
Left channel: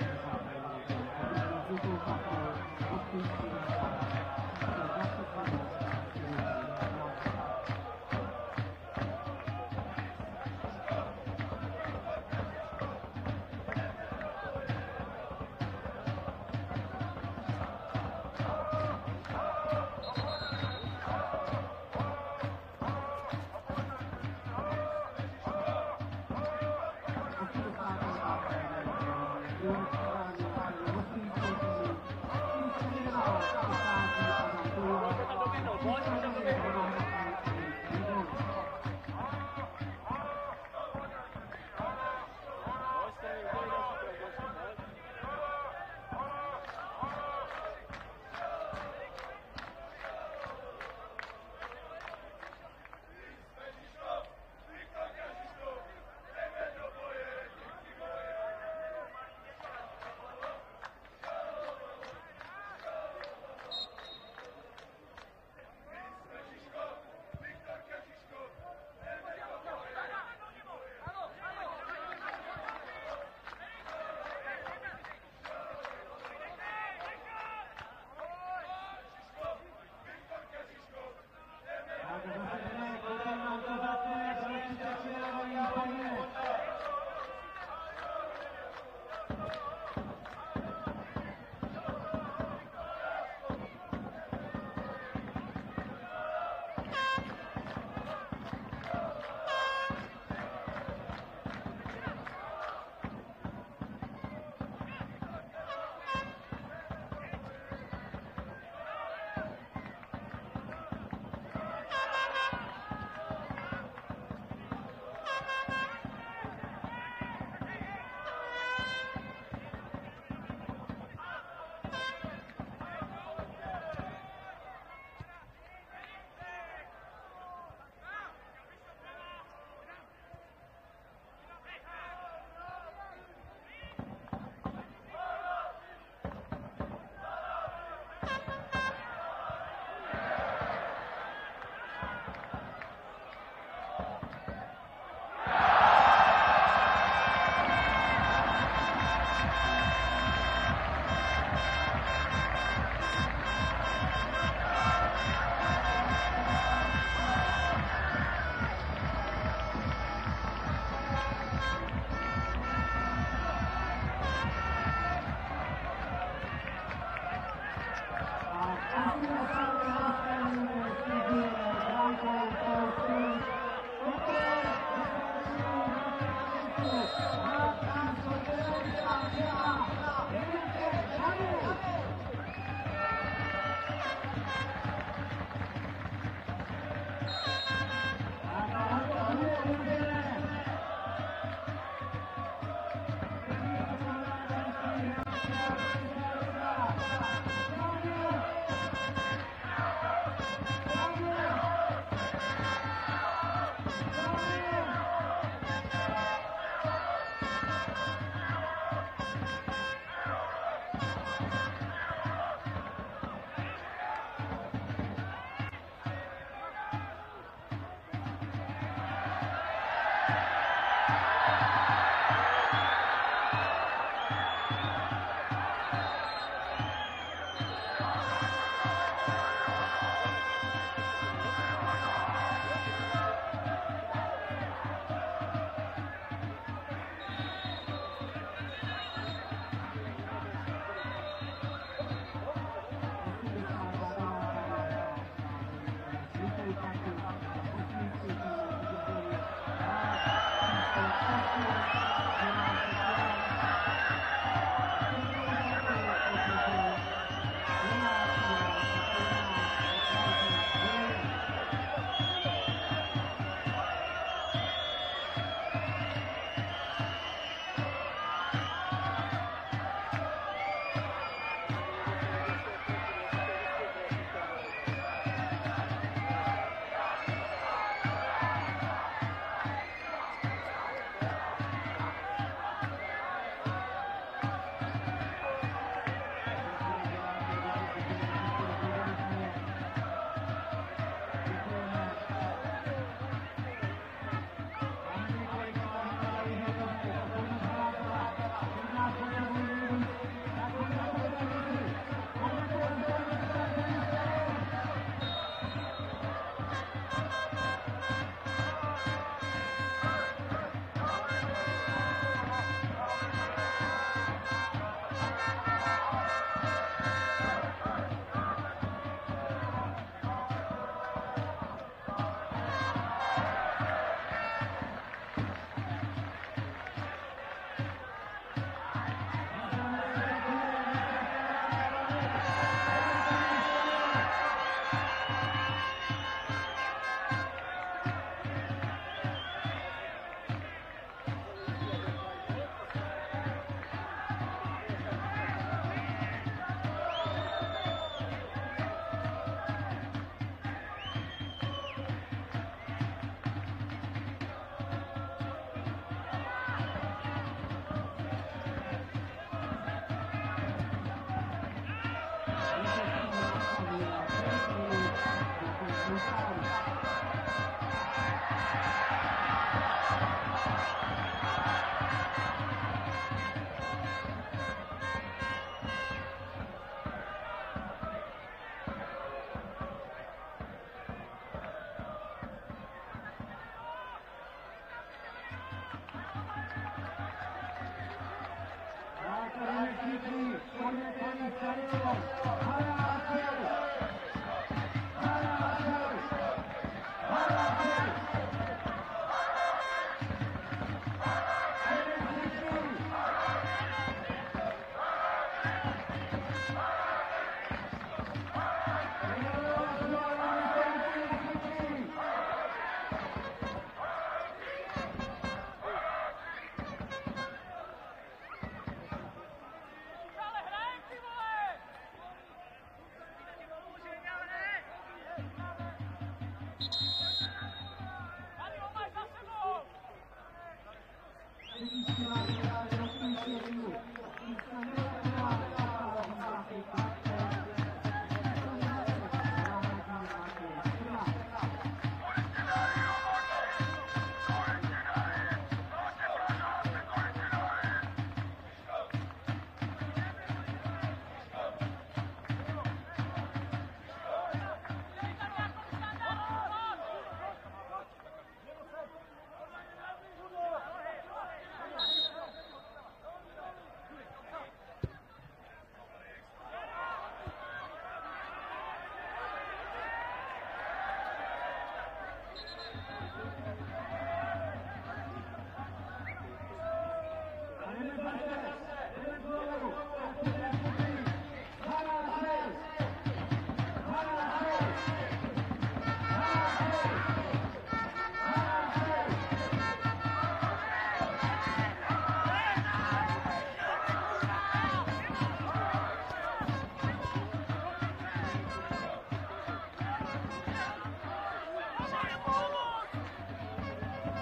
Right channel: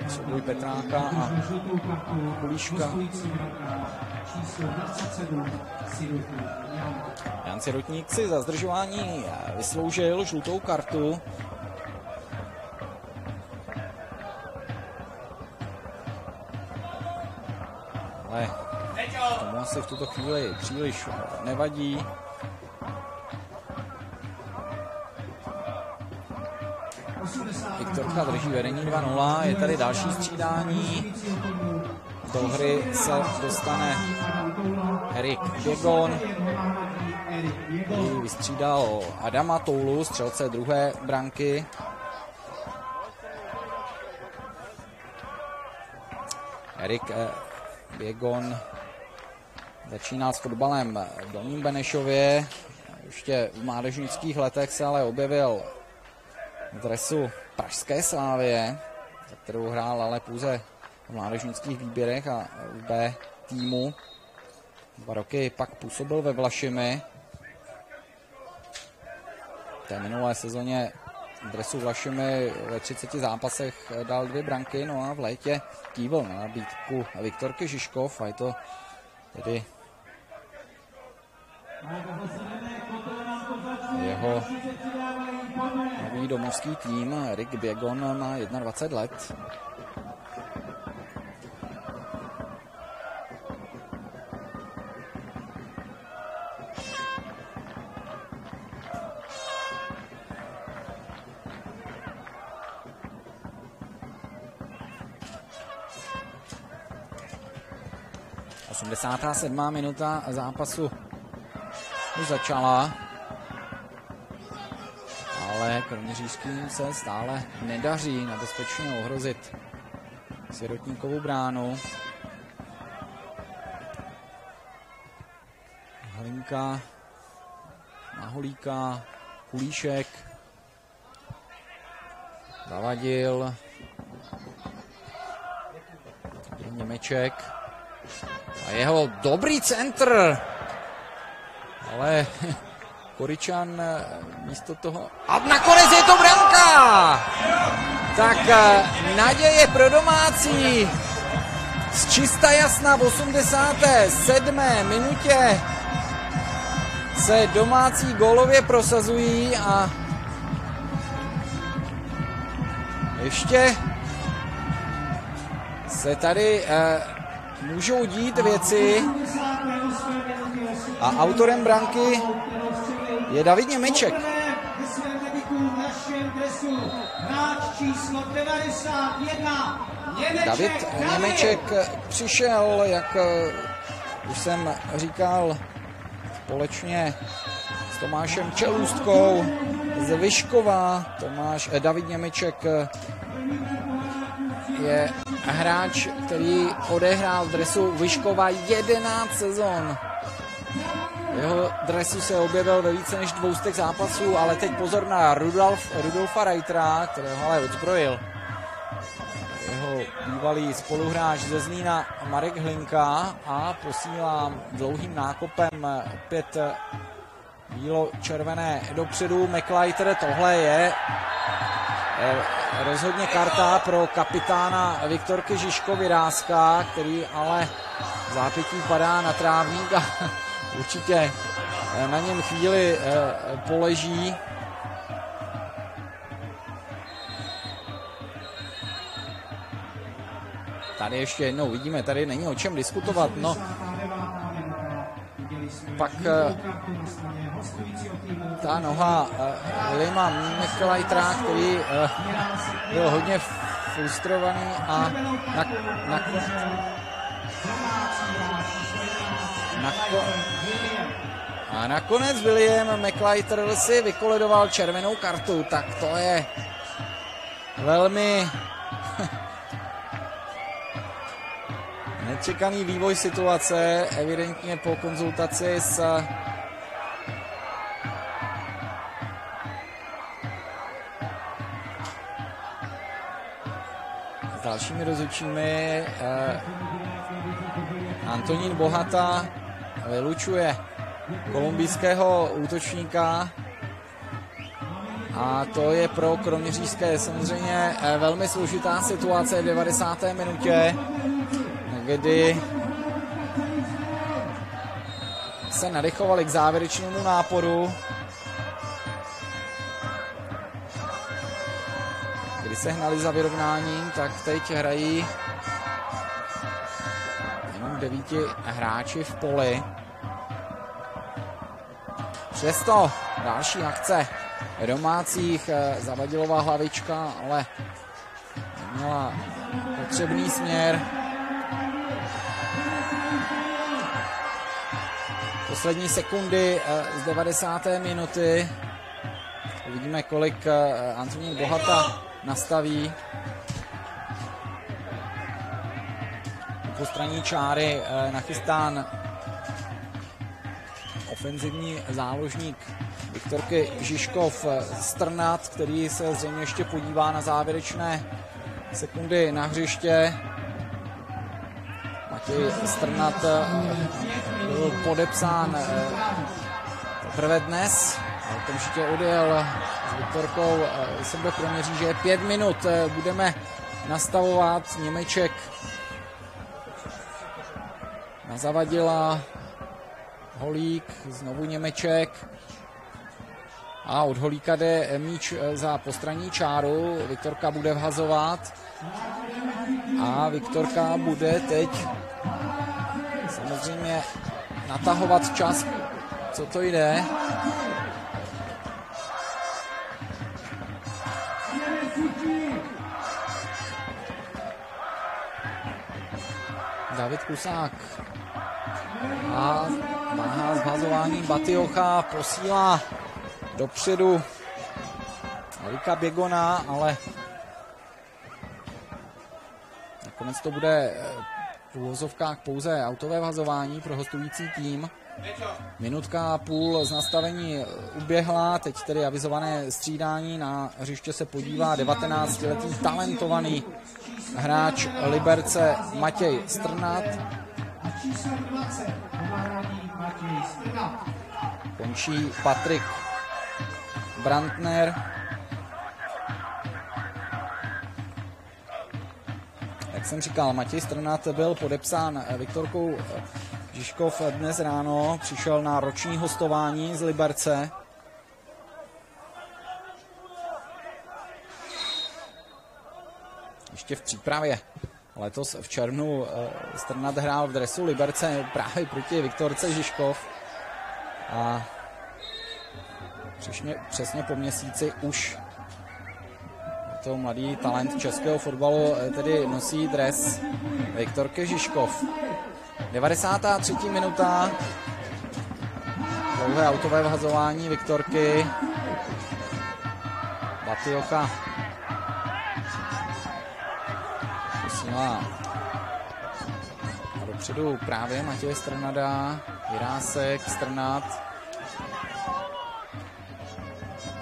Souboj Petráka a Kulíška. Jan Sirotník si za zdržování vysloužil žlutou kartu. Ale tomu se v tuto chvíli příliš nevadí. Viktorka drží vedení 2-0, je tady další střídání. Do hry se dostane Erik Běgon, který vystřídal Adama Toulu, střelce druhé branky. Erik Běgon začínal s fotbalem v Dolním Benešově. Ještě v mládežnických letech se ale objevil v dresu pražské Slávie, za kterou hrál ale pouze v mládežnických výběrech a v B týmu. 2 roky pak působil ve Vlašimi. V té minulé sezóně v dresu Vlašimi ve 30 zápasech dal 2 branky, no a v létě kývil na nabídku Viktorky Žižkov a je to tedy jeho nový domovský tým. Erik Běgon má 21 let. Sedmá minuta zápasu už začala, ale kroměřížským se stále nedaří nebezpečně ohrozit Sirotníkovu bránu. Hlinka na Holíka, Kulíšek, Zavadil, Němeček a jeho dobrý centr, ale Koričan místo toho... A nakonec je to branka! Tak naděje pro domácí. Z čista jasna v 87. minutě se domácí gólově prosazují a ještě se tady můžou dít věci a autorem branky je David Němeček. David Němeček přišel, jak už jsem říkal, společně s Tomášem Čelůstkou z Vyškova. David Němeček je hráč, který odehrál v dresu Vyškova 11 sezon. Jeho dresu se objevil ve více než 200 zápasů, ale teď pozor na Rudolfa Reitera, kterého ale odzbrojil. Jeho bývalý spoluhráč ze Zlína Marek Hlinka a posílá dlouhým nákopem opět bílo-červené dopředu. McLeiter, tohle je rozhodně karta pro kapitána Viktorky Žižkovy Rázka, který ale v zápětí padá na trávník a určitě na něm chvíli poleží. Tady ještě jednou vidíme, tady není o čem diskutovat. No, pak ta noha Williama McLeitera, který byl hodně frustrovaný a nakonec William McLeiter si vykoledoval červenou kartu, tak to je velmi nečekaný vývoj situace, evidentně po konzultaci s dalšími rozhodčími. Antonín Bohata vylučuje kolumbijského útočníka a to je pro kroměřížské samozřejmě velmi složitá situace v 90. minutě, kdy se nadechovali k závěrečnému náporu, kdy se hnali za vyrovnáním, tak teď hrají 9 hráči v poli. Přesto další akce domácích, Zavadilová hlavička, ale no potřebný směr. Poslední sekundy z 90. minuty. Uvidíme, kolik Antonín Bohata nastaví. Po straně čáry nachystán ofenzivní záložník Viktorky Žižkov Strnad, který se zřejmě ještě podívá na závěrečné sekundy na hřiště. Matěj Strnad byl podepsán teprve dnes, určitě odjel s Viktorkou sebe Kroměříže. 5 minut budeme nastavovat. Němeček na Zavadila, Holík, znovu Němeček a od Holíka jde míč za postranní čáru. Viktorka bude vhazovat a Viktorka bude teď samozřejmě natahovat čas, co to jde. David Kusák a má zhazování Batiocha, posílá dopředu Luka Běgona, ale nakonec to bude v uvozovkách pouze autové vhazování pro hostující tým. Minutka a půl z nastavení uběhla, teď tedy avizované střídání. Na hřiště se podívá 19-letý talentovaný hráč Liberce Matěj Strnad. Končí Patrik Brandner. Jak jsem říkal, Matěj Strnad byl podepsán Viktorkou Žižkov dnes ráno, přišel na roční hostování z Liberce. Ještě v přípravě. Letos v červnu Strnad hrál v dresu Liberce právě proti Viktorce Žižkov. A přesně po měsíci už to mladý talent českého fotbalu tedy nosí dres Viktorky Žižkov. 93. minuta. Dlouhé autové vhazování Viktorky. Batioka posílá dopředu právě Matěje Strnada. Jirásek, Strnad.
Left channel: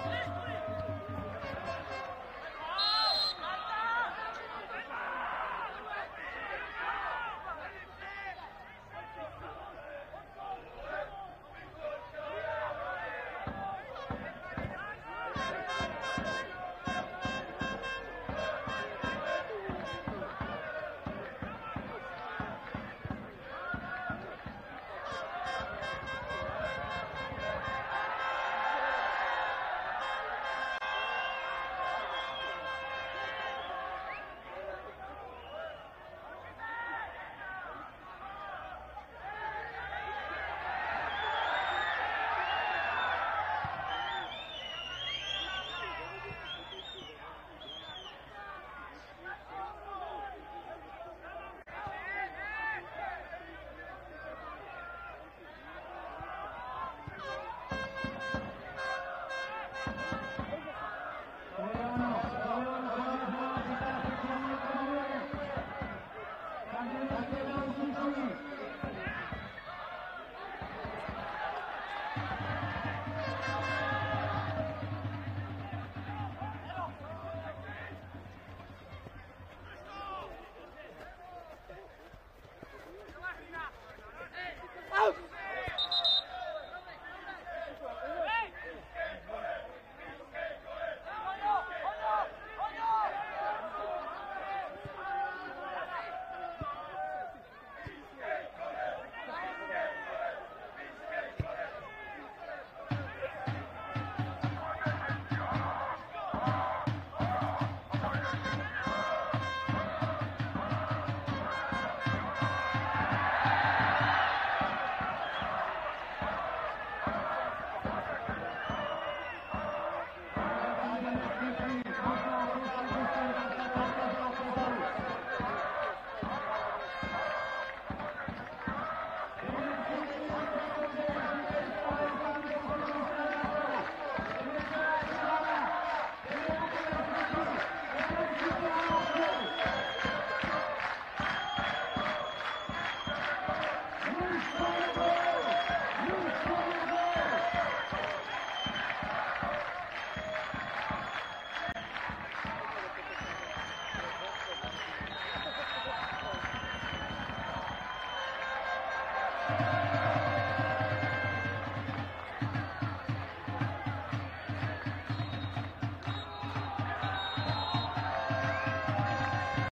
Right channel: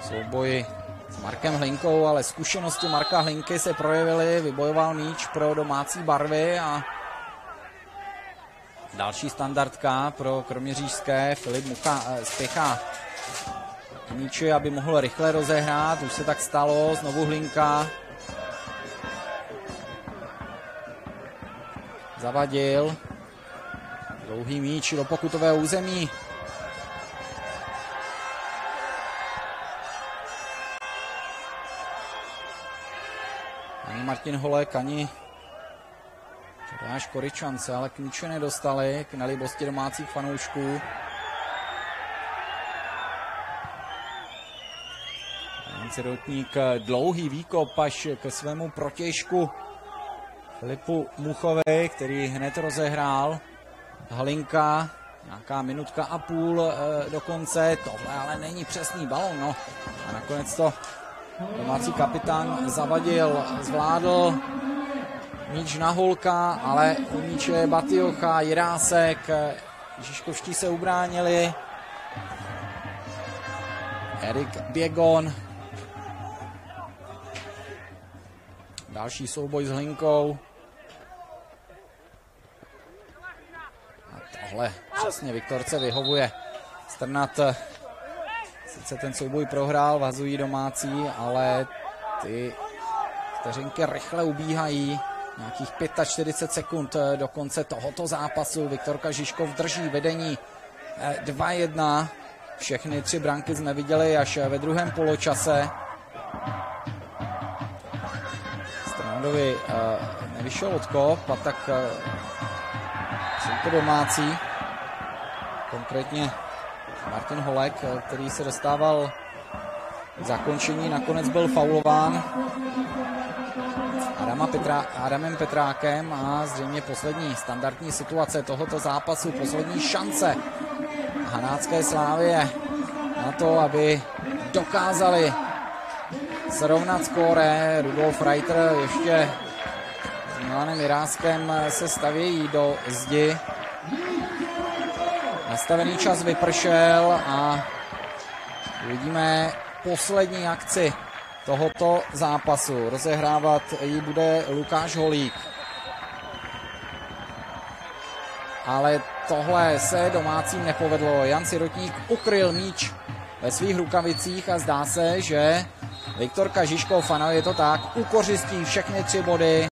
Souboj s Markem Hlinkou, ale zkušenosti Marka Hlinky se projevily. Vybojoval míč pro domácí barvy a další standardka pro kroměřížské. Filip Mucha spěchá míči, aby mohl rychle rozehrát. Už se tak stalo. Znovu Hlinka. Zavadil. Dlouhý míč do pokutového území. Ani Martin Holek, ani Tomáš Koryčan se ale k míči nedostali, k nelibosti domácích fanoušků. Jan Sirotník dlouhý výkop až ke svému protějšku Filipu Muchovi, který hned rozehrál. Halinka, nějaká minutka a půl do konce, tohle ale není přesný balon, no. Nakonec to domácí kapitán Zavadil, zvládl míč na Holka, ale u míče Batiocha, Jirásek, Žižkovští se ubránili. Erik Běgon. Další souboj s Hlinkou. A tohle přesně Viktorce vyhovuje. Strnad sice ten souboj prohrál, vazují domácí, ale ty vteřinky rychle ubíhají. Nějakých 45 sekund do konce tohoto zápasu. Viktorka Žižkov drží vedení 2-1. Všechny 3 branky jsme viděli až ve druhém poločase. Strandovi nevyšel odkop, a tak jsou to domácí. Konkrétně Martin Holek, který se dostával k zakončení, nakonec byl faulován Adamem Petrákem a zřejmě poslední standardní situace tohoto zápasu, poslední šance Hanácké Slávie na to, aby dokázali srovnat skóre. Rudolf Reiter ještě s Milanem Jiráskem se stavějí do zdi. Nastavený čas vypršel a uvidíme poslední akci tohoto zápasu. Rozehrávat ji bude Lukáš Holík. Ale tohle se domácím nepovedlo. Jan Sirotník ukryl míč ve svých rukavicích a zdá se, že Viktorka Žižkov, ano, je to tak, ukořistí všechny 3 body.